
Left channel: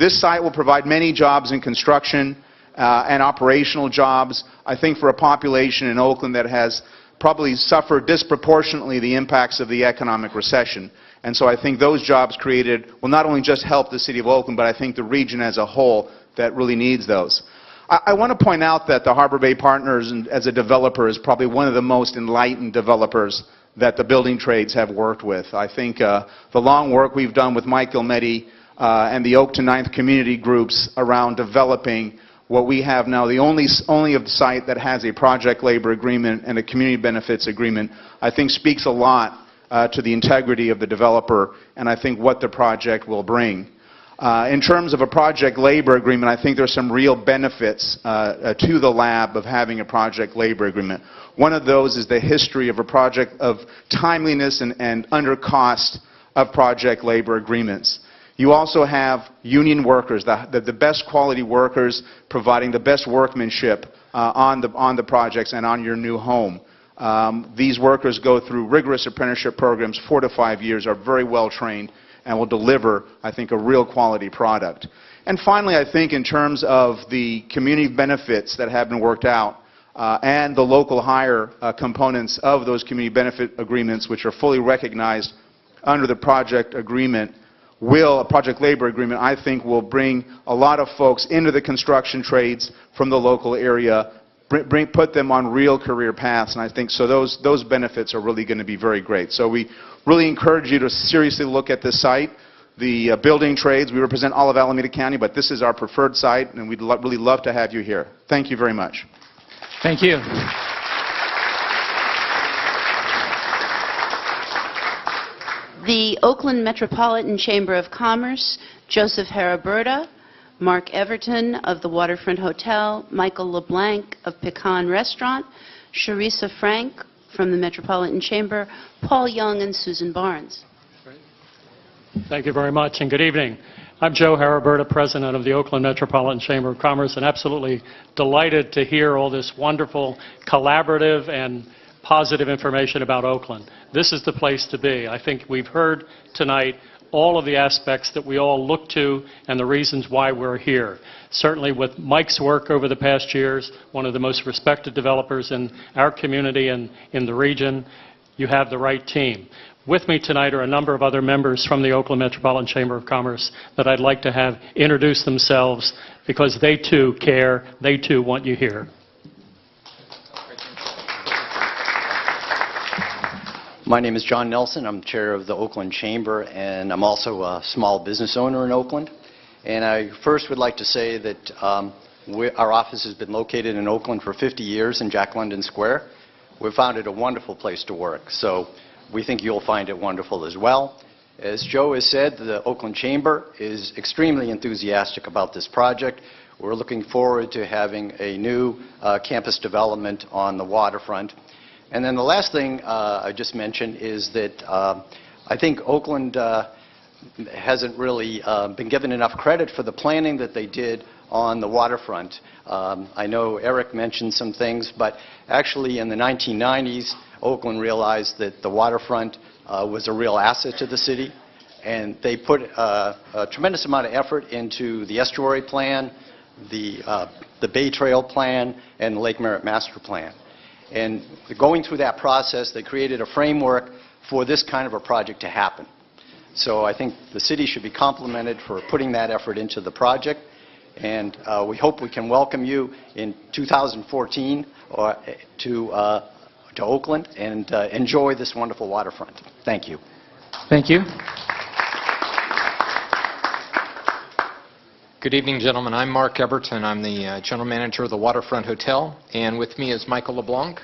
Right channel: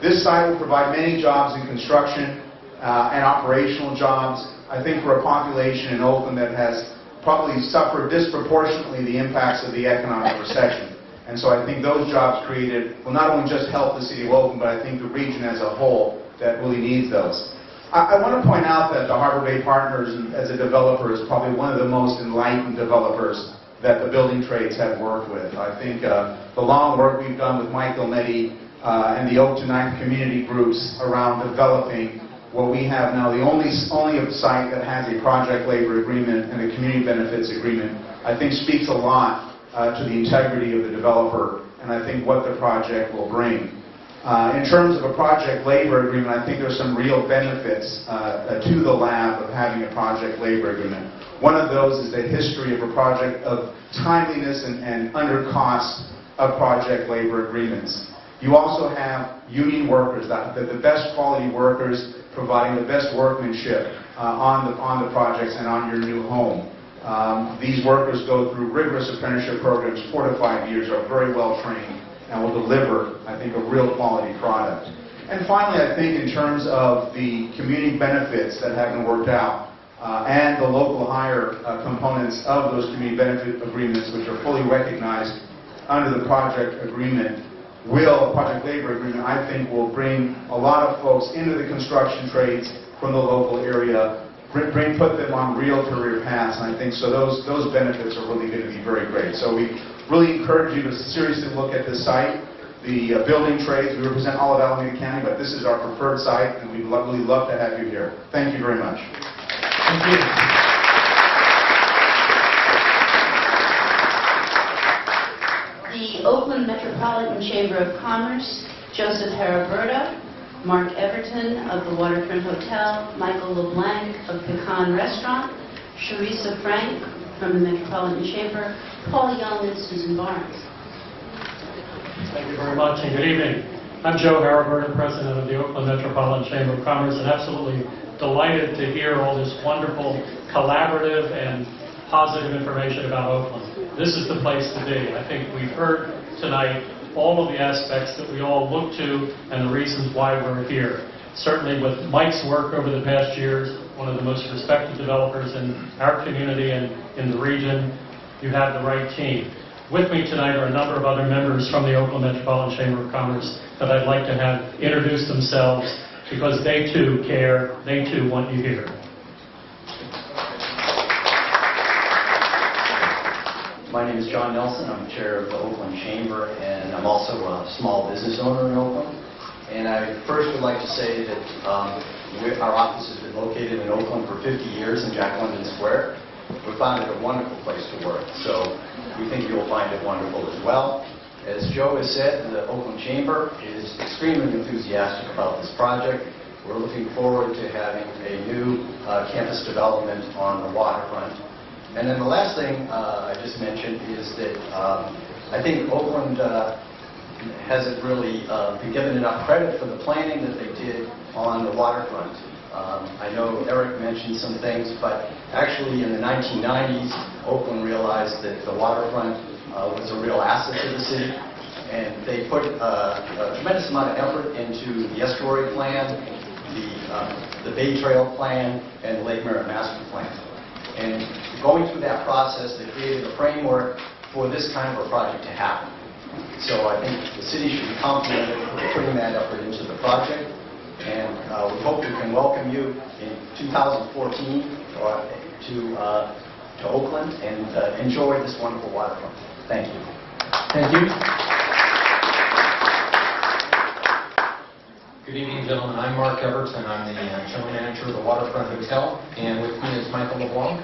This site will provide many jobs in construction and operational jobs. I think for a population in Oakland that has probably suffered disproportionately the impacts of the economic recession. And so I think those jobs created will not only just help the city of Oakland, but I think the region as a whole that really needs those. I want to point out that the Harbor Bay Partners as a developer is probably one of the most enlightened developers that the building trades have worked with. I think the long work we've done with Mike Gilmetti and the Oak to Ninth community groups around developing what we have now, the only site that has a project labor agreement and a community benefits agreement, I think speaks a lot to the integrity of the developer and I think what the project will bring. In terms of a project labor agreement, I think there's some real benefits to the lab of having a project labor agreement. One of those is the history of a project of timeliness and under cost of project labor agreements. You also have union workers, the best quality workers providing the best workmanship on the projects and on your new home. These workers go through rigorous apprenticeship programs, 4 to 5 years, are very well trained, and will deliver, I think, a real quality product. And finally, I think in terms of the community benefits that have been worked out and the local hire components of those community benefit agreements, which are fully recognized under the project agreement, project labor agreement, I think will bring a lot of folks into the construction trades from the local area, put them on real career paths, and I think so those benefits are really going to be very great. So we really encourage you to seriously look at this site. The building trades, we represent all of Alameda County, but this is our preferred site, and we'd really love to have you here. Thank you very much. Thank you. The Oakland Metropolitan Chamber of Commerce, Joseph Haraberta, Mark Everton of the Waterfront Hotel, Michael LeBlanc of Pecan Restaurant, Sharissa Frank from the Metropolitan Chamber, Paul Young, and Susan Barnes. Thank you very much, and good evening. I'm Joe Haraberta, President of the Oakland Metropolitan Chamber of Commerce, and absolutely delighted to hear all this wonderful collaborative and positive information about Oakland. This is the place to be. I think we've heard tonight all of the aspects that we all look to and the reasons why we're here. Certainly with Mike's work over the past years, one of the most respected developers in our community and in the region, you have the right team. With me tonight are a number of other members from the Oakland Metropolitan Chamber of Commerce that I'd like to have introduce themselves because they too care, they too want you here. My name is John Nelson. I'm chair of the Oakland Chamber, and I'm also a small business owner in Oakland. And I first would like to say that our office has been located in Oakland for 50 years in Jack London Square. We found it a wonderful place to work, so we think you'll find it wonderful as well. As Joe has said, the Oakland Chamber is extremely enthusiastic about this project. We're looking forward to having a new campus development on the waterfront. And then the last thing I just mentioned is that I think Oakland hasn't really been given enough credit for the planning that they did on the waterfront. I know Eric mentioned some things, but actually in the 1990s, Oakland realized that the waterfront was a real asset to the city, and they put a tremendous amount of effort into the estuary plan, the Bay Trail plan, and the Lake Merritt Master Plan. And going through that process, they created a framework for this kind of a project to happen. So I think the city should be complimented for putting that effort into the project. And we hope we can welcome you in 2014 to to Oakland and enjoy this wonderful waterfront. Thank you. Thank you. Good evening, gentlemen. I'm Mark Eberton. I'm the general manager of the Waterfront Hotel, and with me is Michael LeBlanc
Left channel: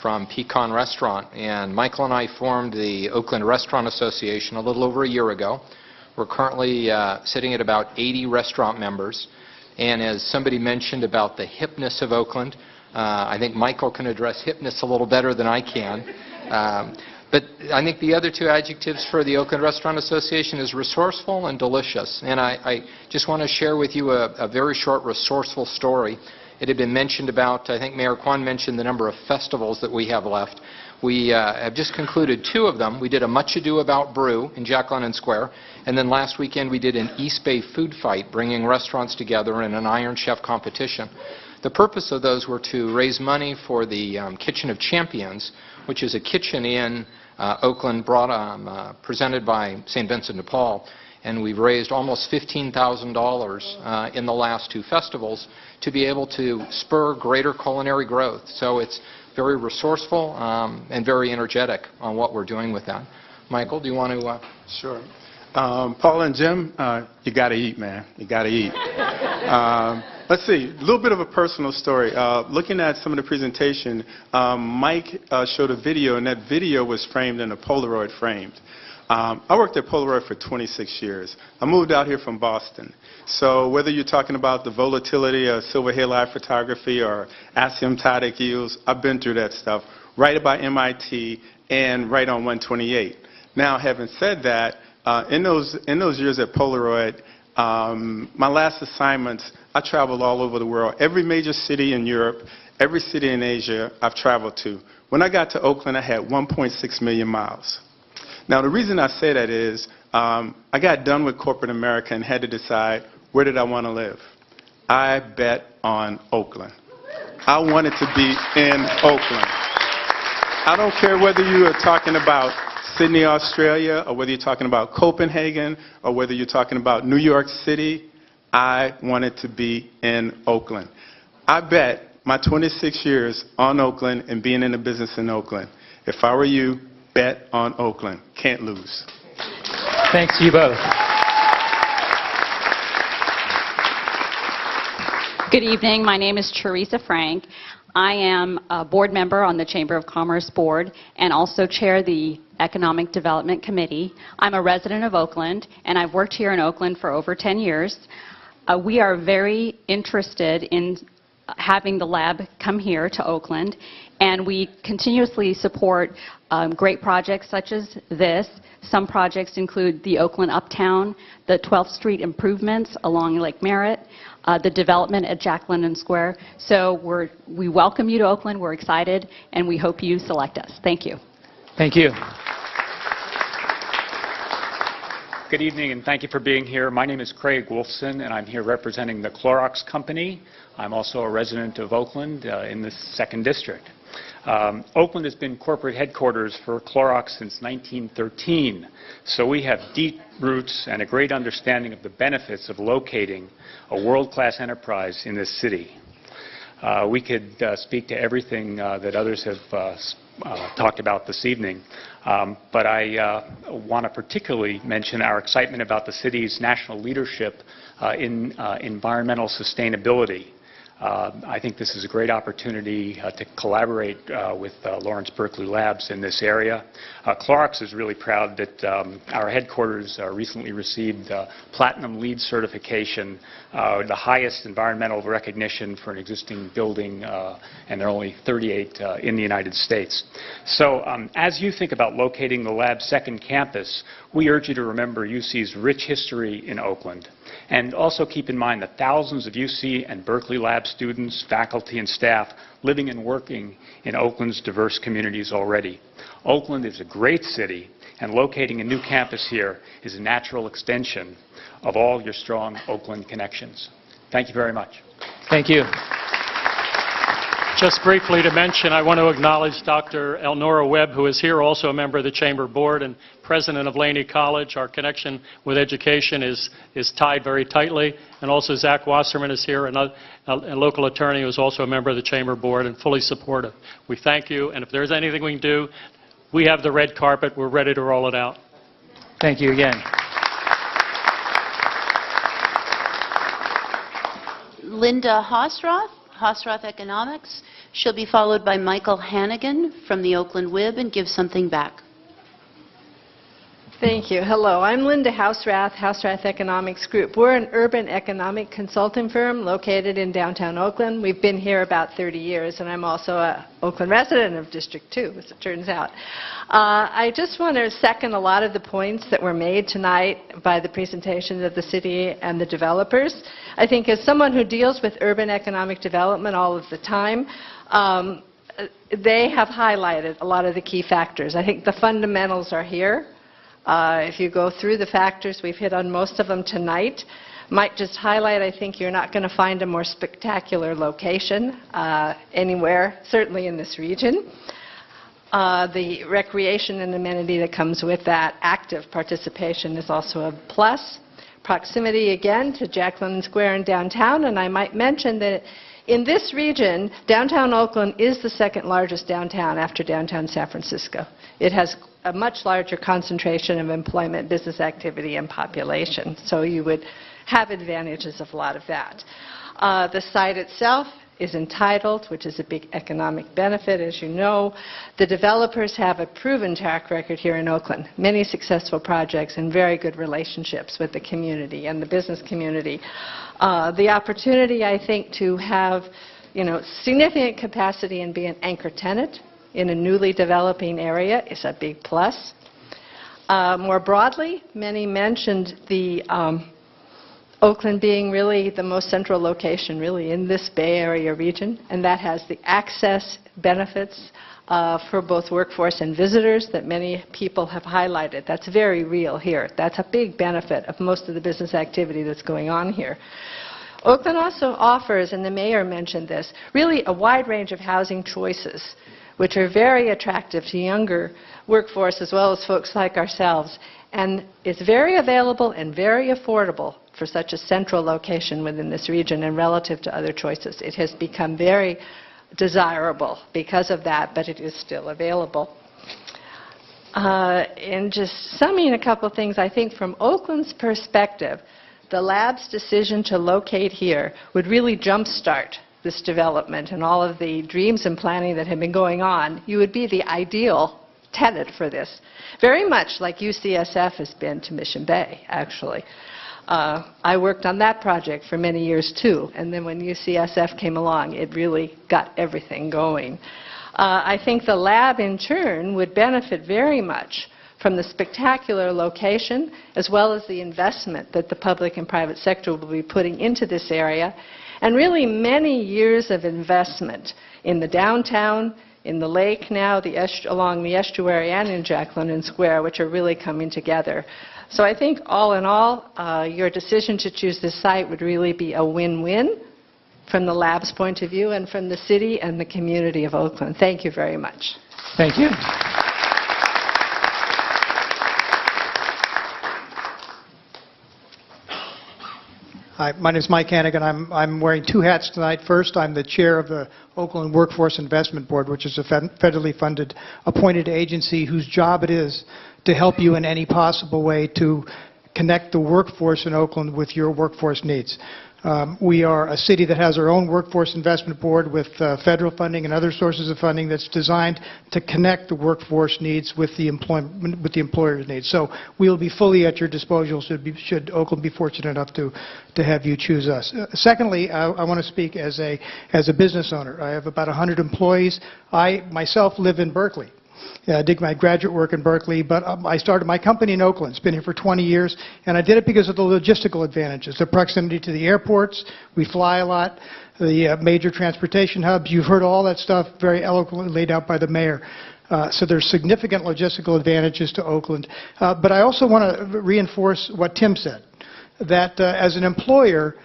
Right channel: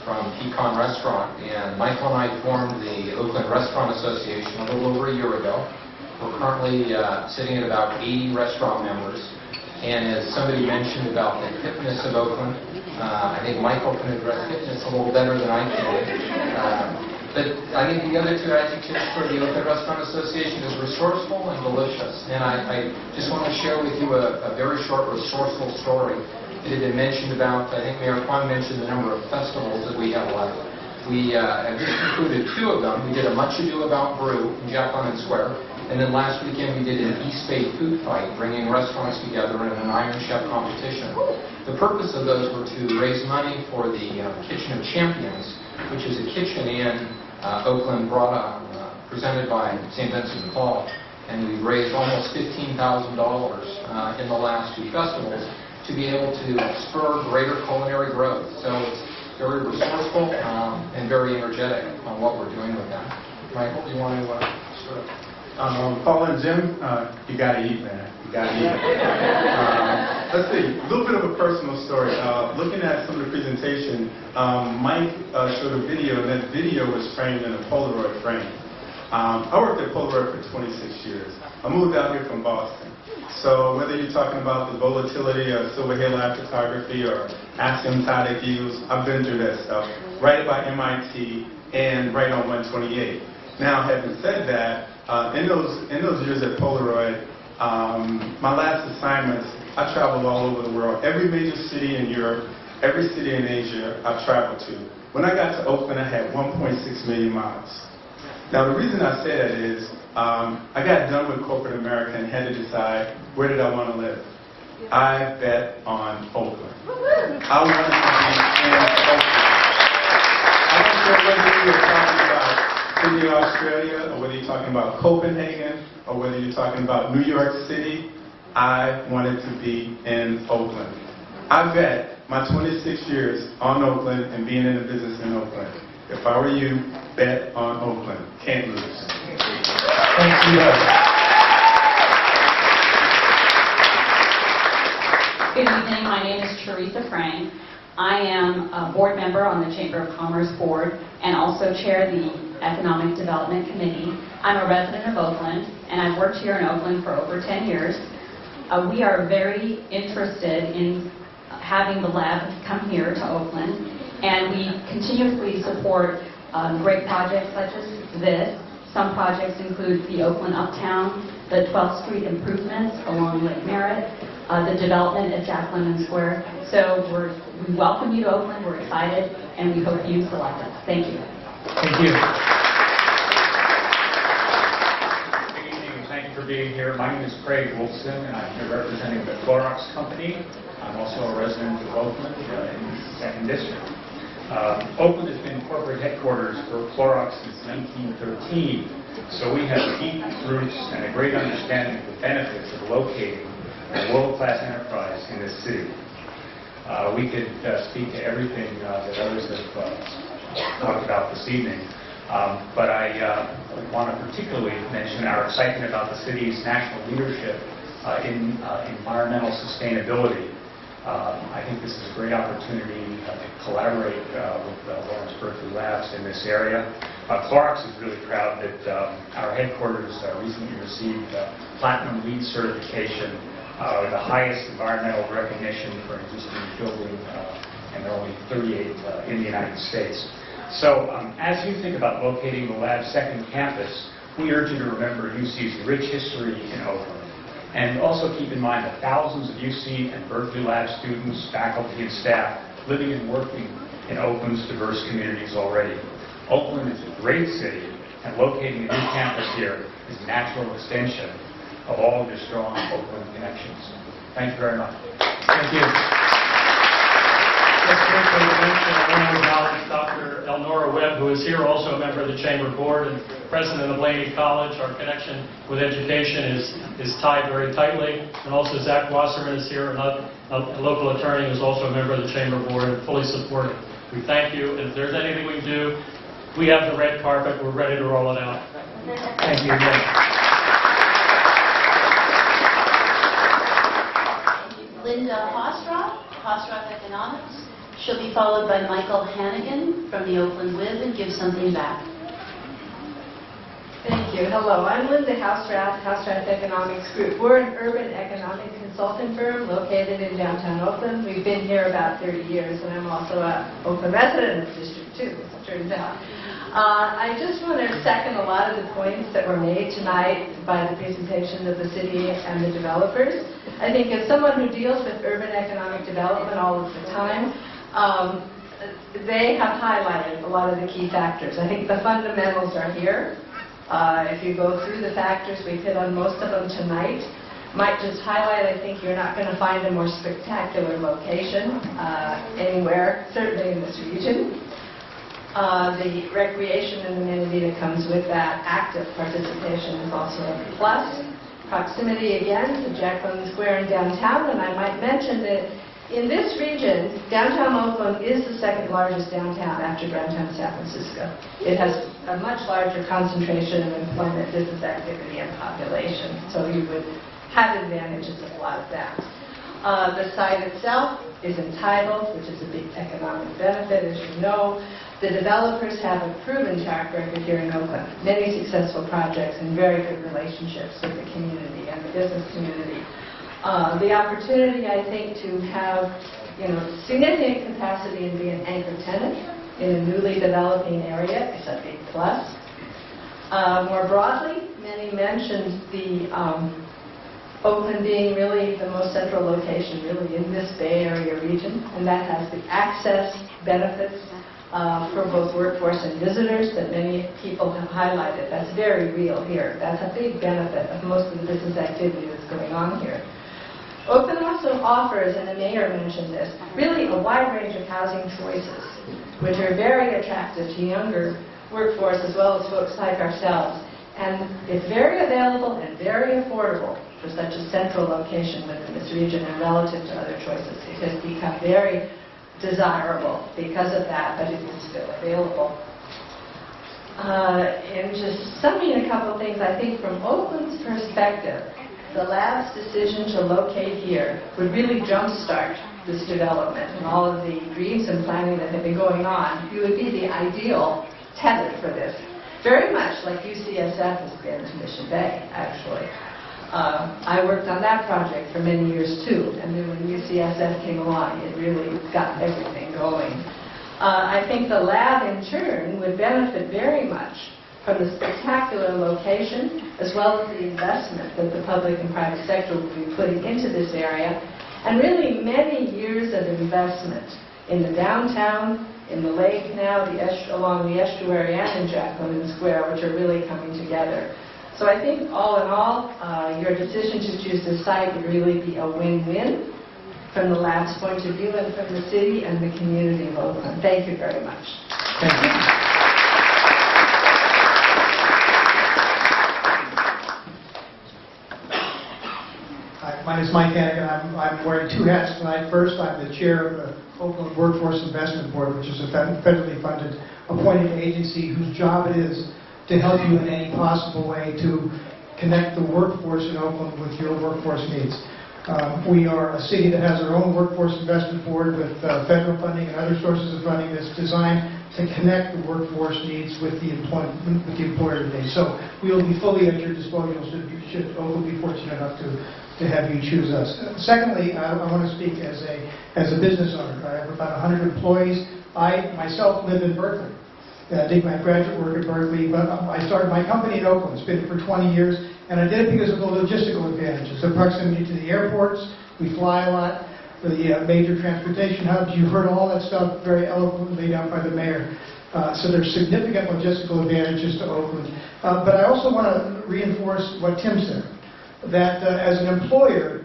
from Pecan Restaurant. And Michael and I formed the Oakland Restaurant Association a little over a year ago. We're currently sitting at about 80 restaurant members. And as somebody mentioned about the hipness of Oakland, I think Michael can address hipness a little better than I can. But I think the other two adjectives for the Oakland Restaurant Association is resourceful and delicious. And I just want to share with you a very short resourceful story. It had been mentioned about, I think Mayor Kwan mentioned the number of festivals that we have left. We have just concluded 2 of them. We did a Much Ado About Brew in Jack London Square. And then last weekend we did an East Bay food fight, bringing restaurants together in an Iron Chef competition. The purpose of those were to raise money for the Kitchen of Champions, which is a kitchen in Oakland presented by St. Vincent de Paul. And we've raised almost $15,000 in the last 2 festivals to be able to spur greater culinary growth. So it's very resourceful and very energetic on what we're doing with them. Michael, do you want to? Sure. Paul and Jim, you got to eat, man. You got to eat. Let's see, a little bit of a personal story. Looking at some of the presentation, Mike showed a video, and that video was framed in a Polaroid frame. I worked at Polaroid for 26 years. I moved out here from Boston. So whether you're talking about the volatility of silver halide photography or asymptotic views, I've been through that stuff. Right by MIT and right on 128. Now, having said that, in those years at Polaroid, my last assignments, I traveled all over the world. Every major city in Europe, every city in Asia, I've traveled to. When I got to Oakland, I had 1.6 million miles. Now, the reason I say that is I got done with corporate America and had to decide, where did I want to live? I bet on Oakland. I wanted to be in Oakland. I don't care whether you are talking about Sydney, Australia, or whether you're talking about Copenhagen, or whether you're talking about New York City. I wanted to be in Oakland. I bet my 26 years on Oakland and being in the business in Oakland. If I were you, bet on Oakland. Can't lose. Thank you both. Good evening. My name is Teresa Frank. I am a board member on the Chamber of Commerce Board and also chair the Economic Development Committee. I'm a resident of Oakland, and I've worked here in Oakland for over 10 years. We are very interested in having the lab come here to Oakland, and we continuously support great projects such as this. Some projects include the Oakland Uptown, the 12th Street improvements along Lake Merritt, the development at Jack London Square. So we welcome you to Oakland. We're excited, and we hope you select us. Thank you. Thank you. Good evening, and thank you for being here. My name is Craig Wolfson, and I'm here representing the Clorox Company. I'm also a resident of Oakland in the 2nd District. Oakland has been corporate headquarters for Clorox since 1913, so we have deep roots and a great understanding of the benefits of locating a world-class enterprise in this city. We could speak to everything that others have talked about this evening, but I want to particularly mention our excitement about the city's national leadership in environmental sustainability. I think this is a great opportunity to collaborate with Lawrence Berkeley Labs in this area. Clorox is really proud that our headquarters recently received Platinum LEED certification, the highest environmental recognition for an existing building, and there are only 38 in the United States. So as you think about locating the lab's 2nd campus, we urge you to remember UC's rich history in Oakland. And also keep in mind the thousands of UC and Berkeley Lab students, faculty, and staff living and working in Oakland's diverse communities already. Oakland is a great city, and locating a new campus here is a natural extension of all of your strong Oakland connections. Thank you very much. Thank you. Just briefly to mention, I want to acknowledge Dr. Elnora Webb, who is here, also a member of the Chamber Board and president of Laney College. Our connection with education is tied very tightly. And also Zach Wasserman is here, a local attorney who is also a member of the Chamber Board and fully supportive. We thank you, and if there's anything we can do, we have the red carpet. We're ready to roll it out. Thank you again. Linda Hosroth Economics. She'll be followed by Michael Hannigan from the Oakland Wib and Give Something Back. Thank you. Hello, I'm Linda Houserath Economics Group. We're an urban economic consulting firm located in downtown Oakland. We've been here about 30 years, and I'm also an Oakland resident of District 2, as it turns out. I just want to second a lot of the points that were made tonight by the presentations of the city and the developers. I think as someone who deals with urban economic development all of the time, they have highlighted a lot of the key factors. I think the fundamentals are here. If you go through the factors, we've hit on most of them tonight. Might just highlight, I think you're not going to find a more spectacular location anywhere, certainly in this region. The recreation and amenity that comes with that active participation is also a plus. Proximity, again, to Jacqueline Square and downtown, and I might mention that in this region, downtown Oakland is the second largest downtown after downtown San Francisco. It has a much larger concentration of employment, business activity, and population, so you would have advantages of a lot of that. The site itself is entitled, which is a big economic benefit, as you know. The developers have a proven track record here in Oakland, many successful projects and very good relationships with the community and the business community. The opportunity, I think, to have significant capacity and be an anchor tenant in a newly developing area is a big plus. More broadly, many mentioned the Oakland being really the most central location really in this Bay Area region, and that has the access benefits for both workforce and visitors that many people have highlighted. That's very real here. That's a big benefit of most of the business activity that's going on here. Oakland also offers, and the mayor mentioned this, really a wide range of housing choices, which are very attractive to younger workforce as well as folks like ourselves, and is very available and very affordable for such a central location within this region and relative to other choices. It has become very desirable because of that, but it is still available. And just summing a couple things, I think from Oakland's perspective, the lab's decision to locate here would really jumpstart this development and all of the dreams and planning that have been going on. You would be the ideal tenant for this. Very much like UCSF has been to Mission Bay, actually. I worked on that project for many years too, and then when UCSF came along, it really got everything going. I think the lab in turn would benefit very much from the spectacular location as well as the investment that the public and private sector will be putting into this area, and really many years of investment in the downtown, in the lake now, along the estuary, and in Jacqueline Square, which are really coming together. So I think all in all, your decision to choose this site would really be a win-win from the lab's point of view and from the city and the community of Oakland. Thank you very much. Thank you. Hi, my name is Mike Hannigan. I'm wearing two hats tonight. First, I'm the chair of the Oakland Workforce Investment Board, which is a federally funded appointed agency whose job it is to help you in any possible way to connect the workforce in Oakland with your workforce needs. We are a city that has our own workforce investment board with federal funding and other sources of funding that's designed to connect the workforce needs with the employer needs. So we will be fully at your disposal should Oakland be fortunate enough to have you choose us. Secondly, I want to speak as a business owner. I have about 100 employees. I myself live in Berkeley. I did my graduate work in Berkeley, but I started my company in Oakland. It's been here for 20 years, and I did it because of the logistical advantages, the proximity to the airports. We fly a lot, the major transportation hubs. You've heard all that stuff very eloquently laid out by the mayor. So there's significant logistical advantages to Oakland. But I also want to reinforce what Tim said, that as an employer,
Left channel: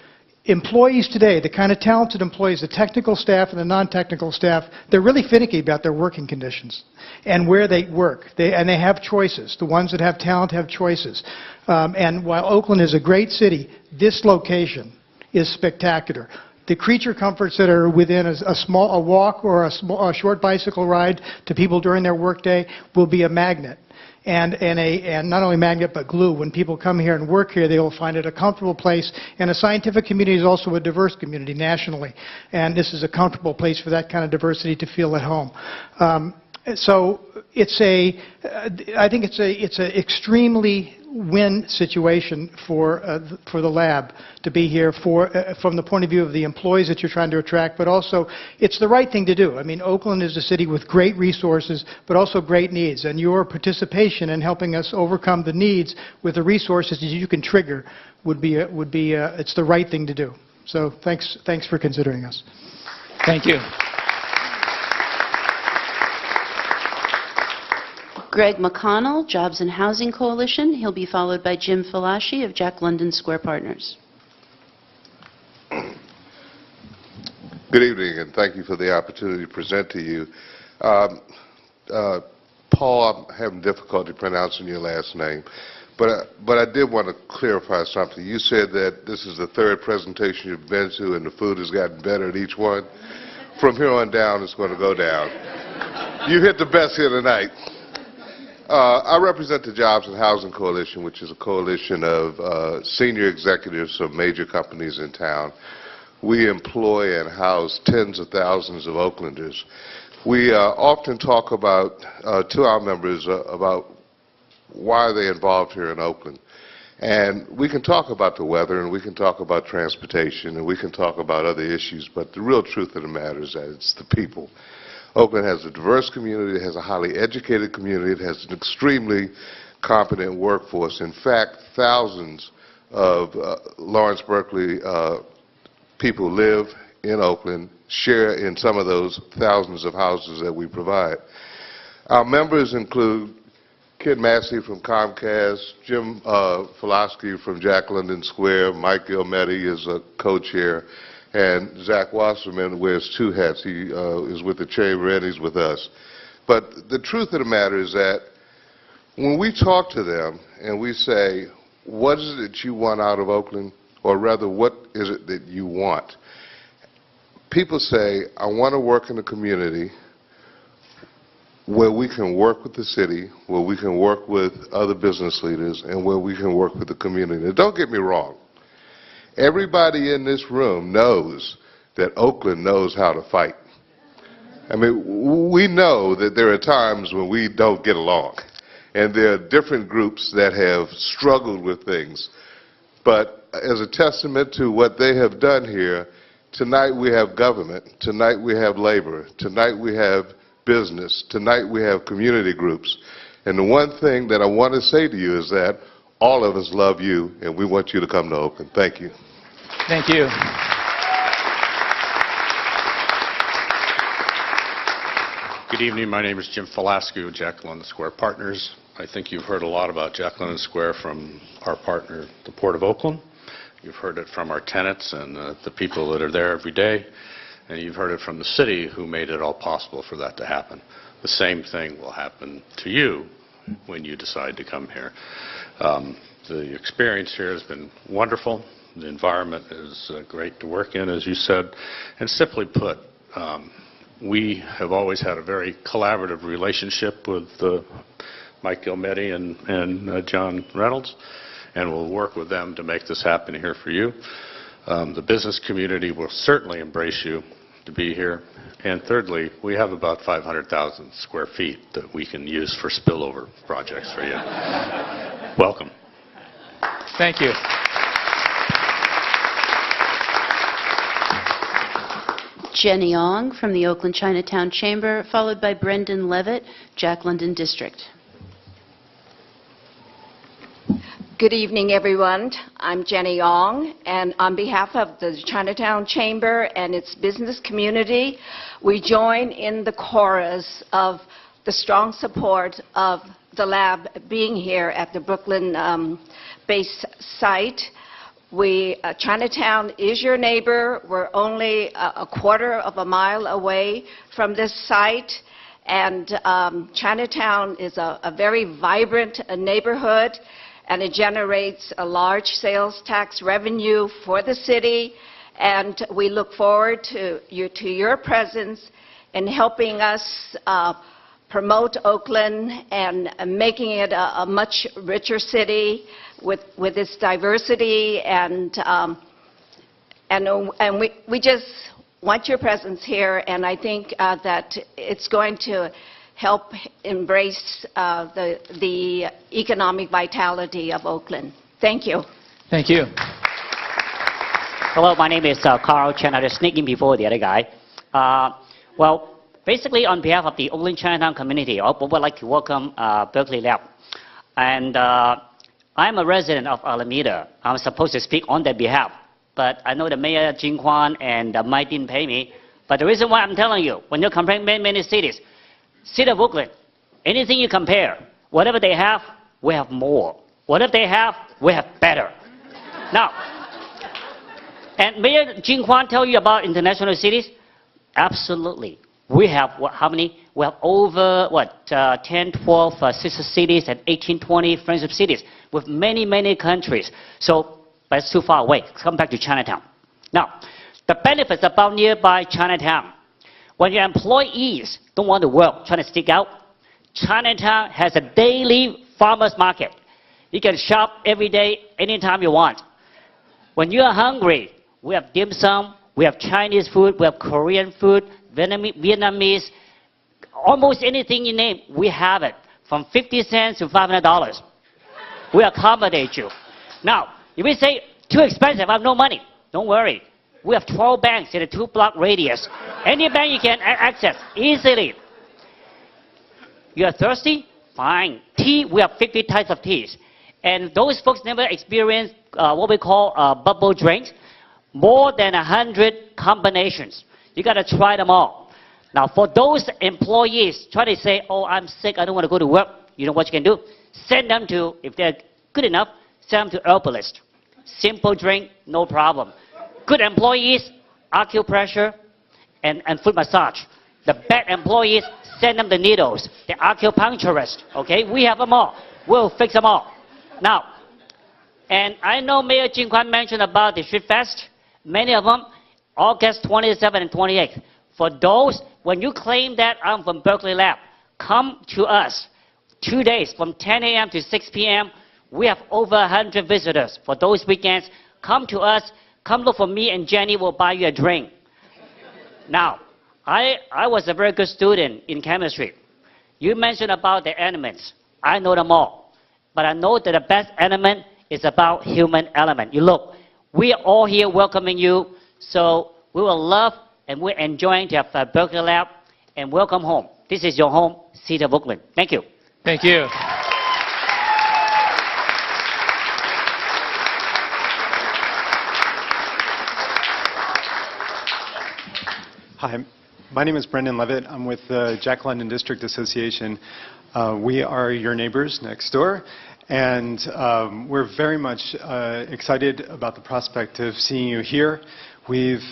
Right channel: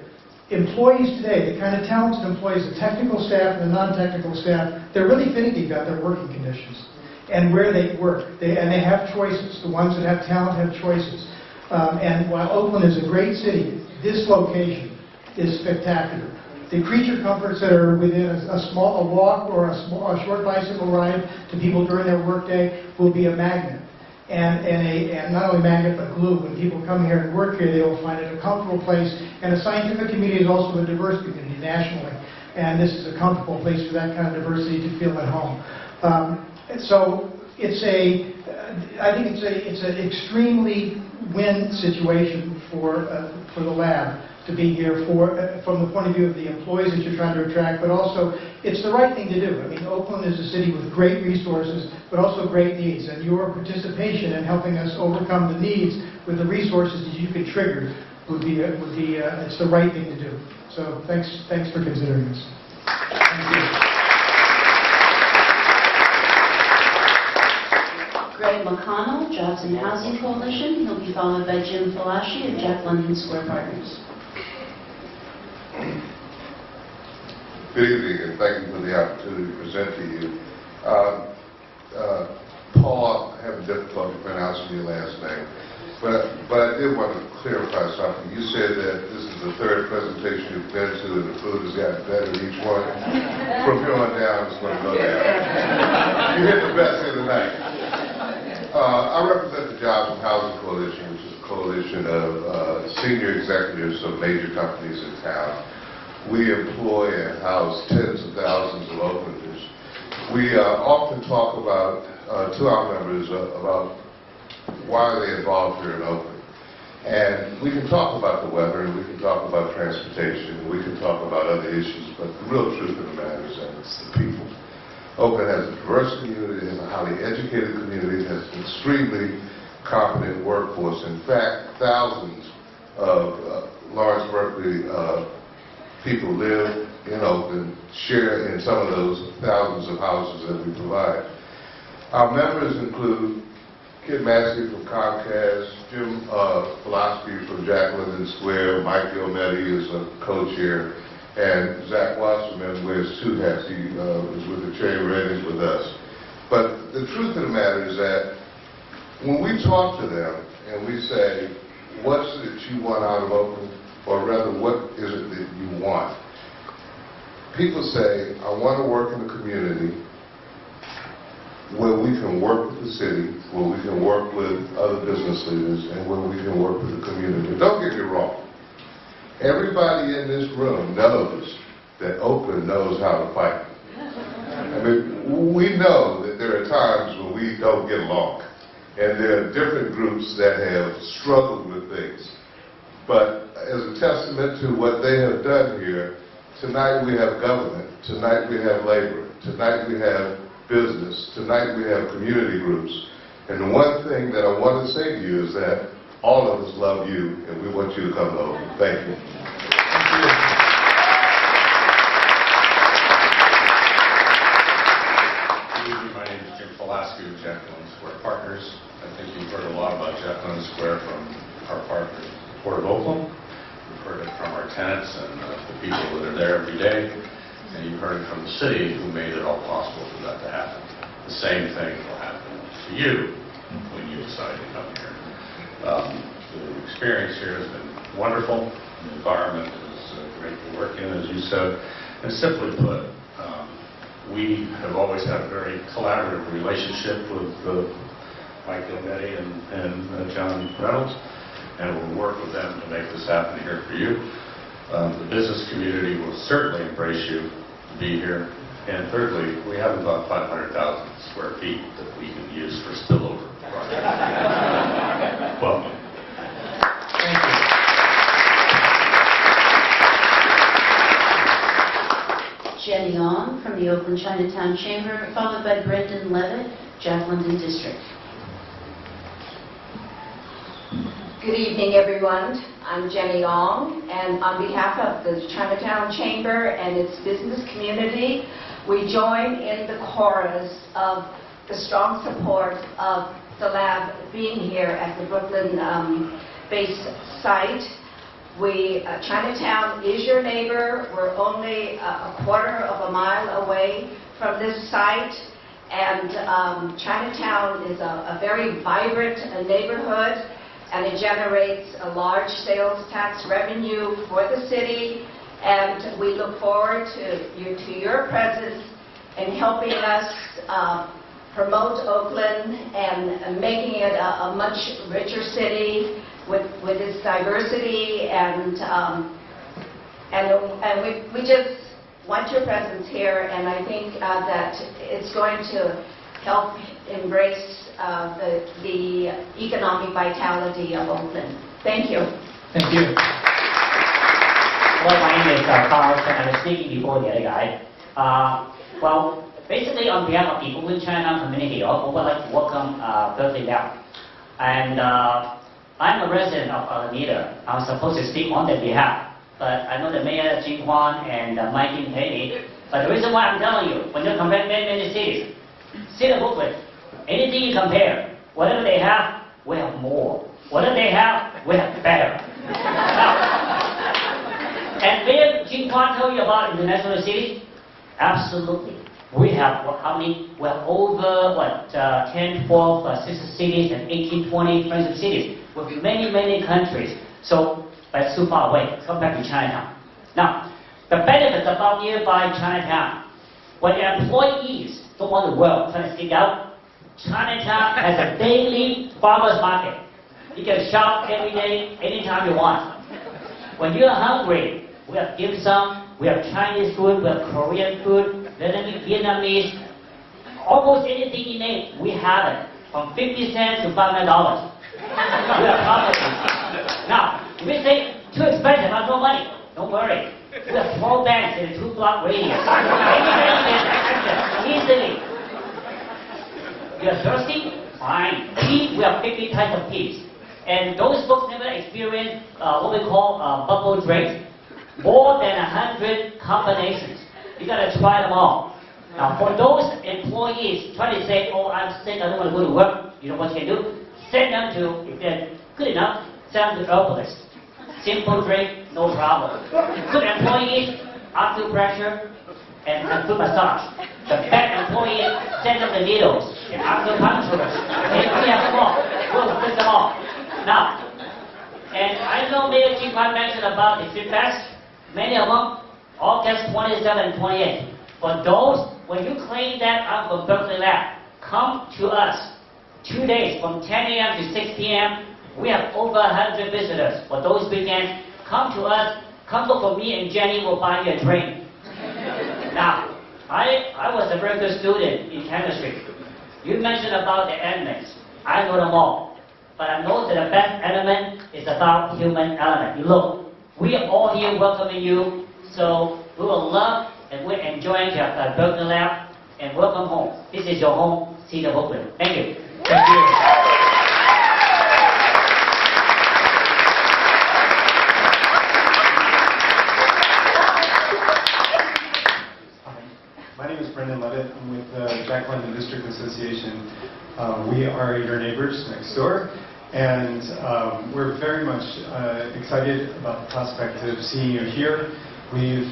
employees today, the kind of talented employees, the technical staff and the non-technical staff, they're really finicky about their working conditions and where they work. And they have choices. The ones that have talent have choices. And while Oakland is a great city, this location is spectacular. The creature comforts that are within a walk or a short bicycle ride to people during their workday will be a magnet. And not only magnet, but glue. When people come here and work here, they will find it a comfortable place. And the scientific community is also a diverse community nationally. And this is a comfortable place for that kind of diversity to feel at home. So I think it's an extremely win situation for the lab to be here from the point of view of the employees that you're trying to attract, but also it's the right thing to do. I mean, Oakland is a city with great resources, but also great needs, and your participation in helping us overcome the needs with the resources that you can trigger it's the right thing to do. So thanks for considering us. Thank you. Greg McConnell, Jobs and Housing Coalition. He'll be followed by Jim Falashi of Jack London Square Partners. Good evening, and thank you for the opportunity to present to you. Paul, I'm having difficulty pronouncing your last name, but I did want to clarify something. You said that this is the third presentation you've been to, and the food has gotten better at each one. From here on down, it's going to go down. You hit the best here tonight. I represent the Jobs and Housing Coalition, which is a coalition of senior executives of major companies in town. We employ and house tens of thousands of Oaklanders. We often talk about, to our members, about why they're involved here in Oakland. And we can talk about the weather, and we can talk about transportation, and we can talk about other issues, but the real truth of the matter is that it's the people. Oakland has a diverse community, it has a highly educated community, it has an extremely competent workforce. In fact, thousands of Lawrence Berkeley people live in Oakland, share in some of those thousands of houses that we provide. Our members include Kid Massey from Comcast, Jim Falaski from Jack London Square, Mike Gilmetti is a co-chair, and Zach Wasserman wears two hats. He is with the chamber and he's with us. But the truth of the matter is that when we talk to them and we say, what is it that you want out of Oakland? Or rather, what is it that you want? People say, I want to work in a community where we can work with the city, where we can work with other business leaders, and where we can work with the community. Don't get me wrong. Everybody in this room knows that Oakland knows how to fight. I mean, we know that there are times when we don't get along, and there are different groups that have struggled with things. But as a testament to what they have done here, tonight we have government, tonight we have labor, tonight we have business, tonight we have community groups. And the one thing that I want to say to you is that all of us love you, and we want you to come to Oakland. Thank you. Thank you. Good evening. My name is Jim Falaski of Jack London Square Partners. I think you've heard a lot about Jack London Square from our partner, the Port of Oakland. You've heard it from our tenants and the people that are there every day. And you've heard it from the city who made it all possible for that to happen. The same thing will happen to you when you decide to come here. The experience here has been wonderful. The environment is great to work in, as you said. And simply put, we have always had a very collaborative relationship with Mike Gilmetti and John Reynolds, and we'll work with them to make this happen here for you. The business community will certainly embrace you to be here. And thirdly, we have about 500,000 square feet that we can use for spillover projects for you. Welcome. Thank you. Jenny Ong from the Oakland Chinatown Chamber, followed by Brendan Levitt, Jack London District. Good evening, everyone. I'm Jenny Ong, and on behalf of the Chinatown Chamber and its business community, we join in the chorus of the strong support of the lab being here at the Brooklyn base site. Chinatown is your neighbor. We're only a quarter of a mile away from this site. And Chinatown is a very vibrant neighborhood, and it generates a large sales tax revenue for the city. And we look forward to your presence in helping us promote Oakland and making it a much richer city with its diversity. And we just want your presence here, and I think that it's going to help embrace the economic vitality of Oakland. Thank you. Thank you. Hello, my name is Carl Chen. I was sneaking before the other guy. Well, basically on behalf of the Oakland Chinatown community, I would like to welcome Berkeley now. And I'm a resident of Alameda. I was supposed to speak on their behalf, but I know the mayor, Jin Kwan, and Mike didn't pay me. But the reason why I'm telling you, when you compare many cities, City of Oakland, anything you compare, whatever they have, we have more. Whatever they have, we have better. Now, and Mayor Jin Kwan tell you about international cities? Absolutely. We have, what, how many? We have over, 10, 12 sister cities and 18, 20 friendship cities with many, many countries. So, but it's too far away. Let's come back to Chinatown. Now, the benefits about nearby Chinatown. When your employees don't want to work, trying to stick out, Chinatown has a daily farmers market. You can shop every day, anytime you want. When you're hungry, we have dim sum, we have Chinese food, we have Korean food, Vietnamese, almost anything you name, we have it. From 50 cents to $500. We accommodate you. Now, if you say, too expensive, I have no money, don't worry. We have 12 banks in a 2-block radius. Any bank you can access easily. You're thirsty? Fine. Tea, we have 50 types of teas. And those folks never experienced what we call bubble drinks. More than 100 combinations. You gotta try them all. Now, for those employees trying to say, oh, I'm sick, I don't want to go to work, you know what you can do? Send them to, if they're good enough, send them to herbalist. Simple drink, no problem. Good employees, acupressure and foot massage. The bad employees, send them the needles, the acupuncturist. Okay, we have them all. We'll fix them all. Now, and I know Mayor Jin Kwan mentioned about the Street Fest. Many of them, August 27 and 28. For those, when you claim that I'm from Berkeley Lab, come to us. 2 days, from 10 a.m. to 6 p.m. We have over 100 visitors. For those weekends, come to us. Come look for me and Jenny. We'll buy you a drink. Now, I was a very good student in chemistry. You mentioned about the elements. I know them all. But I know that the best element is about human element. You look, we are all here welcoming you. So we will love and we're enjoying to have Berkeley Lab. And welcome home. This is your home, City of Oakland. Thank you. Thank you. Hi, my name is Brendan Levitt. I'm with the Jack London District Association. We are your neighbors next door, and we're very much excited about the prospect of seeing you here. We've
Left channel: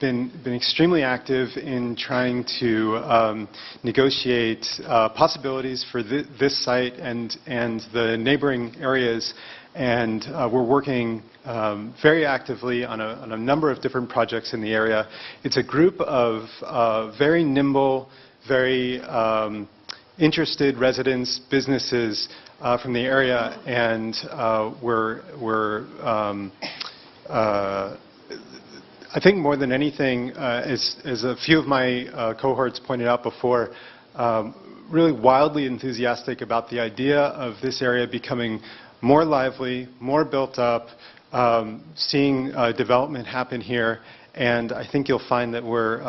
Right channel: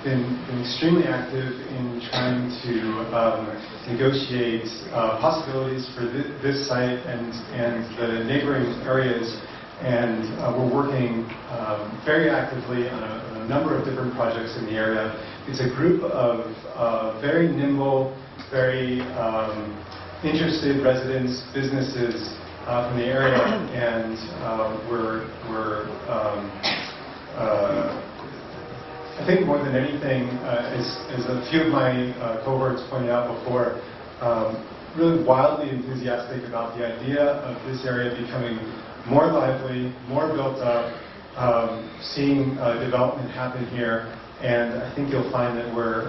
been extremely active in trying to negotiate possibilities for this site and the neighboring areas. And we're working very actively on a number of different projects in the area. It's a group of very nimble, very interested residents, businesses from the area, and I think more than anything, as a few of my cohorts pointed out before, really wildly enthusiastic about the idea of this area becoming more lively, more built up, seeing development happen here, and I think you'll find that we're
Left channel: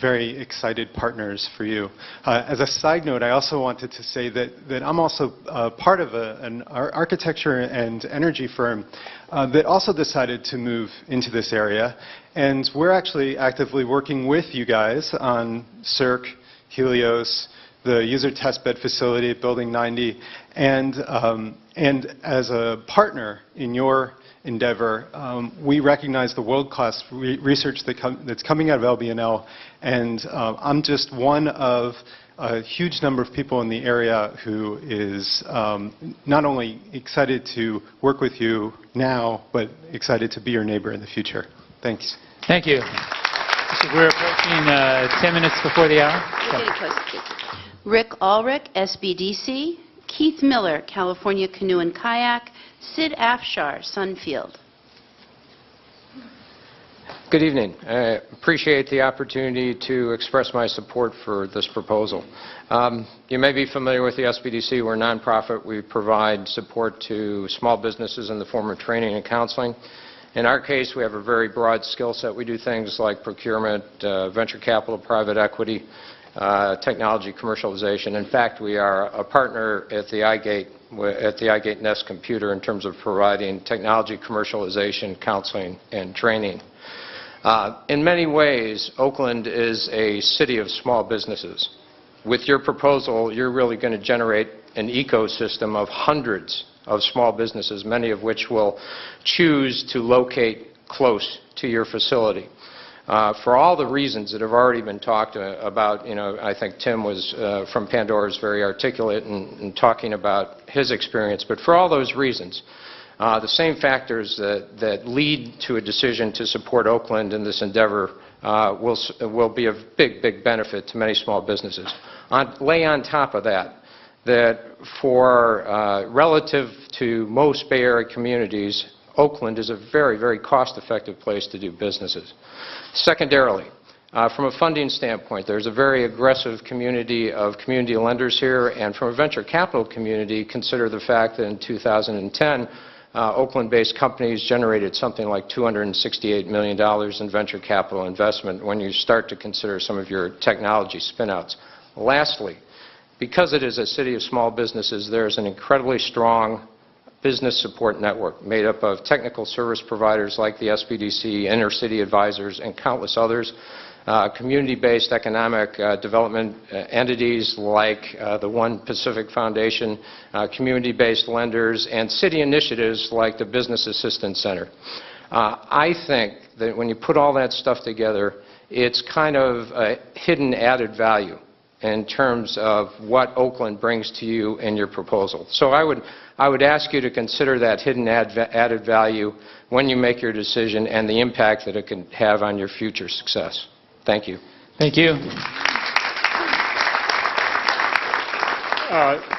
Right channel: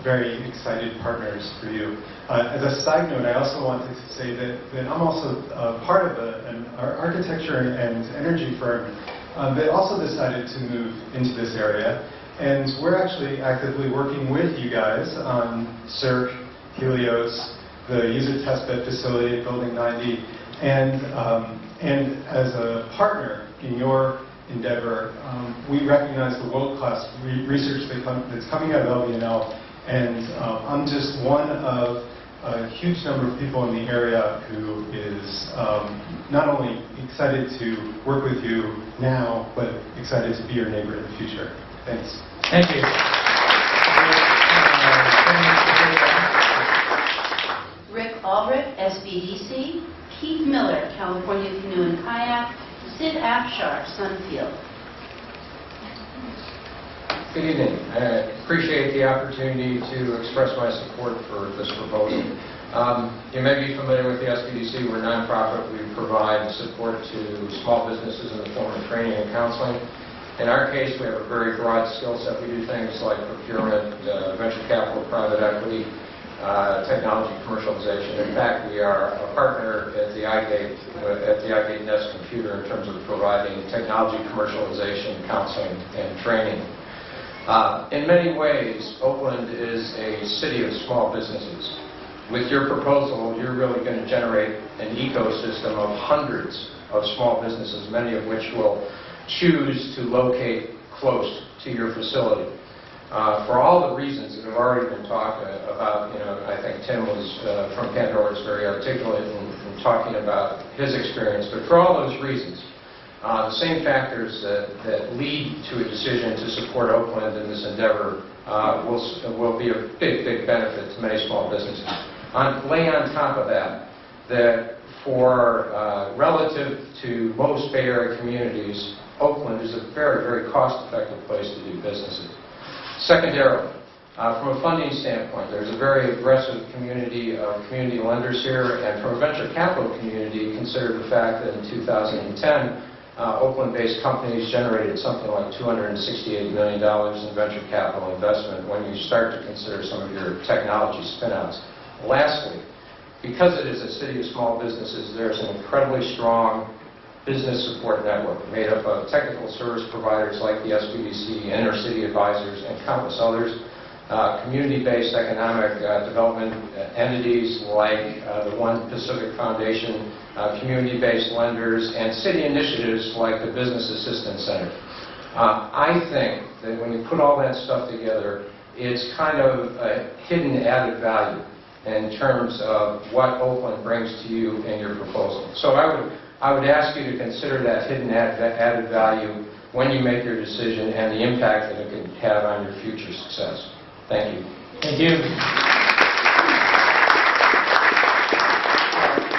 very excited partners for you. As a side note, I also wanted to say that I'm also part of an architecture and energy firm that also decided to move into this area, and we're actually actively working with you guys on CERC, Helios, the user testbed facility at Building 90, and as a partner in your endeavor. We recognize the world-class research that's coming out of LBNL, and I'm just one of a huge number of people in the area who is not only excited to work with you now, but excited to be your neighbor in the future. Thanks. Thank you. We're in 10 minutes before the hour. Rick Ulrich, SBDC. Keith Miller, California Canoe and Kayak. Sid Afshar, Sunfield. Good evening. I appreciate the opportunity to express my support for this proposal. You may be familiar with the SBDC. We're a nonprofit. We provide support to small businesses in the form of training and counseling. In our case, we have a very broad skill set. We do things like procurement, venture capital, private equity, technology commercialization. In fact, we are a partner at the iGate Nest Computer in terms of providing technology commercialization, counseling, and training. In many ways, Oakland is a city of small businesses. With your proposal, you're really going to generate an ecosystem of hundreds of small businesses, many of which will choose to locate close to your facility. For all the reasons that have already been talked about, I think Tim was from Pandora is very articulate in talking about his experience, but for all those reasons, the same factors that lead to a decision to support Oakland in this endeavor will be of big benefit to many small businesses. Lay on top of that for relative to most Bay Area communities, Oakland is a very cost-effective place to do businesses. Secondarily, from a funding standpoint, there's a very aggressive community of community lenders here, and from a venture capital community, consider the fact that in 2010, Oakland-based companies generated something like $268 million in venture capital investment when you start to consider some of your technology spin-outs. Lastly, because it is a city of small businesses, there's an incredibly strong business support network made up of technical service providers like the SBDC, inner-city advisors, and countless others, community-based economic development entities like the One Pacific Foundation, community-based lenders, and city initiatives like the Business Assistance Center. I think that when you put all that stuff together, it's kind of a hidden added value in terms of what Oakland brings to you in your proposal. So I would ask you to consider that hidden added value when you make your decision and the impact that it can have on your future success. Thank you. Thank you.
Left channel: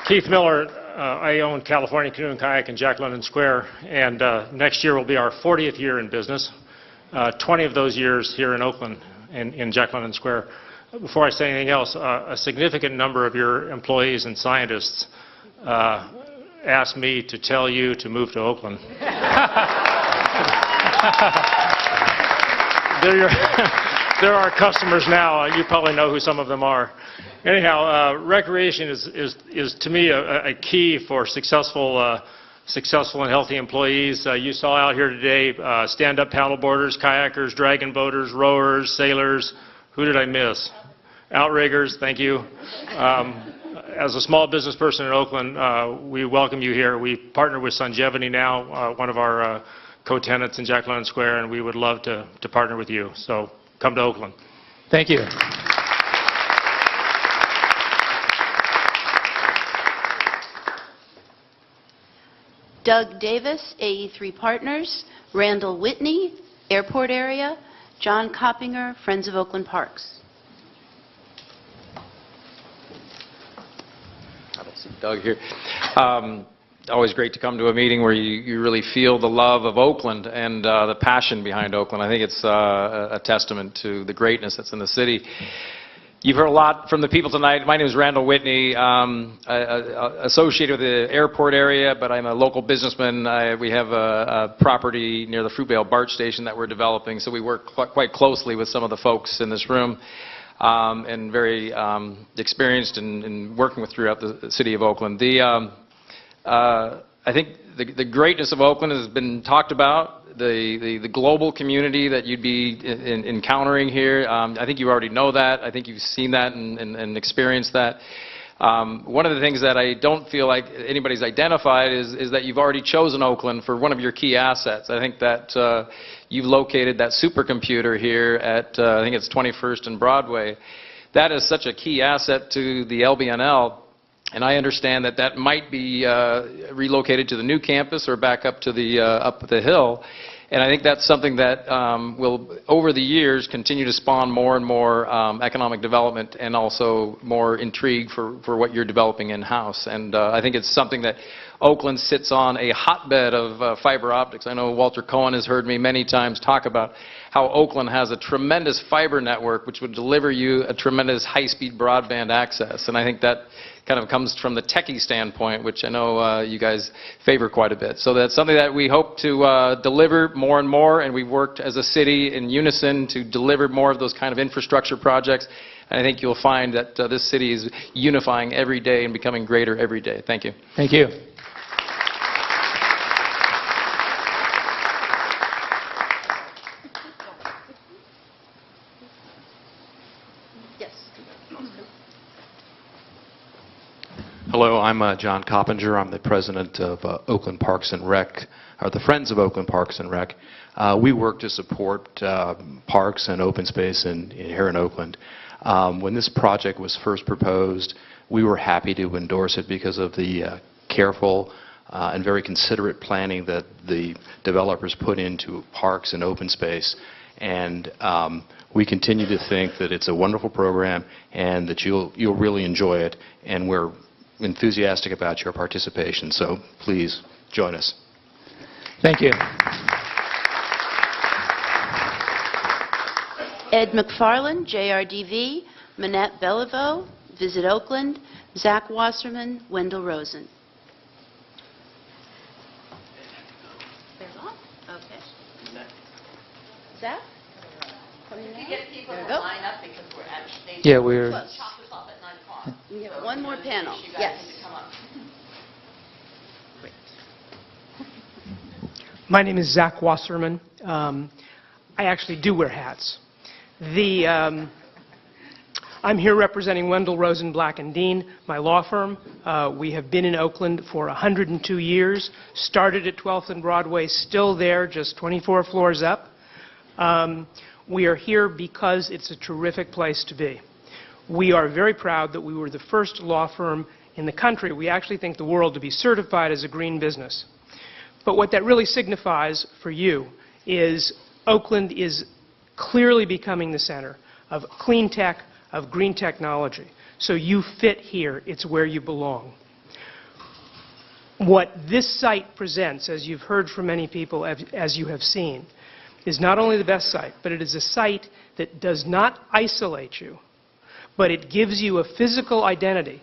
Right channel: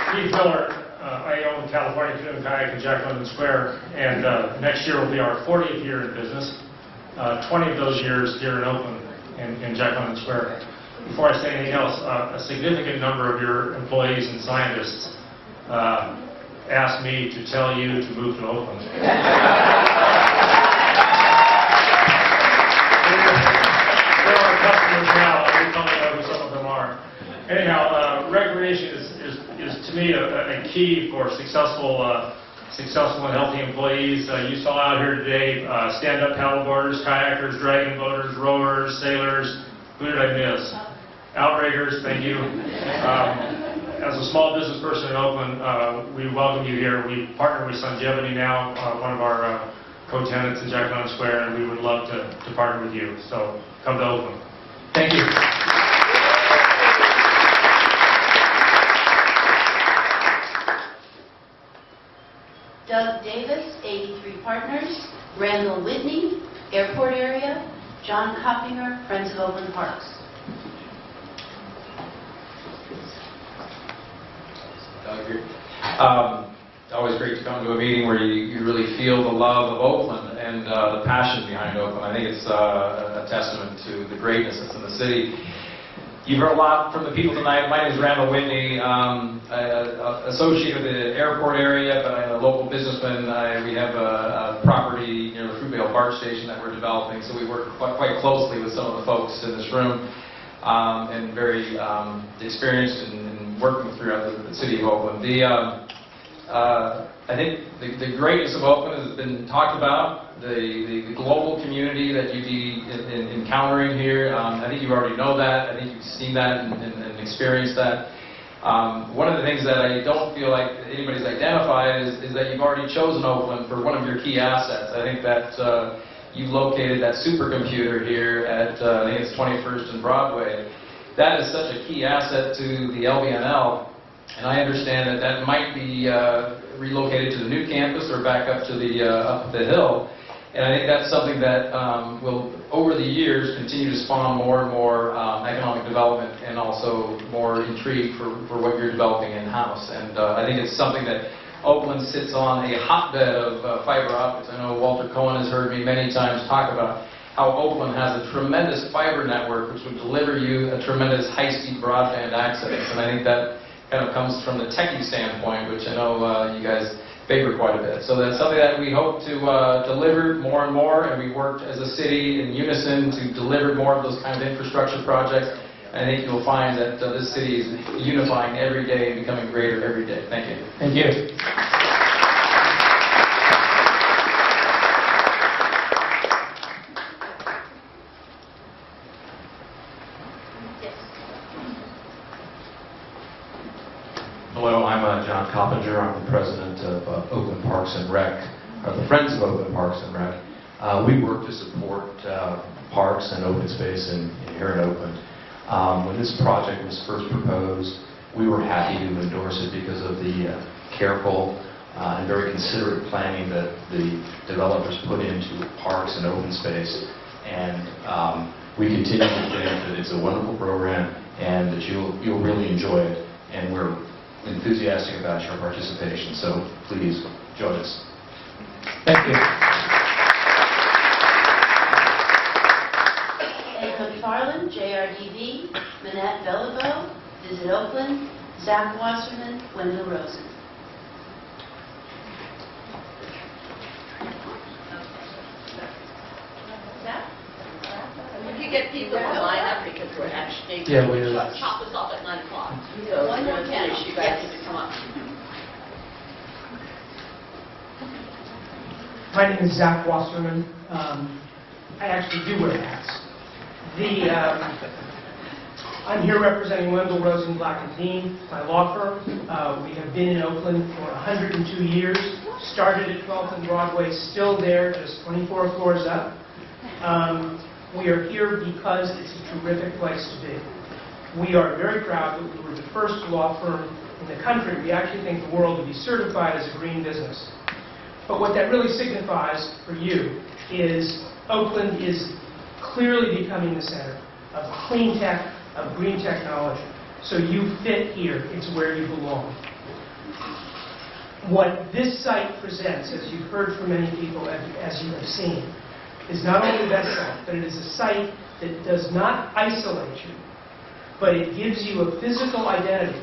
Keith Miller, I own California Canoe and Kayak in Jack London Square, and next year will be our 40th year in business, 20 of those years here in Oakland, in Jack London Square. Before I say anything else, a significant number of your employees and scientists asked me to tell you to move to Oakland. They're our customers now, and you probably know who some of them are. Anyhow, recreation is to me a key for successful and healthy employees. You saw out here today stand-up paddleboarders, kayakers, dragon boaters, rowers, sailors. Who did I miss? Outriggers, thank you. As a small business person in Oakland, we welcome you here. We partner with Sungevity now, one of our co-tenants in Jack London Square, and we would love to partner with you. So come to Oakland. Thank you. Doug Davis, 83 Partners. Randall Whitney, Airport Area. John Coppinger, Friends of Oakland Parks. Doug here. Always great to come to a meeting where you really feel the love of Oakland and the passion behind Oakland. I think it's a testament to the greatness that's in the city. You've heard a lot from the people tonight. My name is Randall Whitney, associated with the airport area, but I'm a local businessman. We have a property near the Fruitvale BART station that we're developing, so we work quite closely with some of the folks in this room. And very experienced in working throughout the city of Oakland. I think the greatness of Oakland has been talked about, the global community that you'd be encountering here. I think you already know that. I think you've seen that and experienced that. One of the things that I don't feel like anybody's identified is that you've already chosen Oakland for one of your key assets. I think that you've located that supercomputer here at, I think it's 21st and Broadway. That is such a key asset to the LBNL, and I understand that that might be relocated to the new campus or back up to the hill. And I think that's something that will, over the years, continue to spawn more and more economic development and also more intrigue for what you're developing in-house. And I think it's something that Oakland sits on a hotbed of fiber optics. I know Walter Cohen has heard me many times talk about how Oakland has a tremendous fiber network which would deliver you a tremendous high-speed broadband access. And I think that kind of comes from the techie standpoint, which I know you guys favor quite a bit. So that's something that we hope to deliver more and more, and we've worked as a city in unison to deliver more of those kind of infrastructure projects. And I think you'll find that this city is unifying every day and becoming greater every day. Thank you. Thank you. Hello, I'm John Coppinger. I'm the president of Oakland Parks and Rec, or the Friends of Oakland Parks and Rec. We work to support parks and open space here in Oakland. When this project was first proposed, we were happy to endorse it because of the careful and very considerate planning that the developers put into parks and open space. And we continue to think that it's a wonderful program and that you'll really enjoy it. And we're enthusiastic about your participation, so please join us. Thank you. Ed McFarland, JRDV, Manette Beliveau, Visit Oakland, Zach Wasserman, Wendell Rosen. Zach? If you get people to line up because we're actually... Yeah, we're... Top us off at 9 o'clock. So one more panel, you guys need to come up. My name is Zach Wasserman. I actually do wear hats. I'm here representing Wendell Rosen, Black & Dean, my law firm. We have been in Oakland for 102 years, started at 12th and Broadway, still there, just 24 floors up. We are here because it's a terrific place to be. We are very proud that we were the first law firm in the country, we actually think the world, to be certified as a green business. But what that really signifies for you is Oakland is clearly becoming the center of clean tech, of green technology. So you fit here. It's where you belong. What this site presents, as you've heard from many people, as you have seen, is not only the best site, but it is a site that does not isolate you, but it gives you a physical identity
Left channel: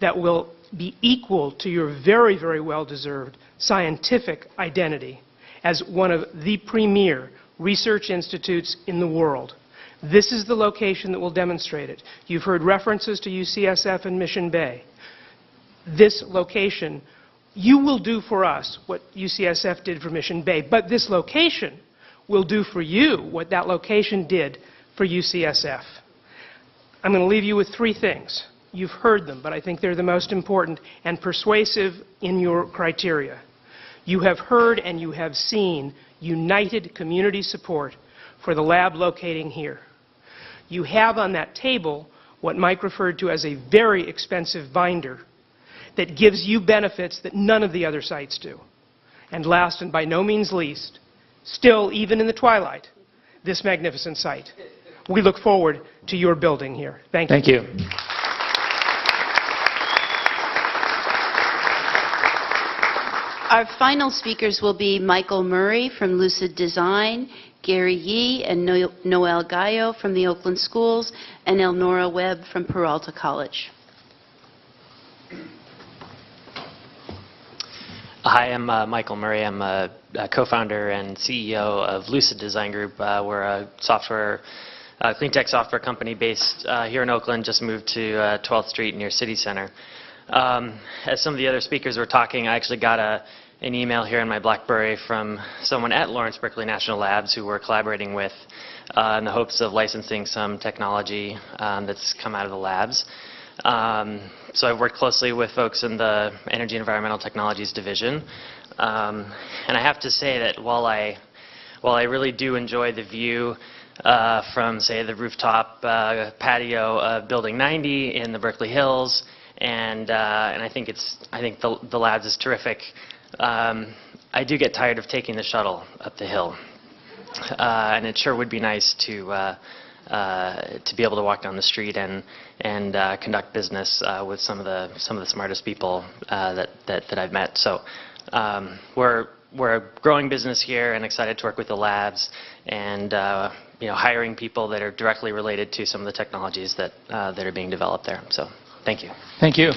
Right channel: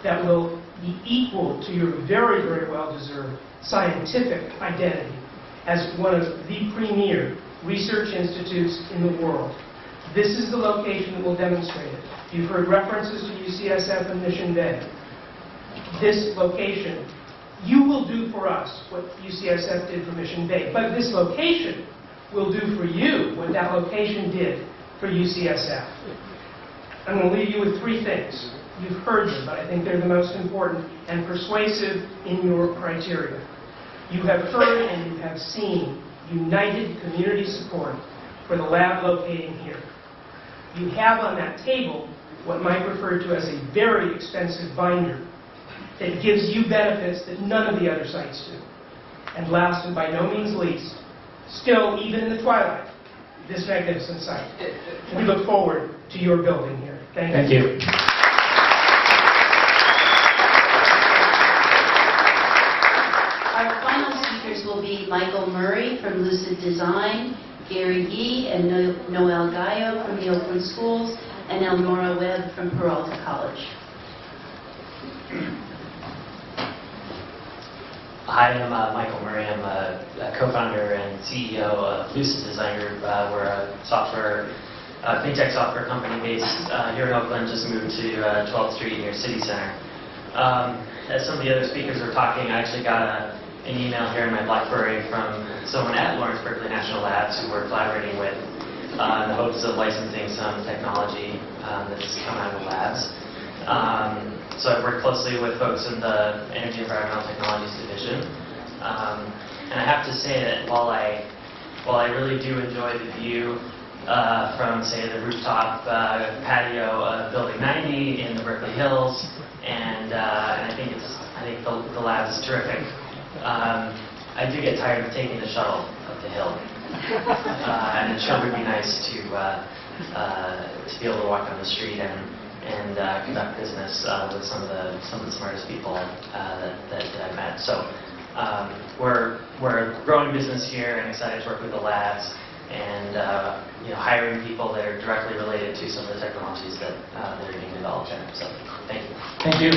that will be equal to your very, very well-deserved scientific identity as one of the premier research institutes in the world. This is the location that will demonstrate it. You've heard references to UCSF and Mission Bay. This location, you will do for us what UCSF did for Mission Bay, but this location will do for you what that location did for UCSF. I'm going to leave you with three things. You've heard them, but I think they're the most important and persuasive in your criteria. You have heard and you have seen united community support for the lab locating here. You have on that table what Mike referred to as a very expensive binder that gives you benefits that none of the other sites do. And last and by no means least, still even in the twilight, this magnificent site. We look forward to your building here. Thank you. Thank you. Our final speakers will be Michael Murray from Lucid Design, Gary Yee and Noel Gallo from the Oakland Schools, and Elnora Webb from Peralta College. Hi, I'm Michael Murray. I'm a co-founder and CEO of Lucid Design Group. We're a clean tech software company based here in Oakland, just moved to 12th Street near City Center. As some of the other speakers were talking, I actually got an email here in my BlackBerry from someone at Lawrence Berkeley National Labs who we're collaborating with in the hopes of licensing some technology that's come out of the labs. So I work closely with folks in the Energy and Environmental Technologies Division. And I have to say that while I really do enjoy the view from, say, the rooftop patio of Building 90 in the Berkeley Hills, and I think the labs is terrific, I do get tired of taking the shuttle up the hill. And it sure would be nice to be able to walk down the street and conduct business with some of the smartest people that I've met. So we're a growing business here and excited to work with the labs and hiring people that are directly related to some of the technologies that are being developed there. So thank you. Thank you.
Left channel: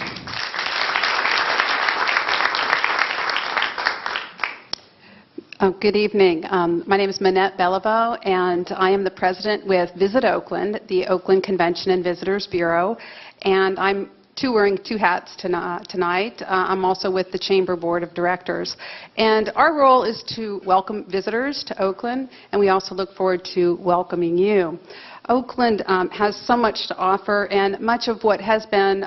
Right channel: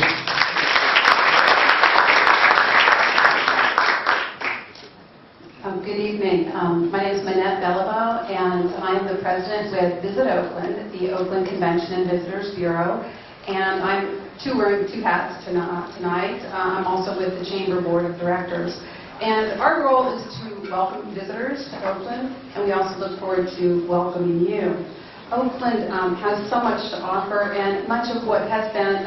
Good evening. My name is Manette Beliveau, and I am the president with Visit Oakland, the Oakland Convention and Visitors Bureau. And I'm wearing two hats tonight. I'm also with the Chamber Board of Directors. And our role is to welcome visitors to Oakland, and we also look forward to welcoming you. Oakland has so much to offer, and much of what has been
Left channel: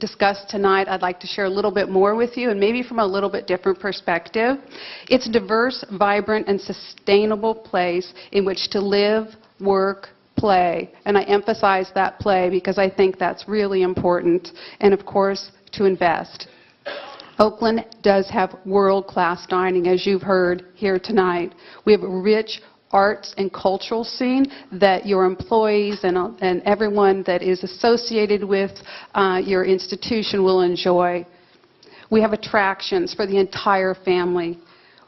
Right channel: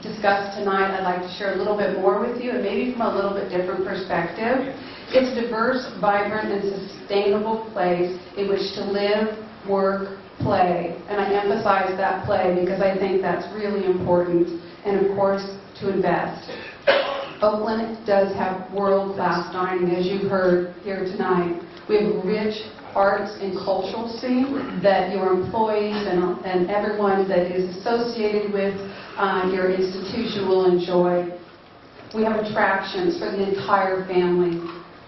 discussed tonight, I'd like to share a little bit more with you, and maybe from a little bit different perspective. It's a diverse, vibrant, and sustainable place in which to live, work, play. And I emphasize that play because I think that's really important, and of course, to invest. Oakland does have world-class dining, as you've heard here tonight. We have a rich arts and cultural scene that your employees and everyone that is associated with your institution will enjoy. We have attractions for the entire family.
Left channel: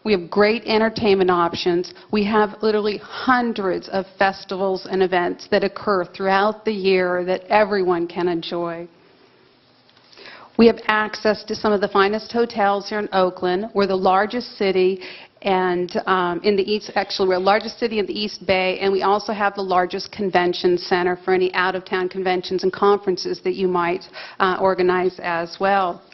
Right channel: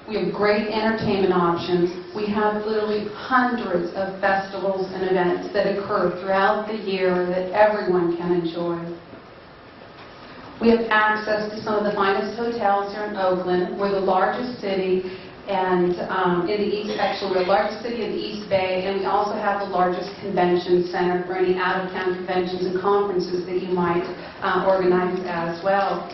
We have great entertainment options. We have literally hundreds of festivals and events that occur throughout the year that everyone can enjoy. We have access to some of the finest hotels here in Oakland. We're the largest city and in the East, actually we're the largest city in the East Bay, and we also have the largest convention center for any out-of-town conventions and conferences that you might organize as well.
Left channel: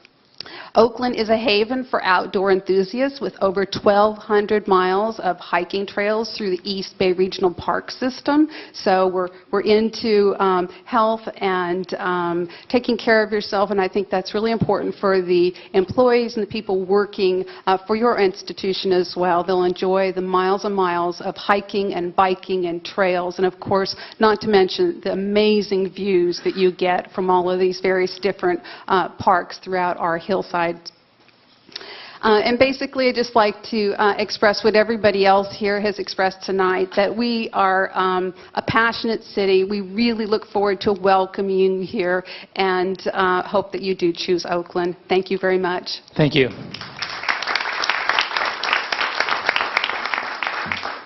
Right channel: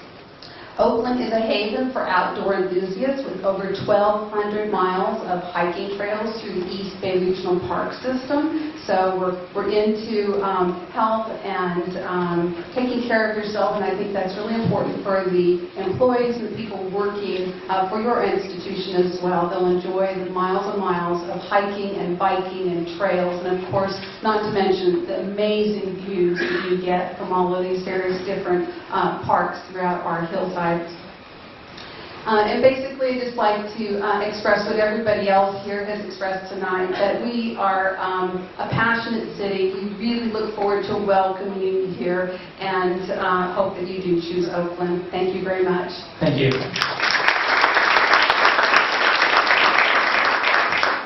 Oakland is a haven for outdoor enthusiasts with over 1,200 miles of hiking trails through the East Bay Regional Park System. So we're into health and taking care of yourself, and I think that's really important for the employees and the people working for your institution as well. They'll enjoy the miles and miles of hiking and biking and trails, and of course, not to mention the amazing views that you get from all of these various different parks throughout our hillside. And basically, I'd just like to express what everybody else here has expressed tonight, that we are a passionate city. We really look forward to welcoming you here and hope that you do choose Oakland. Thank you very much. Thank you.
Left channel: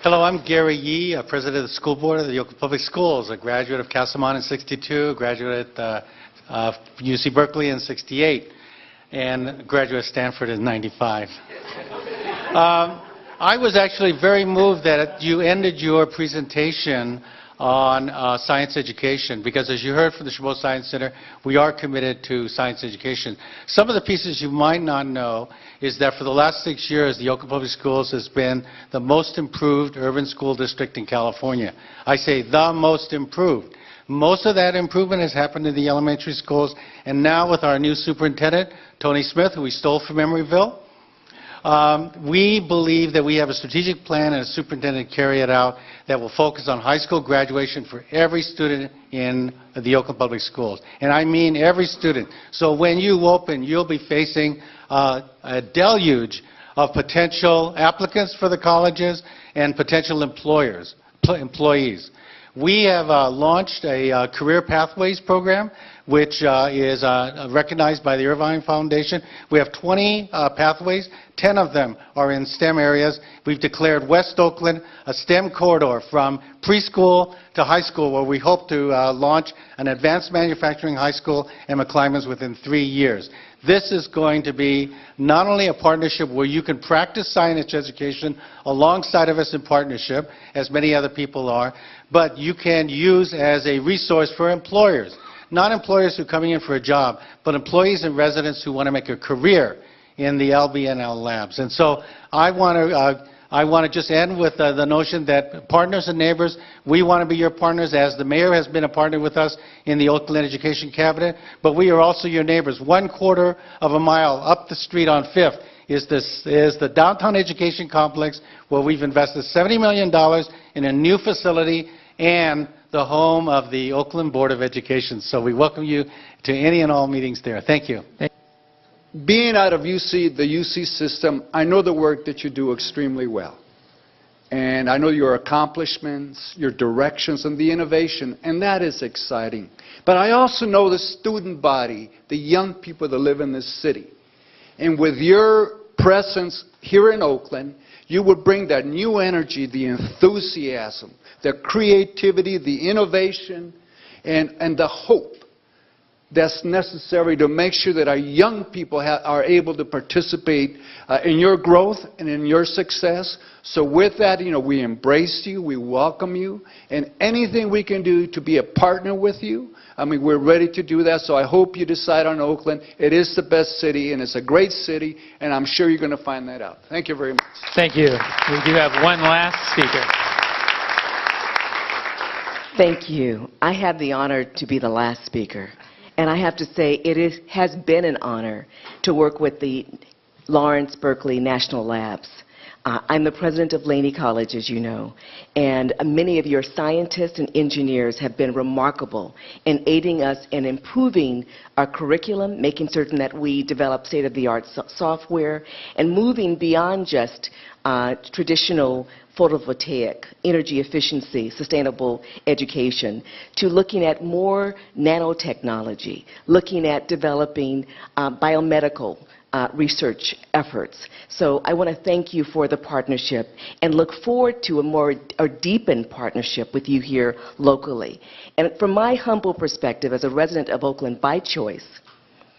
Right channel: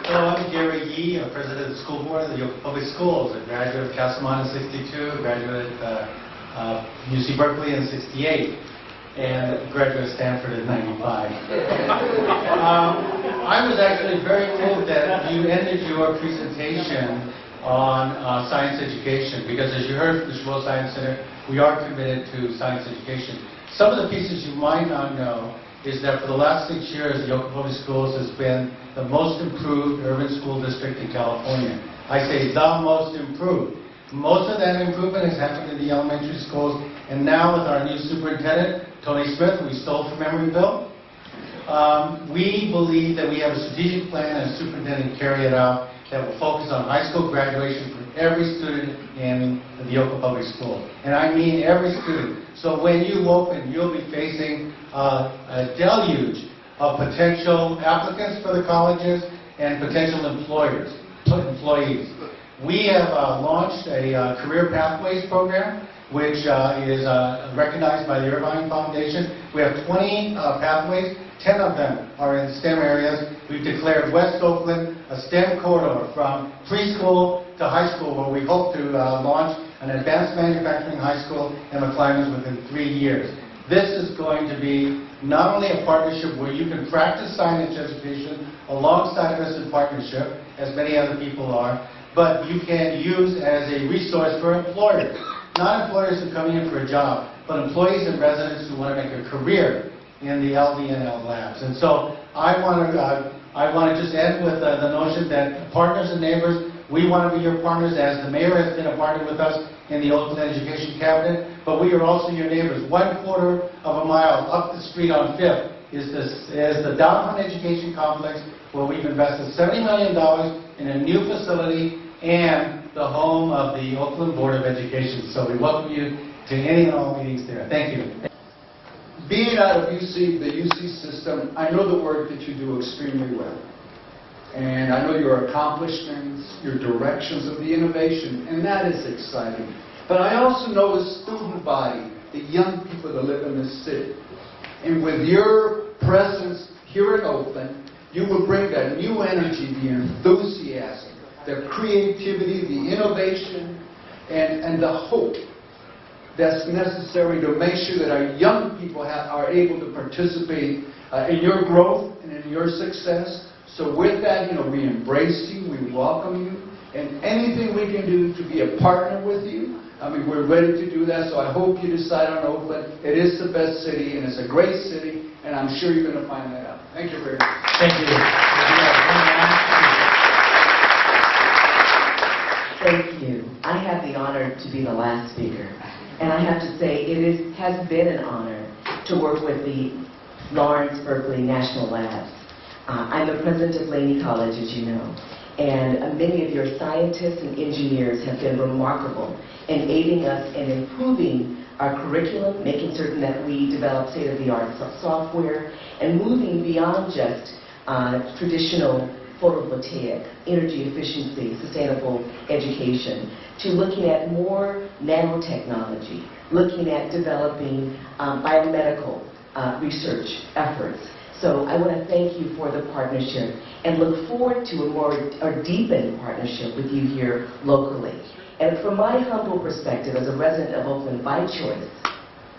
Hello, I'm Gary Yee, president of the school board of the Oakland Public Schools, a graduate of Castlemont in '62, a graduate at UC Berkeley in '68. And graduate at Stanford in '95. I was actually very moved that you ended your presentation on science education, because as you heard from the Chabot Science Center, we are committed to science education. Some of the pieces you might not know is that for the last 6 years, the Oakland Public Schools has been the most improved urban school district in California. I say the most improved. Most of that improvement has happened in the elementary schools, and now with our new superintendent, Tony Smith, who we stole from Emeryville, we believe that we have a strategic plan and a superintendent to carry it out that will focus on high school graduation for every student in the Oakland Public Schools. And I mean every student. So when you open, you'll be facing a deluge of potential applicants for the colleges and potential employees. We have launched a Career Pathways program, which is recognized by the Irvine Foundation. We have 20 pathways. 10 of them are in STEM areas. We've declared West Oakland a STEM corridor from preschool to high school, where we hope to launch an advanced manufacturing high school in McClymonds within 3 years. This is going to be not only a partnership where you can practice science education alongside of us in partnership, as many other people are, but you can use as a resource for employers. Not employers who are coming in for a job, but employees and residents who want to make a career in the LBNL labs. And so I want to just end with the notion that partners and neighbors, We want to be your partners, as the mayor has been a partner with us in the Oakland Education Cabinet, but we are also your neighbors. 1/4 of a mile up the street on 5th is the downtown education complex, where we've invested $70 million in a new facility and the home of the Oakland Board of Education. So we welcome you to any and all meetings there. Thank you. Being out of the UC system, I know the work that you do extremely well. And I know your accomplishments, your directions, and the innovation, and that is exciting. But I also know the student body, the young people that live in this city. And with your presence here in Oakland, you will bring that new energy, the enthusiasm, the creativity, the innovation, and the hope that's necessary to make sure that our young people are able to participate in your growth and in your success. So with that, we embrace you, we welcome you, and anything we can do to be a partner with you, we're ready to do that. So I hope you decide on Oakland. It is the best city, and it's a great city, and I'm sure you're going to find that out. Thank you very much. Thank you. We do have one last speaker. Thank you. I have the honor to be the last speaker. And I have to say, has been an honor to work with the Lawrence Berkeley National Labs. I'm the president of Laney College, as you know, and many of your scientists and engineers have been remarkable in aiding us in improving our curriculum, making certain that we develop state-of-the-art software, and moving beyond just traditional photovoltaic, energy efficiency, sustainable education, to looking at more nanotechnology, looking at developing biomedical research efforts. So I want to thank you for the partnership and look forward to a deepened partnership with you here locally. And from my humble perspective as a resident of Oakland by choice,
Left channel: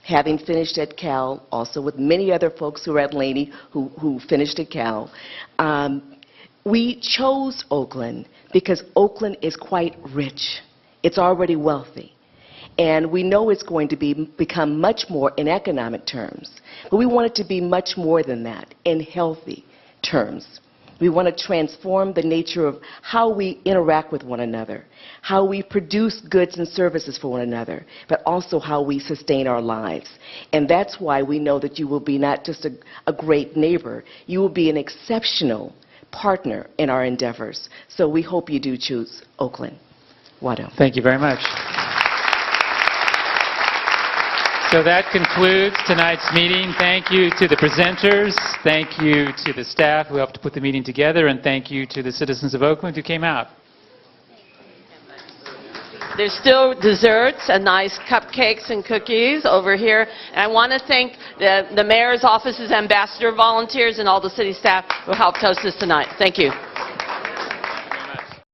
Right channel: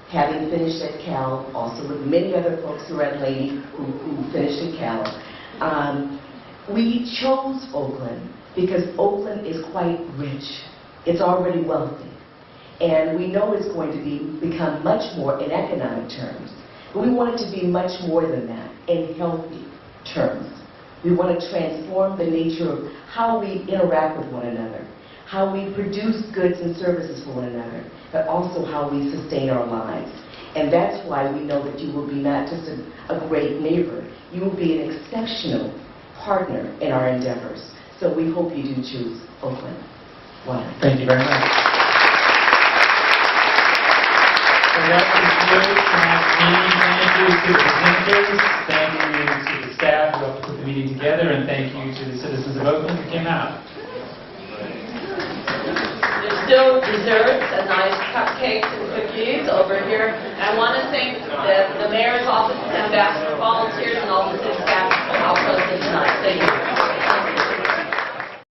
having finished at Cal, also with many other folks who are at Laney who finished at Cal, we chose Oakland because Oakland is quite rich. It's already wealthy. And we know it's going to become much more in economic terms. But we want it to be much more than that in healthy terms. We want to transform the nature of how we interact with one another, how we produce goods and services for one another, but also how we sustain our lives. And that's why we know that you will be not just a great neighbor, you will be an exceptional partner in our endeavors. So we hope you do choose Oakland. Wada. Thank you very much. So that concludes tonight's meeting. Thank you to the presenters, thank you to the staff who helped put the meeting together, and thank you to the citizens of Oakland who came out. There's still desserts and nice cupcakes and cookies over here. And I want to thank the mayor's office's ambassador volunteers and all the city staff who helped host us tonight. Thank you.